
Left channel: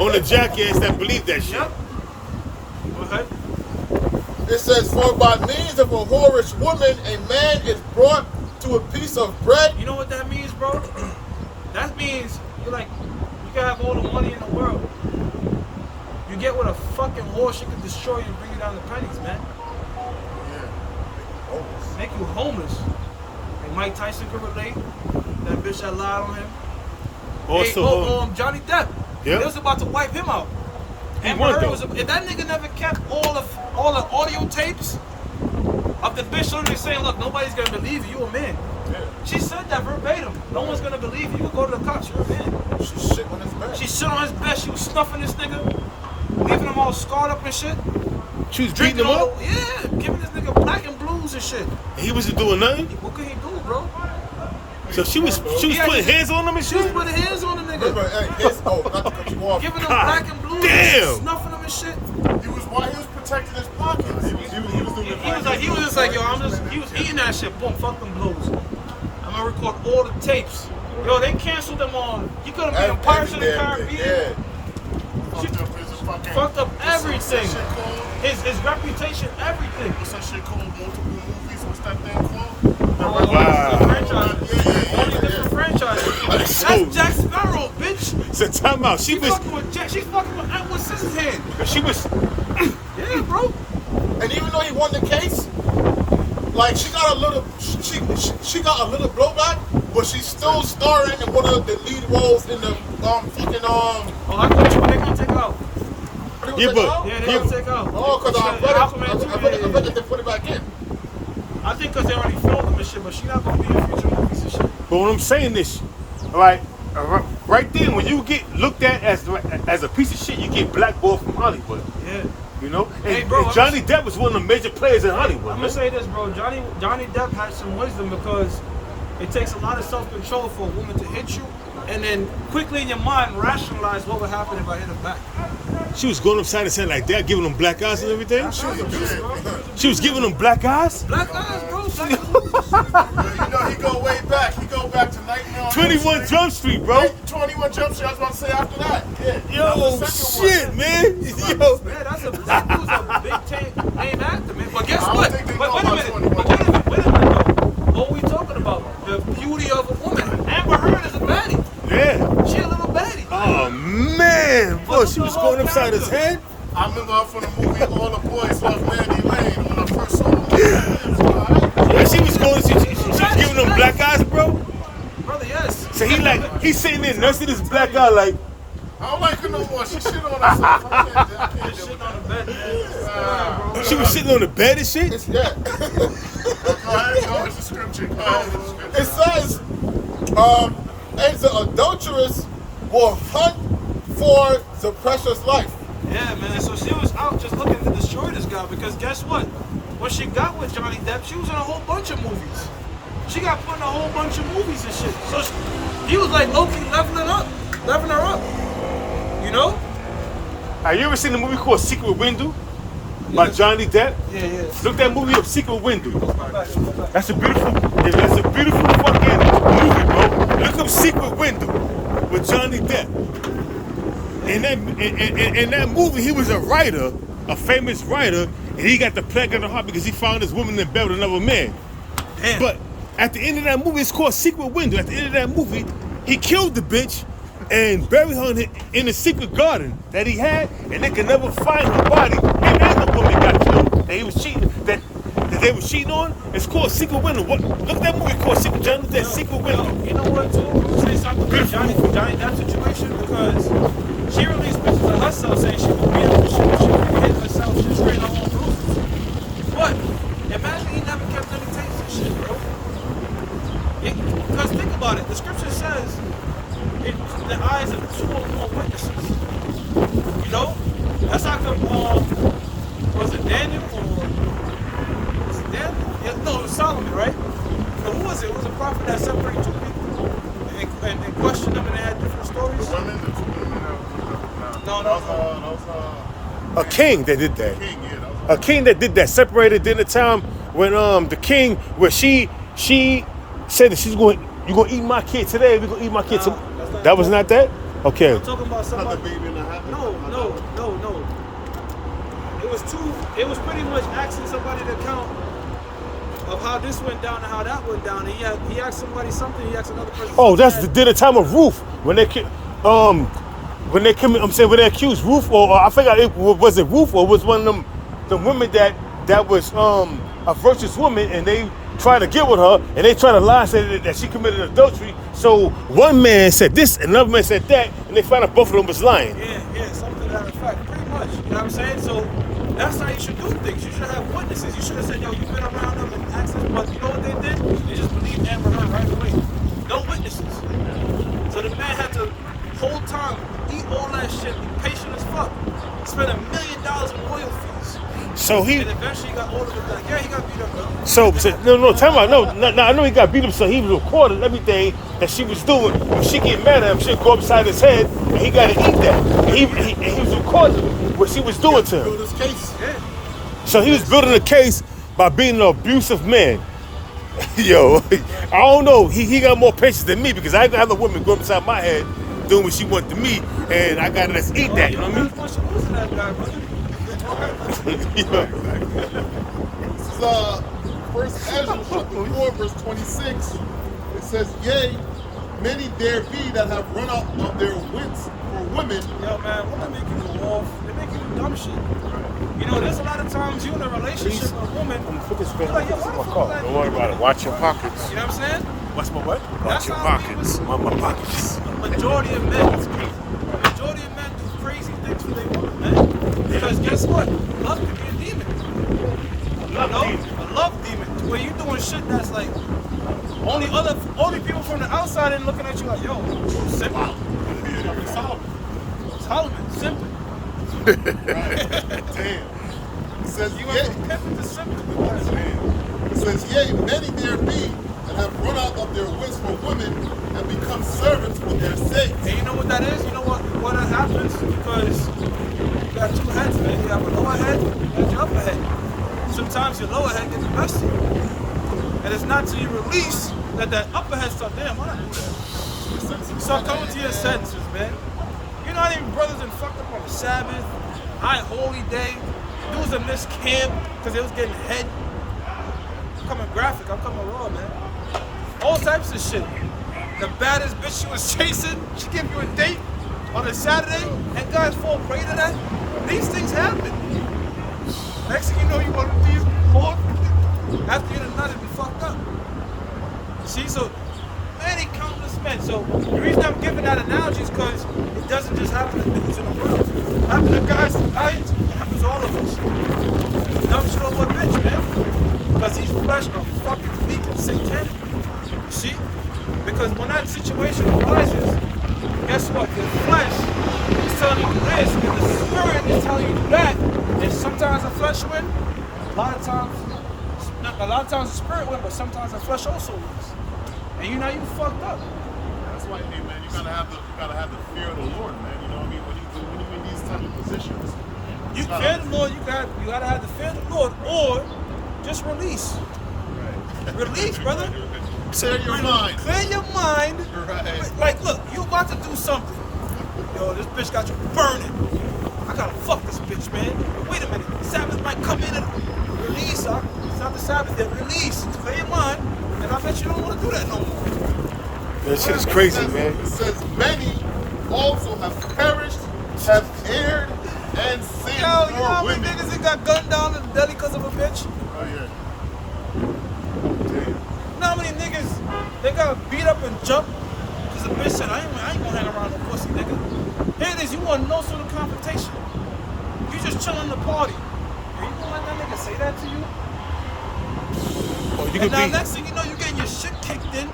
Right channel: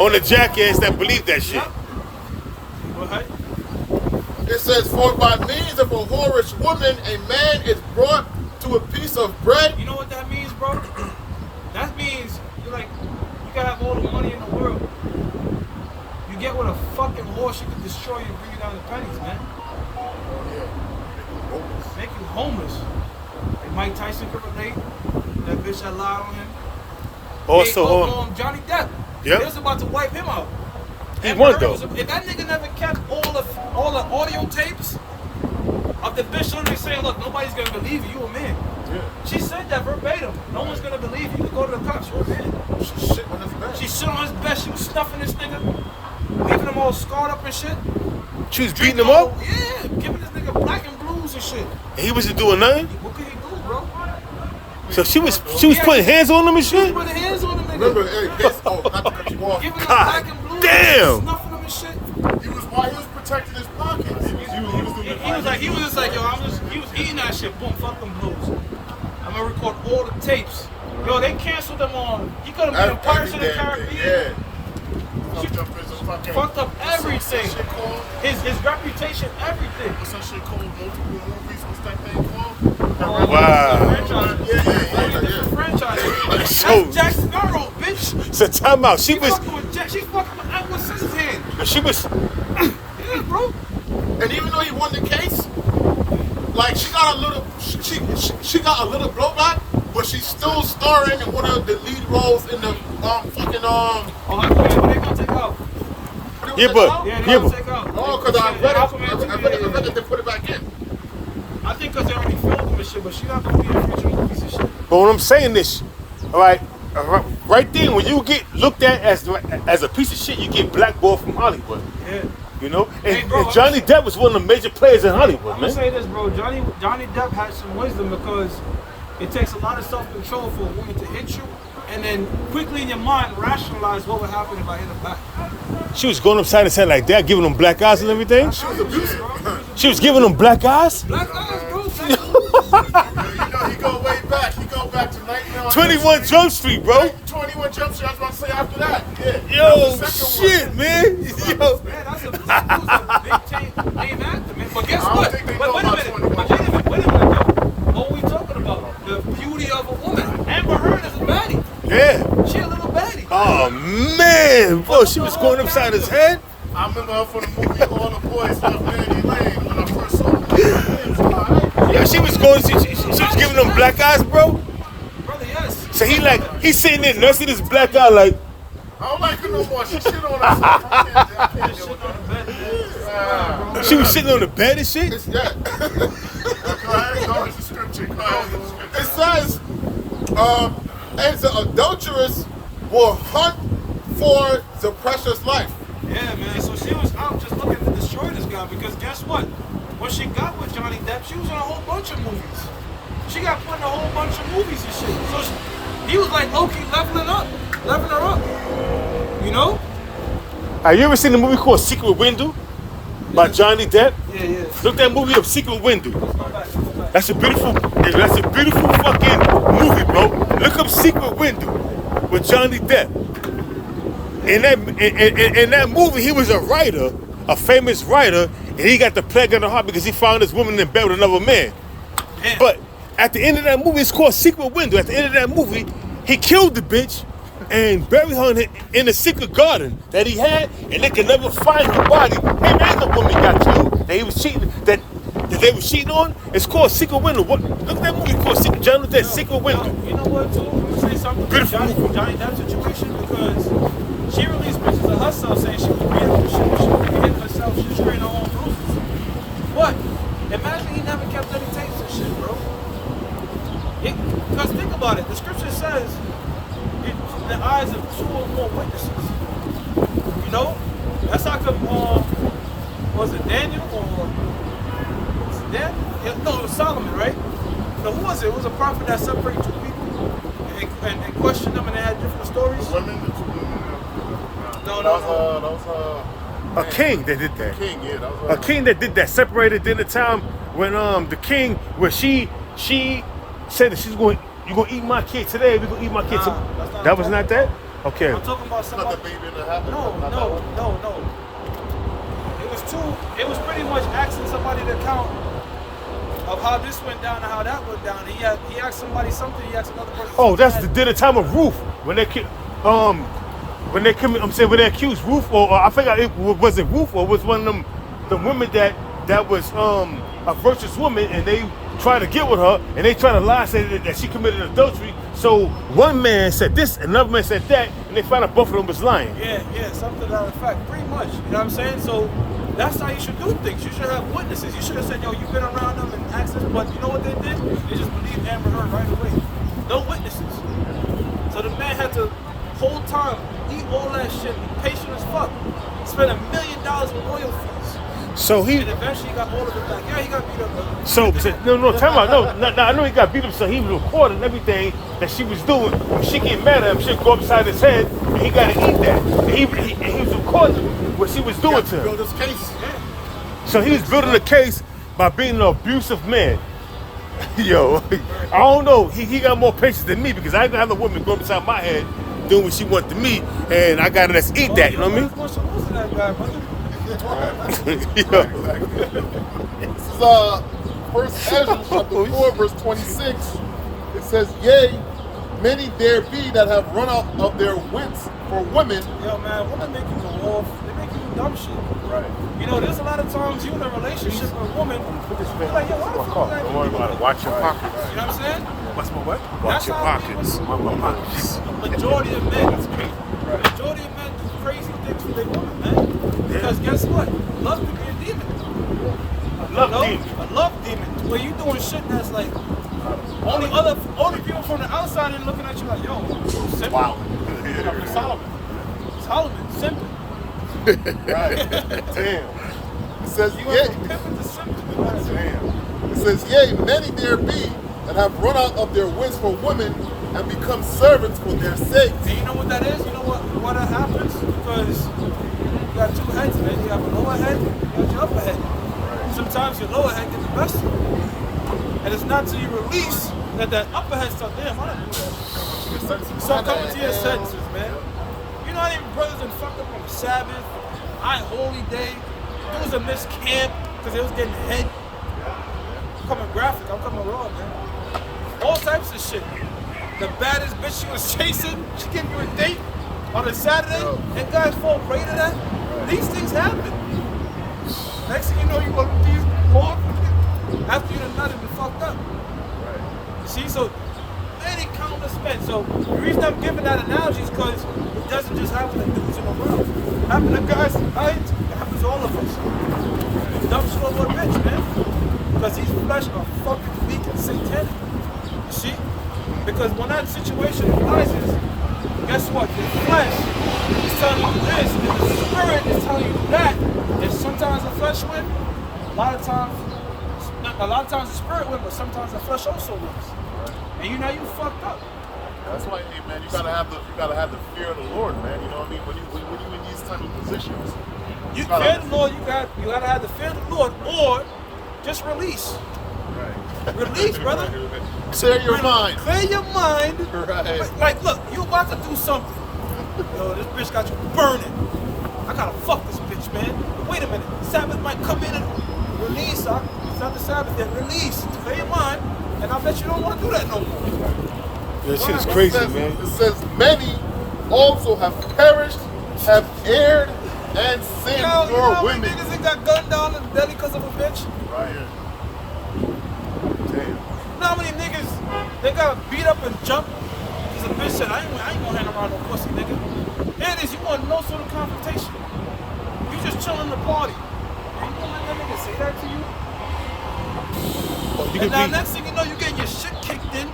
On the jackass that believe that shit. Yep. Go ahead. It says, for by means of a whorish woman, a man is brought to a piece of bread. You know what that means, bro? That means you're like, you can have all the money in the world. You get with a fucking whore, she can destroy you and bring you down to pennies, man. Oh, yeah. Make you homeless. Like Mike Tyson could relate. That bitch that lied on him. Also, Hey, Johnny Depp. Yep. They was about to wipe him out. He was, though. If that nigga never kept all the audio tapes of the bitch literally saying, look, nobody's gonna believe you, a man. Yeah. She said that verbatim. No one's gonna believe you. You go to the cops, you're a man. She shit on his bed. She shit on his bed, she was snuffing this nigga, leaving him all scarred up and shit. she was beating Drinking him up, Yeah, giving this nigga black and blues and shit. and he wasn't doing nothing. What could he do, bro? So she was Yeah, putting hands on him and She was shit. putting hands on the nigga. Remember, hey, not to cut you off. Giving him God black and blues, damn. snuffing him and shit. While he was protecting his pockets. He was doing it He was just like, yo, he was eating that shit. Boom, fuck them blues. I'm gonna record all the tapes Yo, they canceled him on. He could have been in Pirates of the Caribbean. Fucked up everything. What's that shit called? His reputation, everything. What's that shit called? Multiple movies. What's that thing called? Franchises. Yeah. Franchises. So- That's Jack Sparrow, bitch. So time out. She She's was. fucking with Jack. She's fucking with Edward Scissorhands. She was. Yeah, bro. And even though he won the case, like she got a little blowback, but she's still starring in one of the lead roles in the fucking Oh, Aquaman, they gonna take out. Yeah, but Yeah, they yeah, gonna but take out. Oh, because I read that they put it back in. I think because they already filmed them and shit, but she not gonna be in future movies and shit. But when I'm saying this, all right, right then when you get looked at as a piece of shit, you get blackballed from Hollywood. Yeah. You know, and, Hey, bro, and Johnny Depp was one of the major players in Hollywood. I'm man. gonna say this, bro. Johnny Depp had some wisdom because it takes a lot of self-control for a woman to hit you, and then quickly in your mind rationalize what would happen if I hit her back. She was going upside his head like that, giving him black eyes and everything. She was abusive, bro. She was giving him black eyes. Black eyes, bro. You know he go way back. He go back to Nightmare on 21 Elm Street. Jump Street, bro. 21 Jump Street. I was about to say after that. Yeah. Yo, That was the second shit, one. man. Yo. Yeah, that dude's a big name actor, man. But guess I don't what? think they But know wait a about minute. 21 But wait a minute, though. What are we talking about? The beauty of a woman. Amber Heard is a baddie. Yeah. She a little baddie. Oh man, bro, she was going upside his head. I remember her from the movie All the Boys Love Mandy Lane when I first saw her. Yeah, she was going. She was giving him black eyes, bro. Brother, yes. So he's sitting there nursing his black eye like. I don't like her no more. She shit on herself. I can't deal with that. She was sitting on the bed and shit. Yeah. Go ahead. Go with the scripture. Go ahead with the It scripture. says, and the adulteress will hunt for the precious life. Yeah, man. So she was out just looking to destroy this guy because guess what? When she got with Johnny Depp, she was in a whole bunch of movies. She got put in a whole bunch of movies and shit. So he was like low-key leveling her up. You know? Have you ever seen the movie called Secret Window by Johnny Depp? Yeah. Look that movie up, Secret Window. That's a beautiful fucking movie, bro. Look up Secret Window with Johnny Depp. In that movie, he was a writer, a famous writer, and he got the plague of the heart because he found this woman in bed with another man. Damn. But at the end of that movie, it's called Secret Window. At the end of that movie, he killed the bitch and buried her in a secret garden that he had, and they could never find her body. Him and the woman got killed. That he was cheating. That they were cheating on. It's called Secret Window. Look at that movie called Secret. Johnny Depp, Secret Window. You know what, too? Let me say something to Johnny Depp situation because she released pictures of herself saying she was beat up. She was herself. She was spraying her own bruises. But imagine he never kept any tapes and shit, bro. Because think about it. The scripture says the eyes of two or more witnesses. You know? That's how come, was it Daniel or was it Daniel? Yeah, no, it was Solomon, right? No, who was it? It was a prophet that separated two people and questioned them and they had different stories. Women? No. A king that did that. King, yeah, that was A king that did that. Separated in the time when the king, where she said that you're gonna eat my kid today. We're gonna eat my kid Nah, today. that's not That was what not I'm that? Okay. I'm talking about somebody. No. It was pretty much asking somebody to count of how this went down and how that went down. And he asked somebody something, he asked another person Oh, something. that's the time of Ruth when they when they accused Ruth, or I forgot was it Ruth or was one of them the women that was a virtuous woman, and they tried to get with her and they tried to lie and say that she committed adultery. So one man said this, another man said that, and they found out both of them was lying. Yeah, something to that effect. Pretty much. You know what I'm saying? So that's how you should do things. You should have witnesses. You should have said, yo, you've been around them and asked this, but you know what they did? They just believed Amber Heard right away. No witnesses. So the man had to whole time eat all that shit, be patient as fuck. Spend $1 million in lawyer fees. So And eventually he got all of it back. Yeah, he got beat up, brother. no, time out. No, I know he got beat up, so he recorded everything that she was doing. When she get mad at him, she'd go upside his head, and he got to eat that. And he was recording what she was doing to him. Build this case. Yeah. So he was building a case by being an abusive man. Yo, I don't know. He got more patience than me because I ain't got no woman going inside my head doing what she want to me, and I gotta just eat that. You know what I mean? Much to lose to that guy, brother. This is First Ezra chapter 4, verse 26. It says, "Yea, many there be that have run out of their wits for women." Yo, man, women make you go off. They make you do dumb shit. You know, there's a lot of times you in a relationship with a woman, you're like, yo, why the fuck would I do that? Watch your pockets. You know what I'm saying? What's my what? Watch your pockets. A majority of men. A majority of men do crazy things for their women, man. Because guess what? Love can be a demon. A love demon. Where you doing shit that's like only people from the outside and looking at you like, yo, simple. Wow. Solomon, simple. Damn. It says, You went from pimping to simple. It says, "Yea, many there be that have run out of their wits for women and become servants for their sake." And you know what that is? You know what that happens? Because you got two heads, man. You have a lower head, you have your upper head. Sometimes your lower head gets the best of you. And it's not till you release that upper head starts, damn, why not do that? You start coming to your senses, man. You know how many brothers that fucked up on the Sabbath, high holy day, dudes that missed camp because they was getting head. I'm coming graphic, I'm coming raw, man. All types of shit. The baddest bitch she was chasing, she give you a date on a Saturday, and guys fall prey to that. These things happen. Next thing you know, you want to be more after you done nutted and fucked up. See, so many countless men. So the reason I'm giving that analogy is because it doesn't just happen to dudes in the world. It happens to guys, it happens to all of us. Dumb shit over a bitch, man. Because these flesh are fucking weak and satanic. You see? Because when that situation arises, guess what? The flesh is telling you this, and the spirit is telling you that. And sometimes the flesh wins, a lot of times the spirit wins, but sometimes the flesh also wins. And you know you fucked up. That's why, hey, man, you gotta have the fear of the Lord, man. You know what I mean? When you in these type of positions, You fear the Lord. You gotta have the fear of the Lord, or just release. Right. Release, brother. Clear your mind. Clear your mind. Right. But, like, look, you about to do something. Yo, this bitch got you burning. I gotta fuck this bitch, man. Wait a minute. Sabbath might come in and release. It's not the Sabbath yet. Release. Clear your mind. And I bet you don't want to do that no more. That shit's crazy, man. It says, "Many also have perished, have erred, and sinned Yo, you know for how many women." niggas that got gunned down in the belly because of a bitch? Right here. You know how many niggas they got beat up and jumped because a bitch said, I ain't gonna hang around no pussy nigga. Here it is, you want no sort of confrontation. You just chilling in the party. And you gonna let that nigga say that to you? Oh, And now next thing you know, you getting your shit kicked in.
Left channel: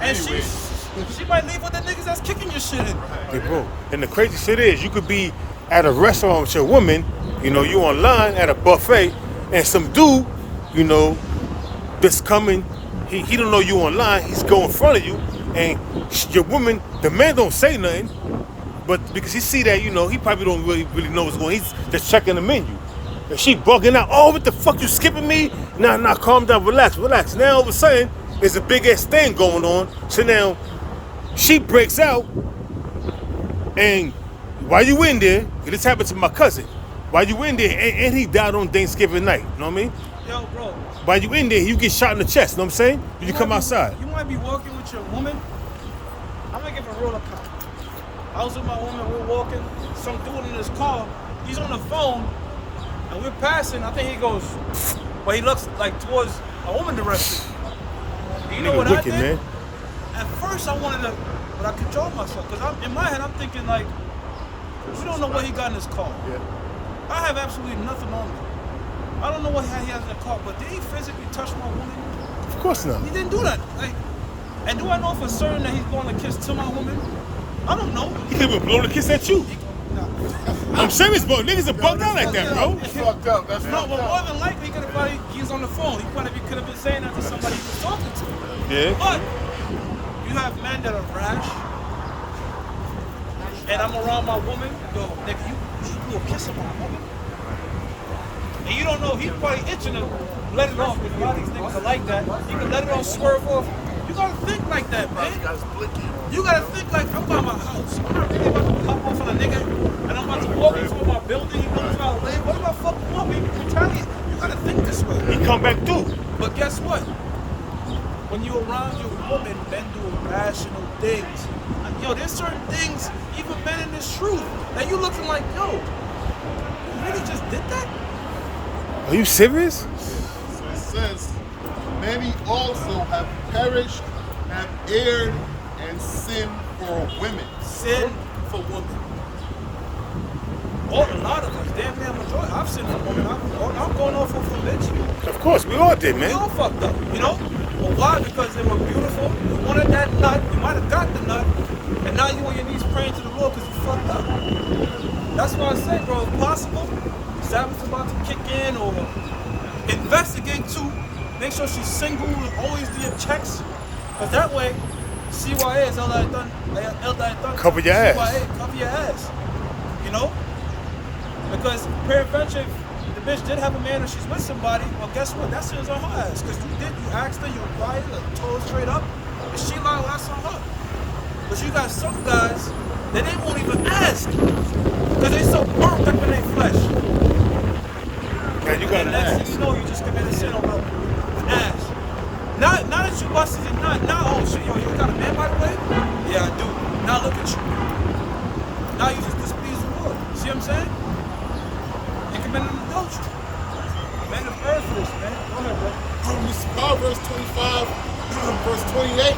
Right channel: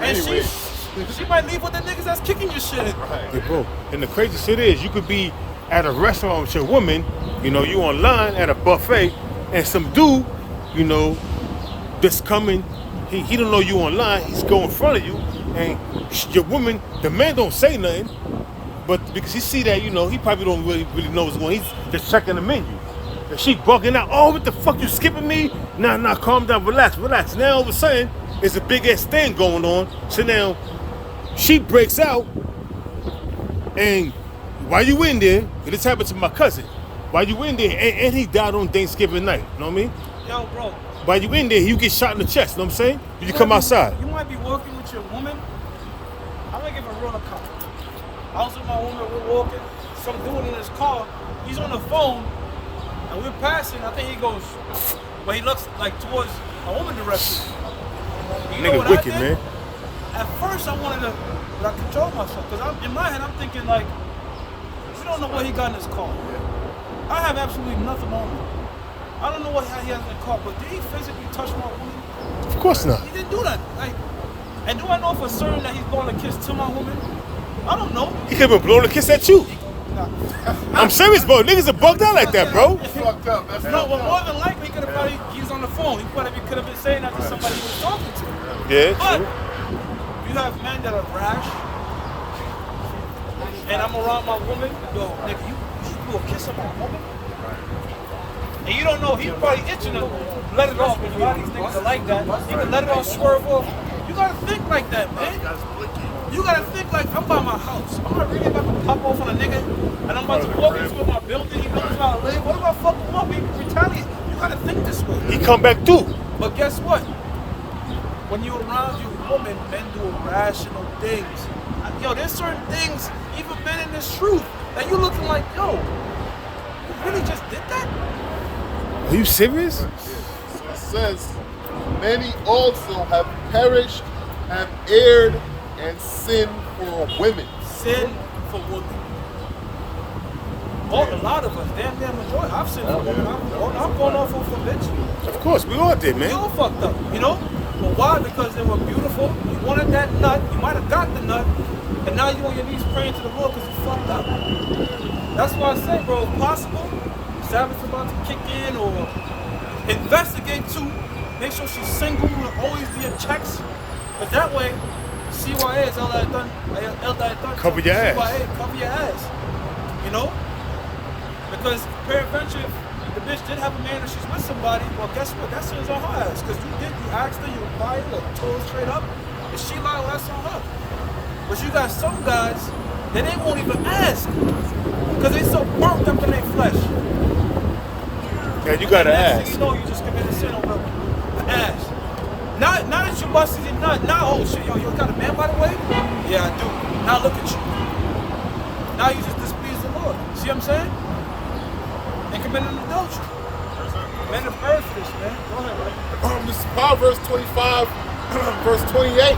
And she might leave with the niggas that's kicking your shit in. Hey, bro, and the crazy shit is, you could be at a restaurant with your woman, you know, you online at a buffet, and some dude, you know, just coming, he don't know you online, he's going in front of you, and your woman, the man don't say nothing, but because he see that, you know, he probably don't really know what's going on, he's just checking the menu. And she bugging out, oh, what the fuck, you skipping me? Nah, calm down, relax. Now all of a sudden, there's a big ass thing going on, so now, she breaks out, and while you in there, and this happened to my cousin, while you in there, and he died on Thanksgiving night, you know what I mean? Yo, bro. While you in there, you get shot in the chest, you know what I'm saying? You come outside. You might be working with your woman. I'm gonna give a real account. I was with my woman, we're walking, some dude in his car, he's on the phone, and we're passing, I think he goes, well, he looks like towards a woman direction. You know Nigga what wicked, I did? man. At first I wanted to, but I controlled myself, because in my head I'm thinking like, we don't know what he got in his car. I have absolutely nothing on me. I don't know what he has in the car, but did he physically touch my woman? Of course not. He didn't do that. Like, and do I know for certain that he's blowing a kiss to my woman? I don't know. He could have blown a kiss at you. Nah. I'm serious, bro. Niggas are bugged out like that, bro. That's fucked up. That's No, fucked but up. more than likely he could have probably, he was on the phone. He probably could have been saying that to somebody he was talking to. Yeah, But true. you have men that are rash, and I'm around my woman. Yo, nigga, you blew a kiss on my woman, and you don't know he's probably itching to let it off, because a lot of these niggas are like that. You can let it off, swerve off. You gotta think like that, man. You gotta think like, I'm by my house. I'm not really about to pop off on a nigga, and I'm about to walk into my building. He knows where I live. What if I fuck him up? He retaliate. You gotta think this way. He come back through. But guess what? When you around your woman, men do irrational things. Yo, there's certain things, even men in this truth, that you looking like, yo, you really just did that? Are you serious? It says, many also have perished, have erred, and sinned for women. Sin for women. Oh, a lot of us, damn near majority. I've sinned for women. I'm going off of a bitch. Of course, we all did, We man. all fucked up, you know? But why? Because they were beautiful. You wanted that nut. You might have got the nut. And now you on your knees praying to the Lord because you fucked up. That's why I say, bro, if possible, Sabbath's about to kick in, or investigate too. Make sure she's single, always do your checks. Because that way, CYA is all that I done. Cover your ass. CYA, cover your ass. You know? Because peradventure, if the bitch did have a man and she's with somebody, well, guess what? That shit is on her ass. Because you asked her, you invited her, told her straight up. If she lied, well, that's on her. But you got some guys that they won't even ask. Because they so burnt up in their flesh. Yeah, you gotta And next ask. thing you know, you just committed sin over the ass. Now that you busted your nut, now, oh shit, yo, you got a man by the way? Yeah, I do. Now look at you. Now you just displease the Lord. See what I'm saying? And committing adultery. Men have earned for this, man. Go ahead, bro. This is Proverbs 25, verse 28.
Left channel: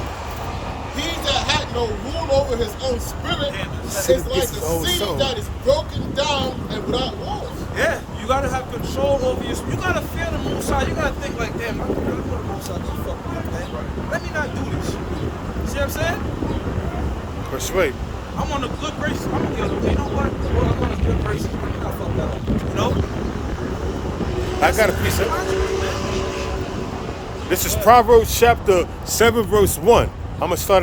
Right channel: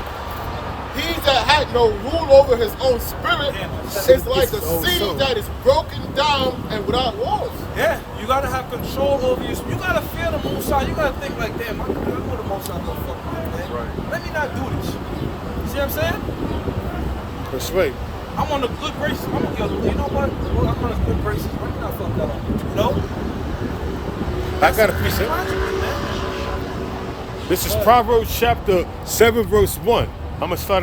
He that had no rule over his own spirit Damn, is like a His own city soul. that is broken down and without walls. Yeah, you gotta have control over your. You gotta fear the Most High. You gotta think like, damn, I know the Most High gonna fuck me up, man. Let me not do this. See what I'm saying? Persuade. I'm on the good graces. I'm on the other. You know what? Well, I'm on the good graces. Let me not fuck that up. You know? I got a That's piece of. logically, man. This is Proverbs chapter 7, verse 1. I'm gonna start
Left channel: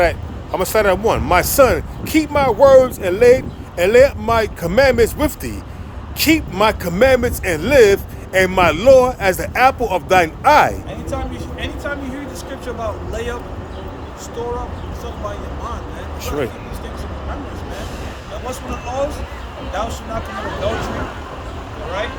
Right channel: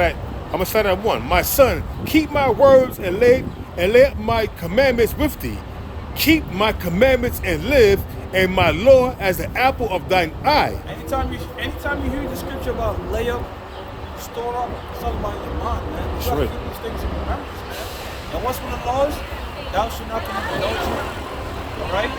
at 1. My son, keep my words and let my commandments with thee. Keep my commandments and live, and my law as the apple of thine eye. Anytime you hear the scripture about lay up, store up, it's talking about your mind, man. You gotta right. keep these things in remembrance, man. And what's one of the laws? Thou shalt not commit adultery. All right?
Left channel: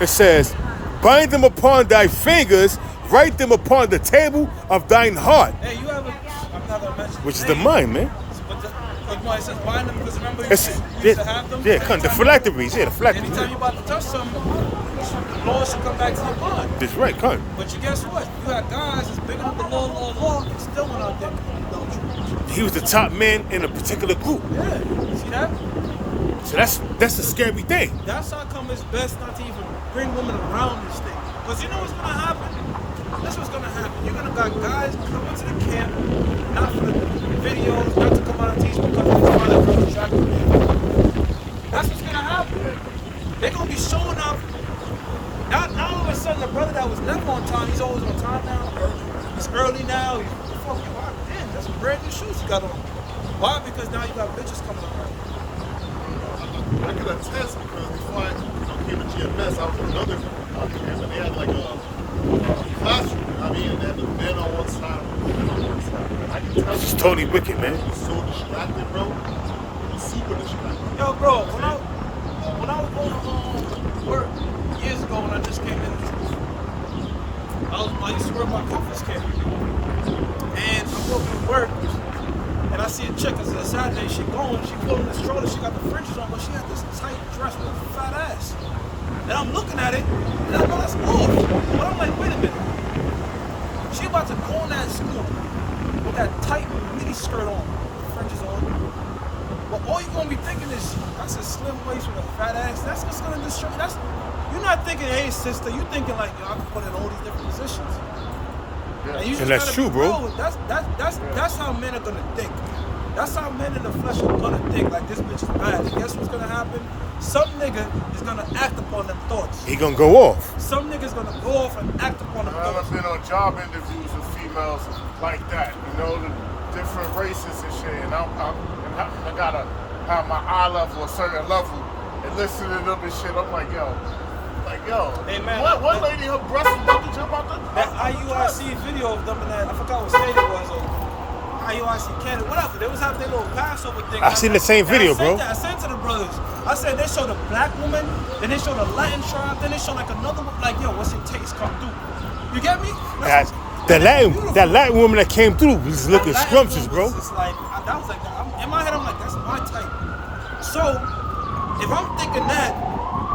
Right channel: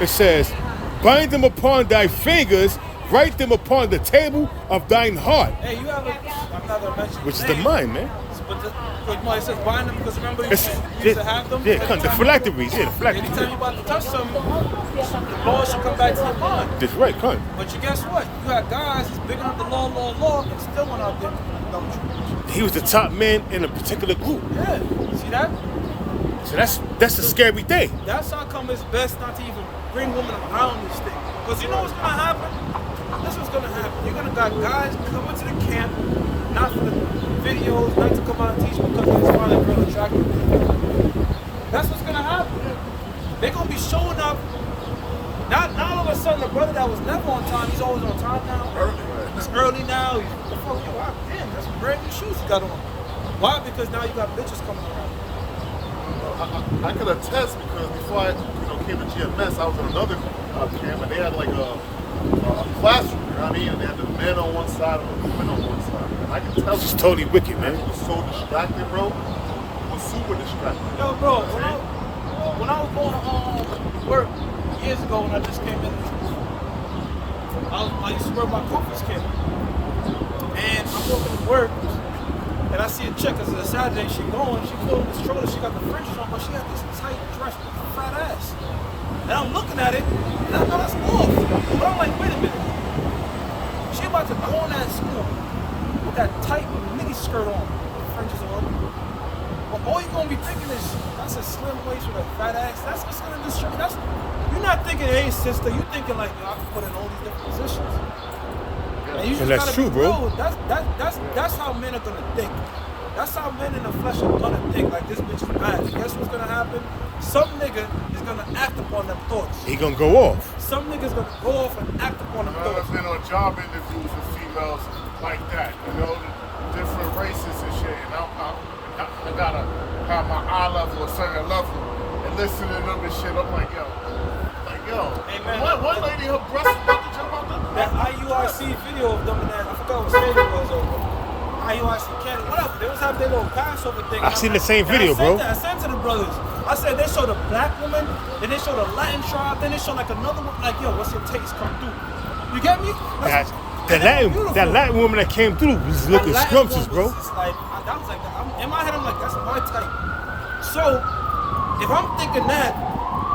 It says, bind them upon thy fingers, write them upon the table of thine heart. Hey, you have a. I'm not gonna mention. Which is his the name, mind, man. But it says bind them because remember we It's- used to have them. Yeah, So the anytime phylacteries. Yeah, the Anytime phylacteries. you're about to touch something, the law should come back to your mind. That's right, come. But you guess what? You got guys that's big enough the law, and still went out there and adultery. He was the top man in a particular group. Yeah, see that? So that's a scary thing. That's how come it's best not to even bring women around this thing. Because you know what's gonna happen? That's what's gonna happen. You're gonna got guys coming to the camp, not for the videos, not to come out and teach because they just find that girl attractive. That's what's gonna happen. They're gonna be showing up. Not all of a sudden the brother that was never on time, he's always on time now. He's early now. He's the fuck, yo, damn, that's some brand new shoes you got on. Why? Because now you got bitches coming around. I could attest because before I came to GMS, I was in another camp and they had like a classroom, you know what I mean? And they had the men on one side and the women on one side. I can tell This is you, totally wicked, man. it was so distracted, bro. It was super distracted. Yo, bro, when I was going to work years ago when I just came in, I used to work by Comforts Camp. And I'm walking to work, and I see a chick, because it's a Saturday, she pulling the stroller, she got the fringes on, but she had this tight dress with a fat ass. And I'm looking at it, and I know that's off. But I'm like, wait a minute. She about to go in that school with that tight mini skirt on, fringes on. But all you're gonna be thinking is, that's a slim waist with a fat ass. That's what's gonna distract. You're not thinking, hey sister, you thinking like, yo, I can put in all these different positions. And you just And that's gotta true, be bro. real. That's how men are gonna think. That's how men in the flesh are gonna think. Like, this bitch is bad. And guess what's gonna happen? Some nigga is gonna act upon them thoughts. He gonna go off. Some nigga's gonna go off and act upon them thoughts. I've been on job interviews with females like that, you know, the different races and shit. And I gotta have my eye level a certain level and listen to them and shit. I'm like, yo, Like, yo, Hey, man, what lady, her breast was about to jump out the... That IUIC video of them in that, I forgot what state it was, or IUIC Canada, whatever. They was having their little Passover thing. I've seen the same video, bro. I sent to the brothers. I said they showed a black woman, then they showed a Latin tribe, then they showed like another one. Like, yo, what's your taste? Come through. You get me? That Latin woman that came through was looking scrumptious, bro. Just like, that was like, in my head, I'm like, that's my type. So, if I'm thinking that,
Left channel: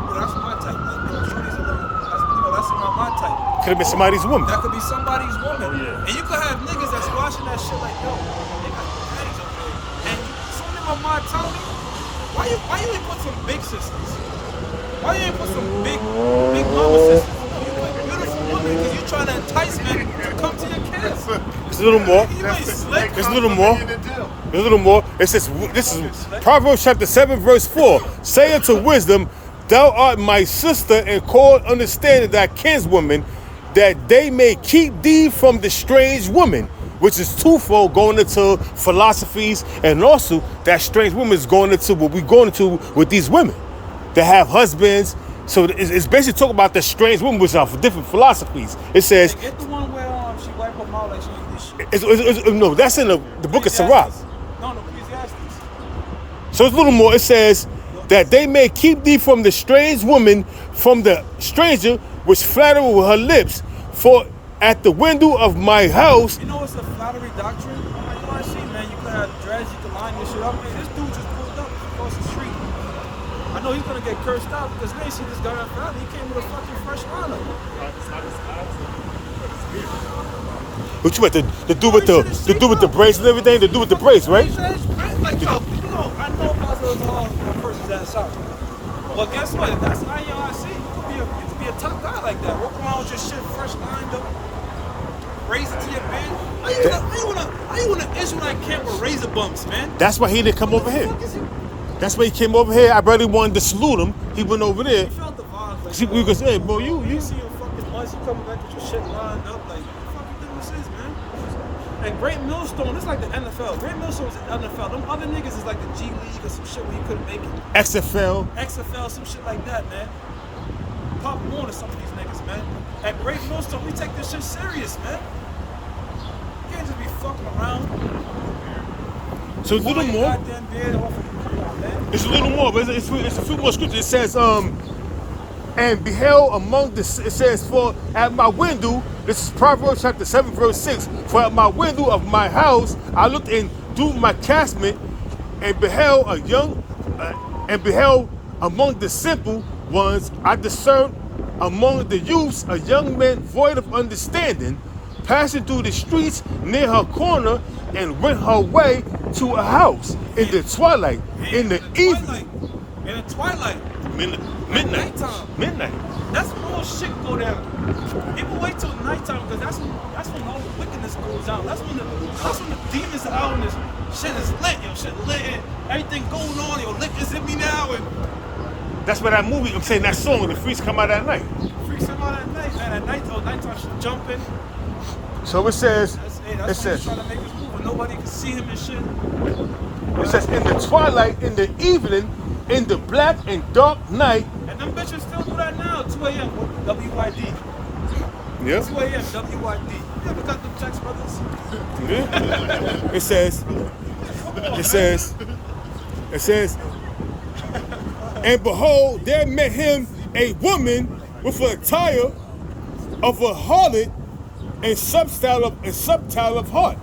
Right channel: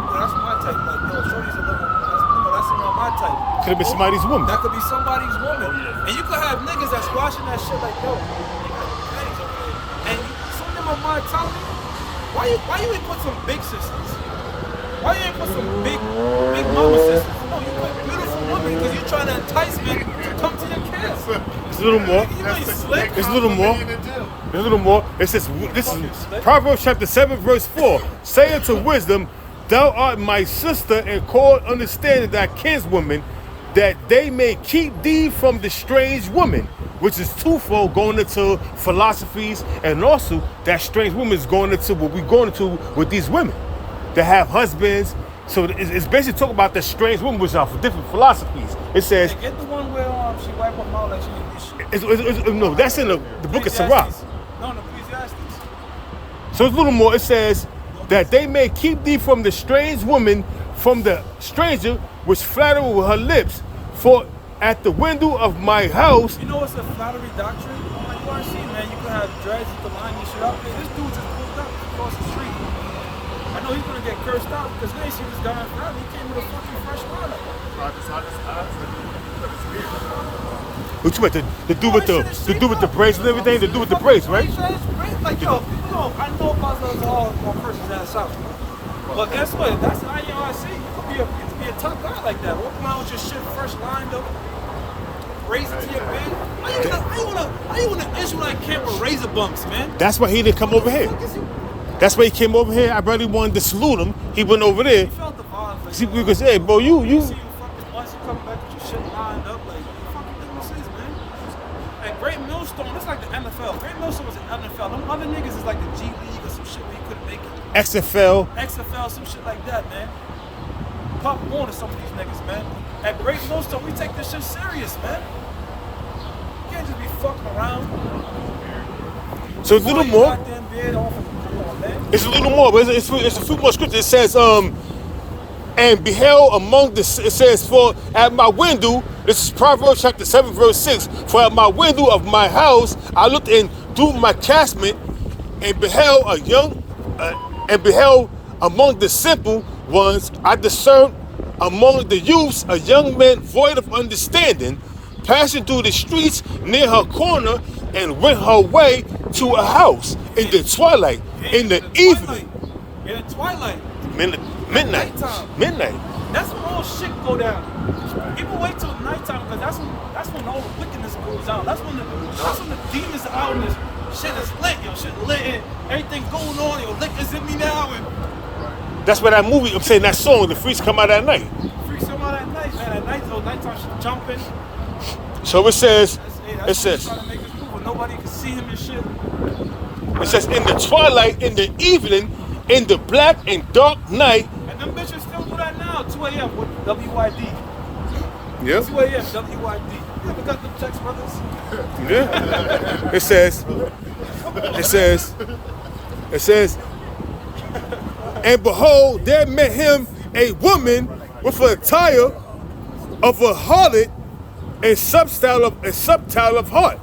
yo, that's my type. Like, yo, shorty's a little, that's around my type. Could have been somebody's woman. That could be somebody's woman. And you could have niggas that's watching that shit like, yo, they got daddies over there. And some of them are my telling me, why you ain't put some big sisters? Why you ain't put some big mama sisters? No, you put beautiful women because you're trying to entice men to come to your camp. It's a little more. You ain't slick. It's a little more. It's a little more. It says, this is Proverbs chapter 7, verse 4. Say unto wisdom, thou art my sister, and call understanding thy kinswoman, that they may keep thee from the strange woman, which is twofold, going into philosophies, and also that strange woman is going into what we're going into with these women that have husbands. So it's basically talking about the strange women, which are different philosophies. It says, Get the one where she wipe her mouth like she did this shit. no, that's in the book of Sirach. No, the Ecclesiastes. So it's a little more. It says that they may keep thee from the strange woman, from the stranger which flatter with her lips. For at the window of my house. You know what's a flattery doctrine? Like you already see, man. You can have dreads, you can line this shit up. This dude just pulled up across the street. I know he's gonna get cursed out because they see this guy on Friday. He came with a fucking fresh lineup. What you meant to do with the braids and everything? To do with the braids, right? Like, yo, I know Buzzers all gonna curse his ass out. But guess what? That's the IRC. You could be a tough guy like that. Walk around with your shit fresh lined up, razor to your bed. How you wanna Israelite camp with razor bumps, man? That's why he didn't come over here. That's why he came over here. I barely wanted to salute him. He went over there. He felt the vibes. Like, see, because, hey, bro, you see you fucking months, you coming back with your shit lined up. Like, what the fuck you think this is, man? And Great Millstone, it's like the NFL. Great Millstone is the NFL. Them other niggas is like the G League or some shit where you couldn't make it. XFL, some shit like that, man. Pop Warner to some of these niggas, man. At Great Millstone, we take this shit serious, man. You can't just be fucking around. So it's a little more. Come on, man. It's a little more, but it's a few more scriptures. It says, and beheld among the, it says, for at my window, this is Proverbs chapter 7, verse 6, for at my window of my house, I looked in through my casement and beheld and beheld among the simple ones, I discerned among the youths a young man void of understanding, passing through the streets near her corner, and went her way to a house in the twilight, in the evening. In the twilight. Midnight. Midnight. That's when all shit go down. People wait till nighttime because that's when all the wickedness goes down. That's when the demons are out and this shit is lit, yo. Shit lit and everything going on, yo. Liquor's in me now and that's why that movie, I'm saying that song, the freaks come out at night. Freaks come out at night, man. At night, nighttime shit jumping. So it says, it says trying to make this move, but nobody can see him and shit. It says in the twilight, in the evening, in the black and dark night. And them bitches still do that now, 2 a.m. with WYD. Yep. 2 a.m. WYD. You ever got them text brothers? Yeah. It says, and behold, there met him a woman with an attire of a harlot and substyle of heart.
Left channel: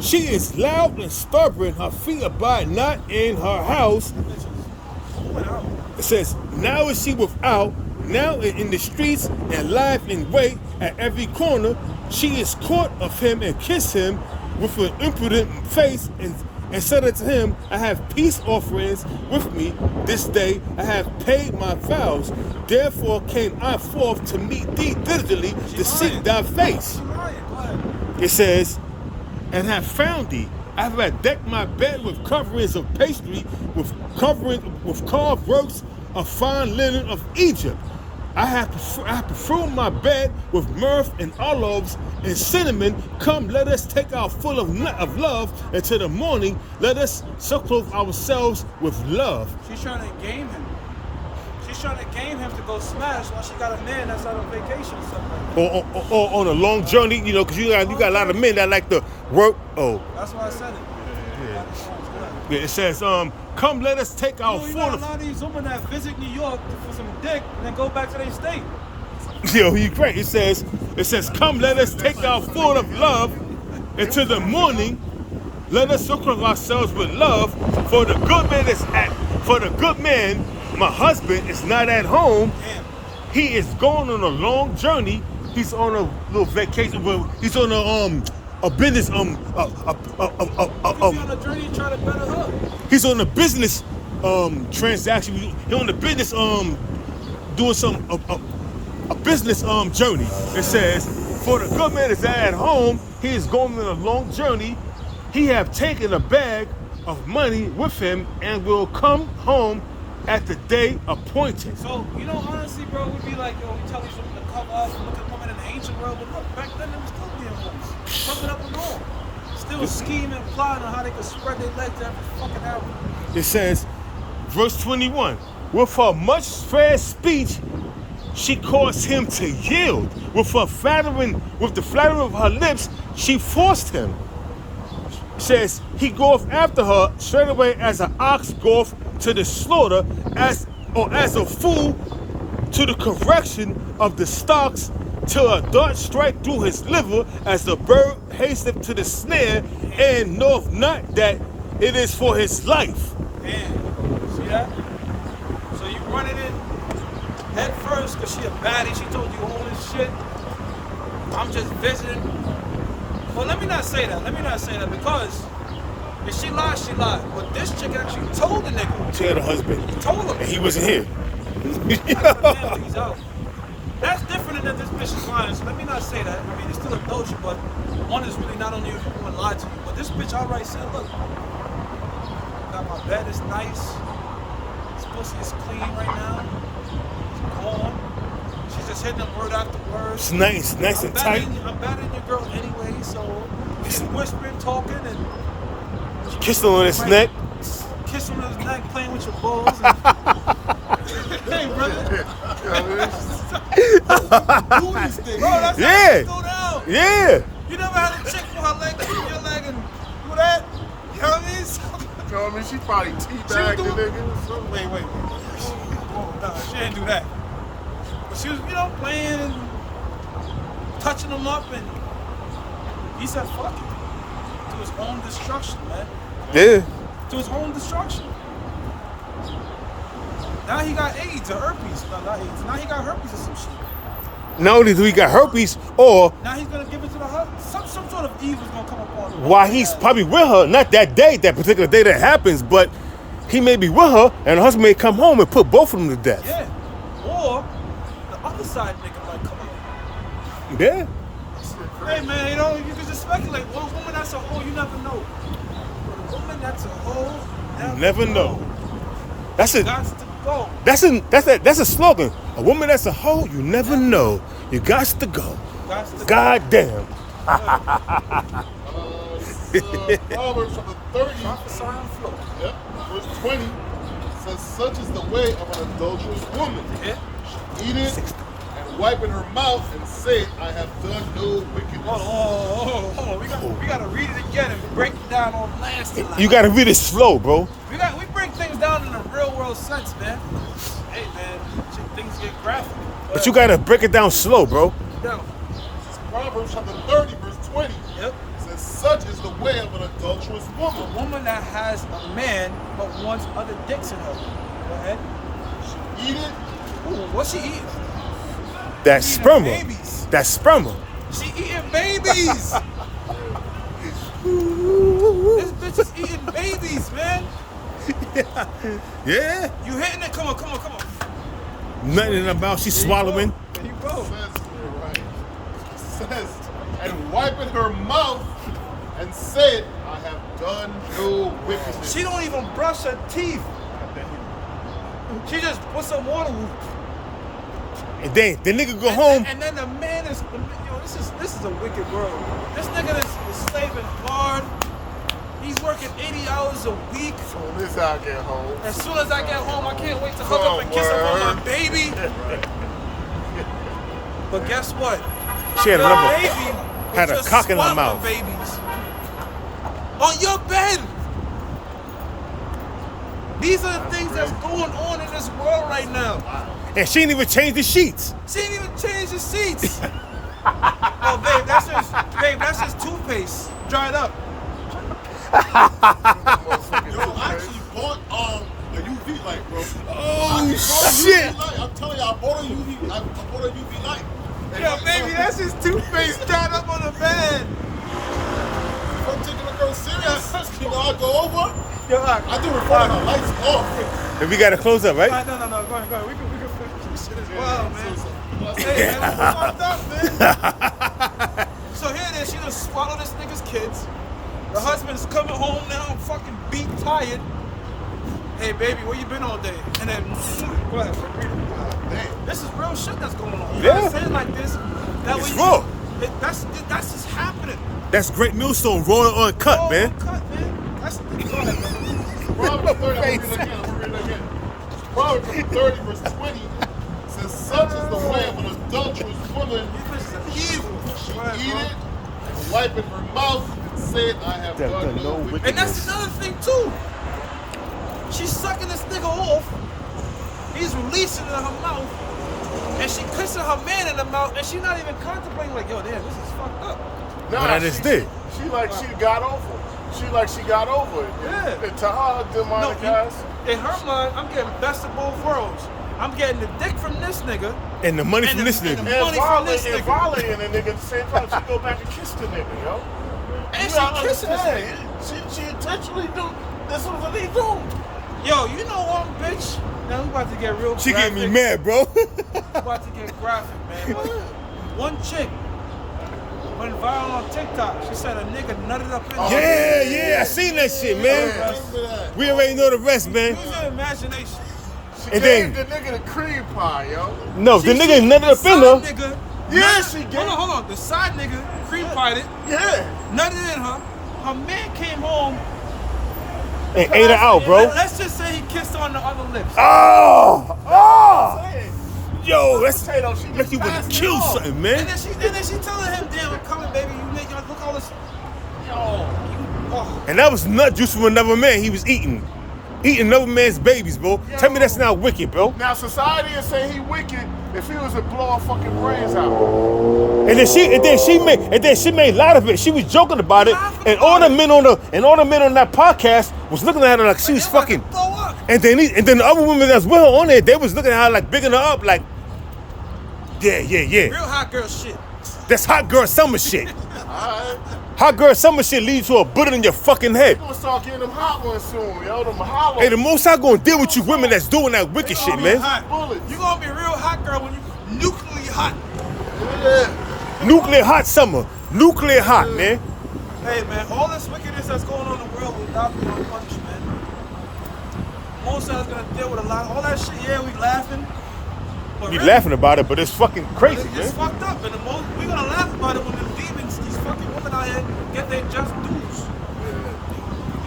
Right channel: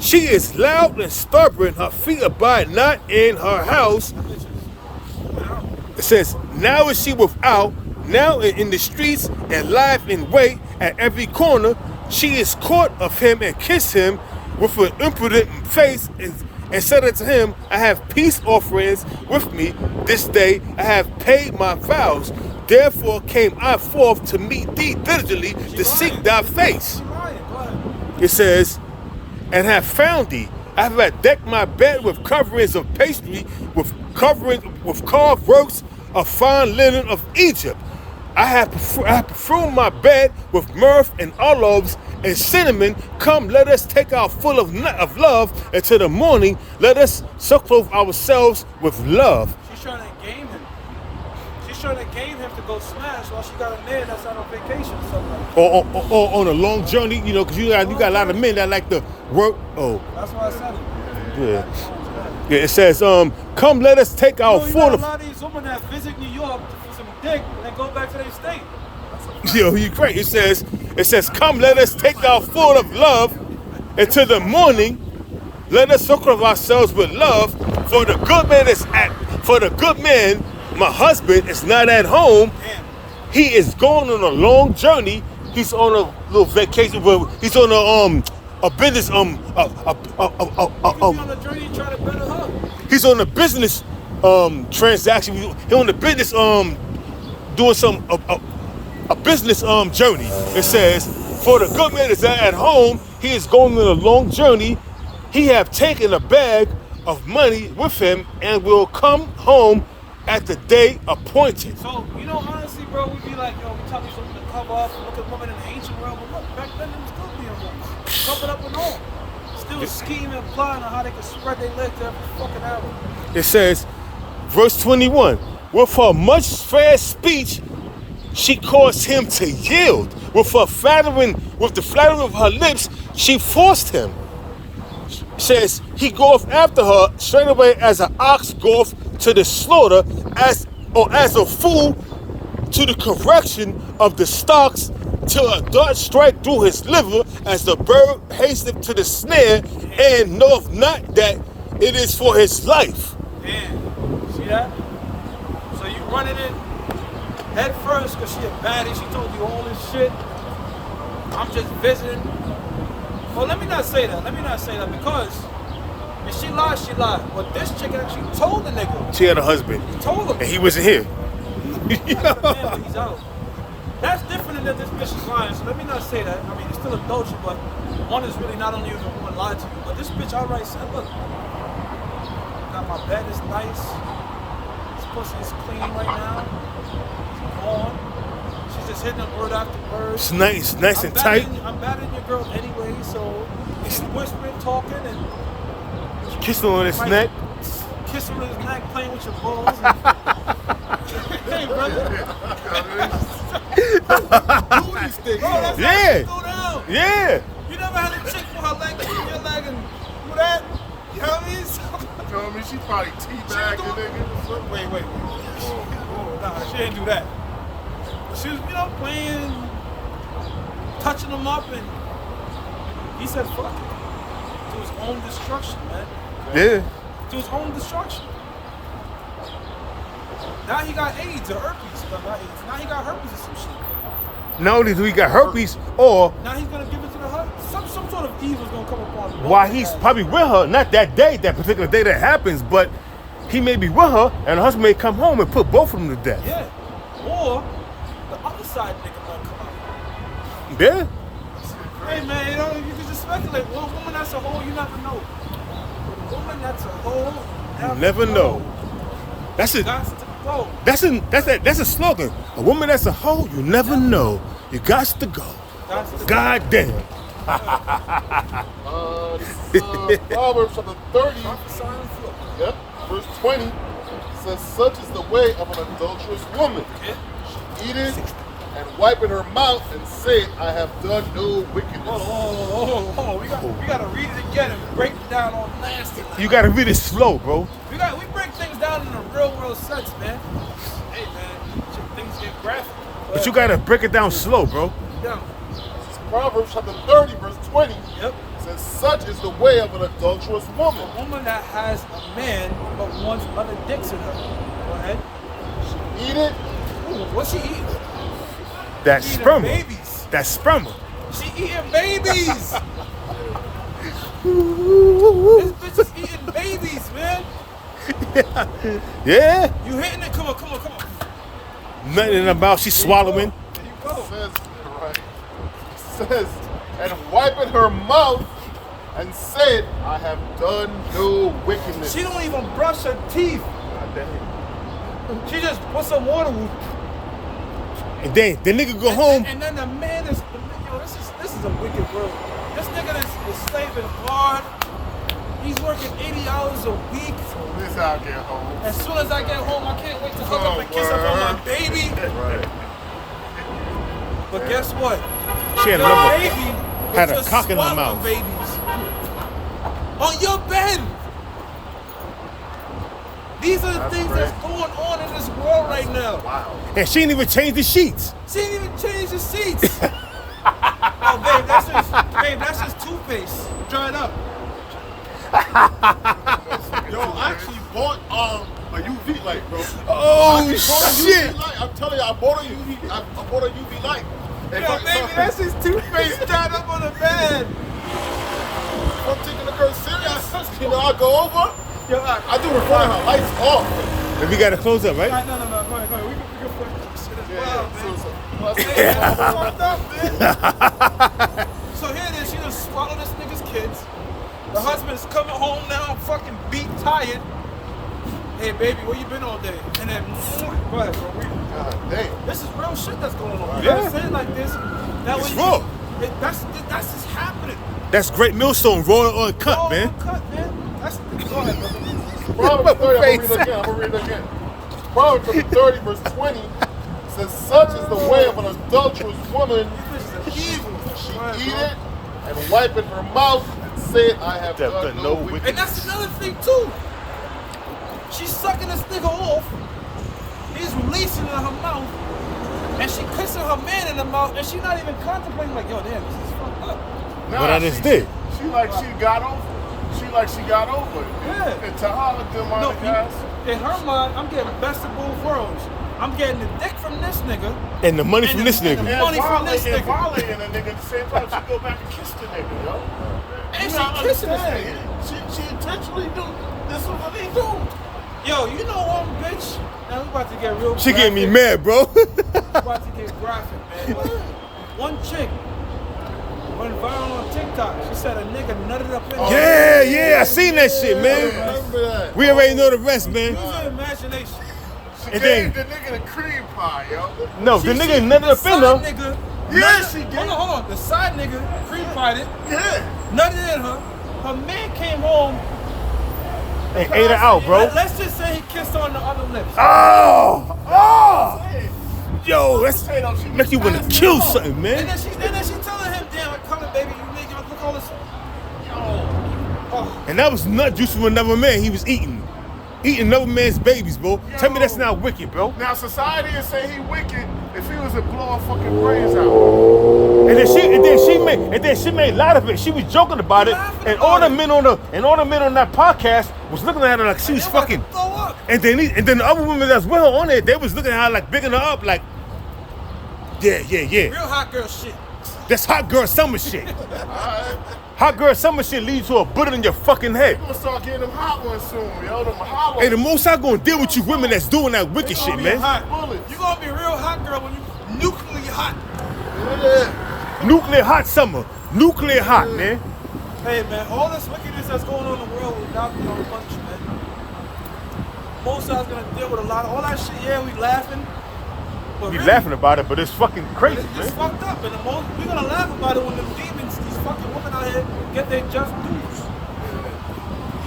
She is loud and stubborn, her feet abide not in her house. It says, now is she without, now in the streets, and lieth in wait at every corner. She is caught of him and kissed him with an impudent face, and said unto him, I have peace offerings with me this day. I have paid my vows. Therefore came I forth to meet thee diligently to seek thy face. She lying. Go ahead. It says, and have found thee. I have decked my bed with coverings of pastry, with carved works of fine linen of Egypt. I have perfumed my bed with myrrh and olives and cinnamon. Come, let us take our full of love, and to the morning let us clothe ourselves with love. She's trying to game him. She's trying to game him to go smash while she got a man that's out on vacation or something like that. Or on a long journey, you know, because you got a lot of men that like to work. Oh, That's why I said it. yeah. Daddy's home's good. Yeah, it says, come let us take our You got a full. lot of these women that visit New York for some dick and then go back to their state. Yo, you great. It says, come let us take our full of love into the morning. Let us circle ourselves with love. For the good man, my husband is not at home. Damn. He is going on a long journey. He's on a little vacation. Well, he's on a business He could be on a journey to try to better her. he's on a business transaction. He's on the business doing some a business journey. It says, for the good man is at home. He is going on a long journey. He have taken a bag of money with him and will come home at the day appointed. So, you know, honestly, bro, we be like, yo, we tell these women to cover up and look at women in the ancient world, but look, back then they were still being hoes. Covered up and all. Still scheming and plotting on how they could spread their legs to every fucking arrow. It says, verse 21, with her much fair speech, she caused him to yield. With the flattering of her lips, she forced him. Says he goeth after her straightway as an ox goeth to the slaughter, as a fool to the correction of the stocks, till a dart strike through his liver, as the bird hasteth to the snare, and knoweth not that it is for his life. Damn. See that? So you running in head first because she a baddie. She told you all this shit. I'm just visiting. Well, let me not say that because if she lied, she lied. But this chick actually told the nigga. She had a husband, Told him. and he wasn't here. He's out. That's different than that this bitch is lying. So let me not say that. I mean, it's still adultery, but one is really not only if a woman lied to you, but this bitch outright said, look, got my bed is nice. This pussy is clean right now. It's on. She's just hitting them word after word. It's nice and tight. I'm better than your girl anyway, so she's whispering, talking, and Kissing on his neck. Kiss him on his neck, playing with your balls. And hey, brother. Do these things. Bro, that's how it go down. Yeah. You never had a chick put her leg in your leg and do that? You know what I mean? Tell me she probably teabagged the nigga. Wait. Oh, nah, she didn't do that. But she was, playing, touching him up, and he said, fuck it. To his own destruction, man. Yeah. To his own destruction. Now he got AIDS or herpes. No, not AIDS. Now he got herpes or some shit. Not only do he got herpes, or Now he's gonna give it to the husband. Some sort of evil's gonna come upon him. while he's probably with her, not that particular day that happens, but he may be with her, and her husband may come home and put both of them to death. Yeah. Or the other side nigga might come out. Yeah. Hey man, you can just speculate. One woman that's a hoe, you never know. But a woman that's a hoe, You never know. That's a Got to go. that's a slogan. A woman that's a hoe, you never know. You got to go. Got to go. God damn. Proverbs chapter 30, Prophesy and flow. yep, verse 20 says, such is the way of an adulterous woman. Yeah. She eateth and wipeth her mouth and saith, I have done no wickedness. Hold on. We gotta read it again and break it down all nasty. You gotta read it slow, bro. We break things down in a real world sense, man. Hey man, things get graphic. But you gotta break it down slow, bro. Down. Proverbs chapter 30, verse 20 Yep. says, such is the way of an adulterous A woman. woman that has a man but wants other dicks in her. Go ahead. She eateth Ooh, what's she eating? That She eating sperma. babies. That sperma. She eating babies. This bitch is eating babies, man. Yeah. You hitting it? Come on. Nothing in her mouth. She's swallowing. There you go. says, and wipeth her mouth and said, I have done no wickedness. She don't even brush her teeth. She just put some water. And then the nigga go home. And then the man is, this is a wicked world. This nigga is slaving hard He's working 80 hours a week. This how I get home. As soon as I get home, I can't wait to hug up and kiss up on my baby. But guess what? She had Your never baby had was a just cock in her swaddling mouth. babies on your bed. These are the things that's going on in this world right now. Wow. And she didn't even change the sheets. She didn't even change the seats. Oh, babe, that's just toothpaste dried up. Yo, I actually bought a UV light, bro. Oh, I bought a shit. UV light. I'm telling you, I bought a UV light. Yo, baby, that's just toothpaste dried up on the bed. If I'm taking the girl serious, you know, I go over. I do it in front of her, lights off. Then we got to close up, right? No, go ahead. We can finish this shit as well, man. So, Hey, man, that's fucked up, man. So here it is, she done swallowed this nigga's kids. The husband's coming home now, I'm fucking beat, tired. Hey, baby, where you been all day? And then, go ahead, bro, read it. God damn. This is real shit that's going on. You Yeah. gotta say it like this. That It's way you raw. can- that's just happening. That's great millstone, raw on cut, Raw man. cut, man. That's, go ahead, brother. Proverbs 30, I'm gonna read it again. Proverbs 30, verse 20 says, such is the way of an adulterous woman. You bitches are evil. Go ahead, Eat bro. it and wipe in her mouth and say, I have done no wickedness. And that's another thing too. She's sucking this nigga off. He's releasing it in her mouth. And she kissing her man in the mouth. And she's not even contemplating like, yo, damn, this is fucked up. What I just did. She like she got over it. She like she got over it. Yeah. And to her, No, demonic ass. in her mind, I'm getting best of both worlds. I'm getting the dick from this nigga. And the money And from the- this and the nigga. money from this And nigga. violating the nigga at the same time. She go back and kiss the nigga, yo. And You she gotta kissing this understand. nigga. She intentionally do. This is what they do. Yo, you know what, bitch? Now we about to get real She getting me graphic. mad, bro. About to get graphic, man. Like, one chick went viral on TikTok. She said a nigga nutted up in her. Yeah, I seen that shit, man. Remember that. We already know the rest, man. Use your imagination. She And gave then- the nigga the cream pie, yo. No, the She- nigga nutted the up in side her. nigga. Yeah, nutted- she did. Hold on. The side nigga cream pied it, Yeah. nutted in her. Her man came home. And ate her out, bro. Let's just say he kissed her on the other lips. Oh! Yo, that's Potato, she make you want to passed kill me off. something, And man. then she telling him, damn, I'm coming, baby. You nigga, look all this. Oh, And that was nut juice from another man he was eating. Eating another man's babies, bro. Tell me that's not wicked, bro. Now society is saying he wicked if he was to blow our fucking brains out. And then she made a lot of it. She was joking about it. Laughing And all about the it. men on that podcast was looking at her like she was they about to fucking. throw up. And then the other women that's with her on there, they was looking at her like bigging her up, like, yeah. Real hot girl shit. That's hot girl summer shit. Alright. Hot girl summer shit leads to a bullet in your fucking head. I'm gonna start getting them hot ones soon, yo. Them hollow. Hey, the most I gonna deal with you women that's doing that wicked shit, Be man. hot. Bullets. You gonna be a real hot girl when you nuclearly hot. Nuclear hot summer. Nuclear hot, man. Hey man, all this wickedness that's going on in the world will not be unpunished, man. Most of us gonna deal with a lot of all that shit. Yeah, we laughing. But We really, laughing about it, but it's fucking but crazy, it's man. fucked up. And we're gonna laugh about it when them demons, these fucking women out here, get their just dues.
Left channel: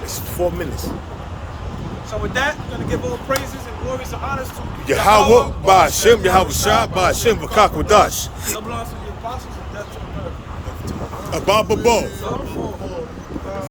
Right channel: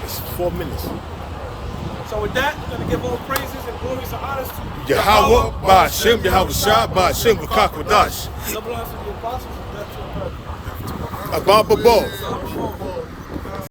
It's 4 minutes. So with that, we're gonna give all praises and glories and honors to Yahweh, Ba'ashem, Yahweh Shah, Ba'ashem, V'kakwadash. Double honors to the apostles and death to America. Abba Babo. So,